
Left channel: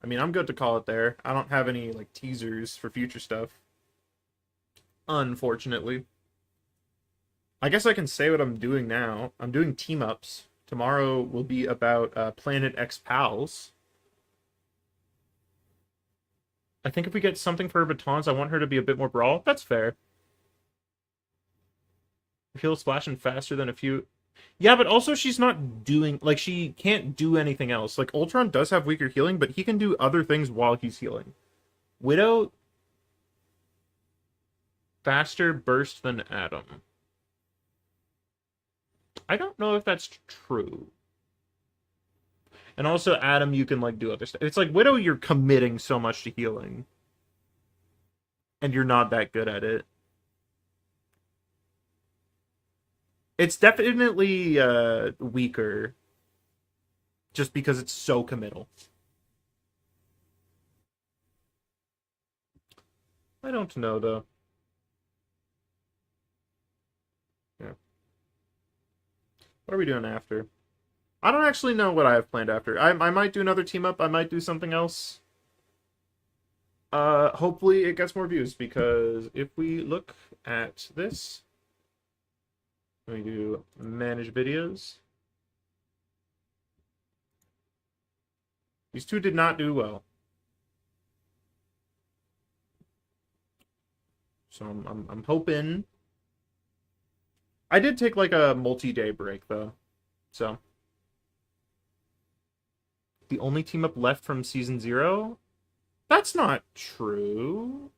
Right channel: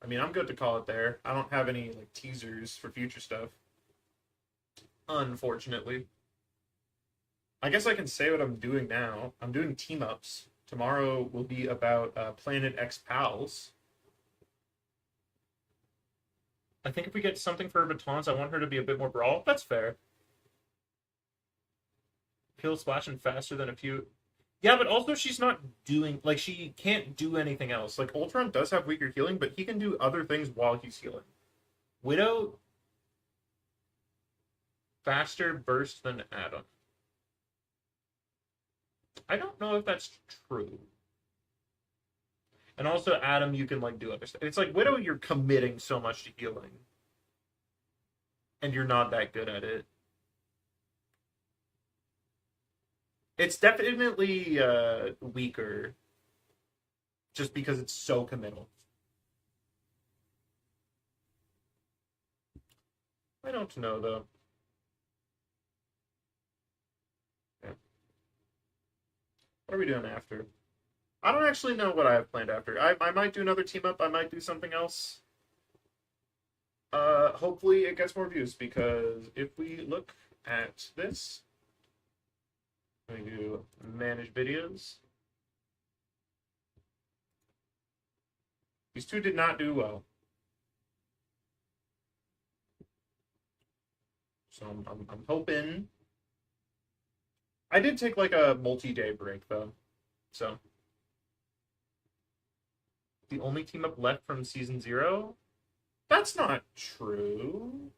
I mean, I'm good to call it there. I don't have any, like, teasers for future stuff. Unfortunately. I guess I can say what I'm doing now. I'm doing team-ups. Tomorrow will be about Planet X Pals. I think if we get something for her batons, I want her to be a bit more brawl. That's fair. Heal splashing faster than a few... Yeah, but also she's not doing... Like, she can't do anything else. Like, Ultron does have weaker healing, but he can do other things while he's healing. Widow... faster burst than Adam. I don't know if that's true. And also, Adam, you can like do other stuff. It's like Widow, you're committing so much to healing, and you're not that good at it. It's definitely weaker, just because it's so committal. I don't know though. Yeah. What are we doing after? I don't actually know what I have planned after. I might do another team up. I might do something else. Hopefully it gets more views, because if we look at this, we do manage videos. These two did not do well. So I'm hoping. I did take like a multi-day break though. So the only team up left from season 0? That's not true.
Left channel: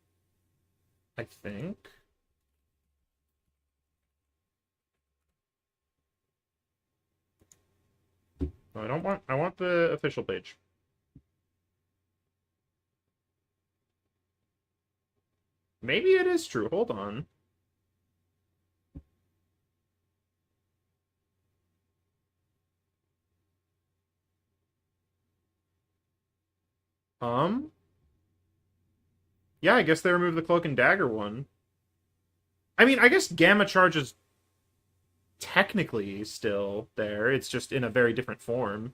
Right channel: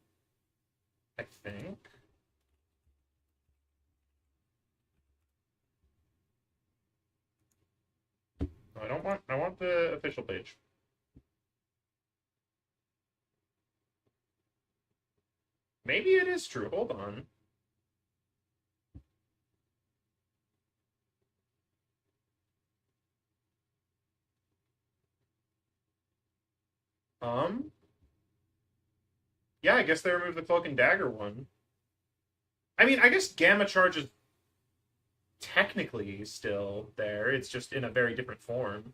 I think. No, I want the official page. Maybe it is true. Hold on. Yeah, I guess they removed the Cloak and Dagger one. I mean, I guess Gamma Charge is technically still there. It's just in a very different form.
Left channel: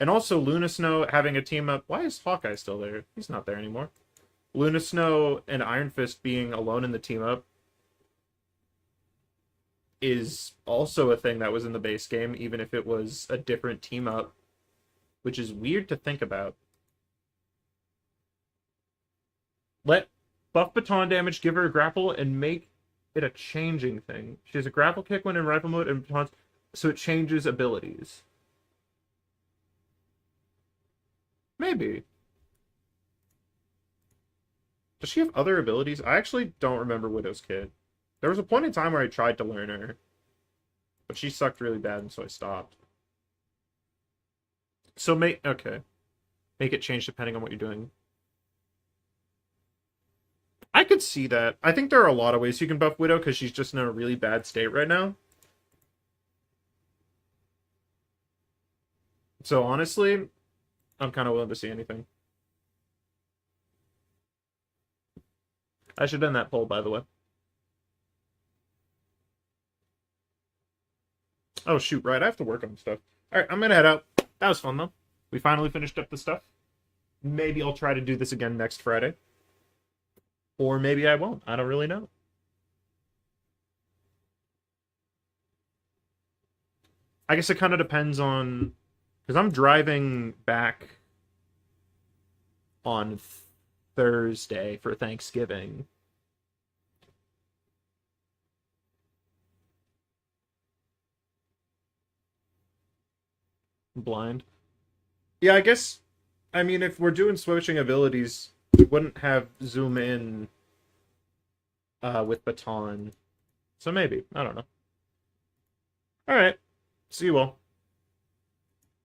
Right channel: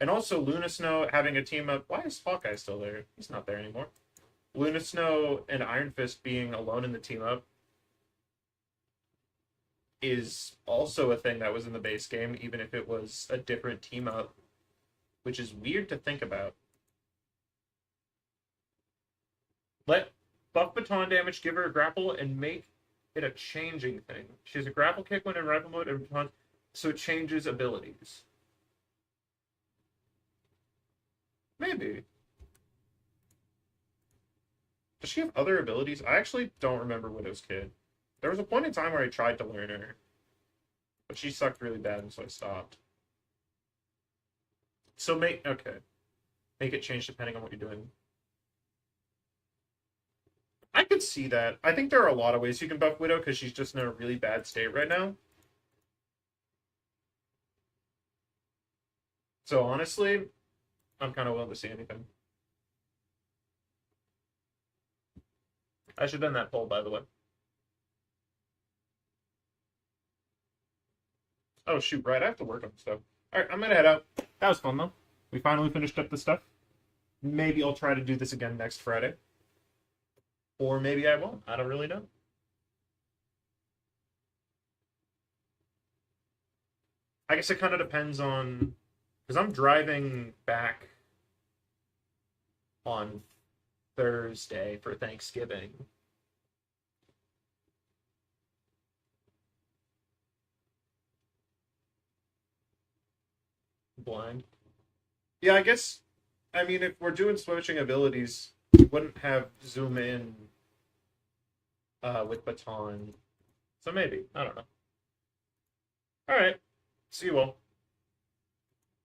And also, Luna Snow having a team up. Why is Hawkeye still there? He's not there anymore. Luna Snow and Iron Fist being alone in the team up is also a thing that was in the base game, even if it was a different team up, which is weird to think about. Let buff baton damage, give her a grapple, and make it a changing thing. She has a grapple kick when in rifle mode, and batons, so it changes abilities. Maybe. Does she have other abilities? I actually don't remember Widow's Kid. There was a point in time where I tried to learn her, but she sucked really bad, and so I stopped. So make it change depending on what you're doing. I could see that. I think there are a lot of ways you can buff Widow, because she's just in a really bad state right now. So honestly, I'm kind of willing to see anything. I should have done that poll, by the way. Oh, shoot, right. I have to work on stuff. Alright, I'm gonna head out. That was fun, though. We finally finished up the stuff. Maybe I'll try to do this again next Friday. Or maybe I won't. I don't really know. I guess it kind of depends on... Because I'm driving back on Thursday for Thanksgiving. Blind. Yeah, I guess... I mean, if we're doing switching abilities, we wouldn't have zoom in with baton. So maybe. I don't know. Alright. See you all.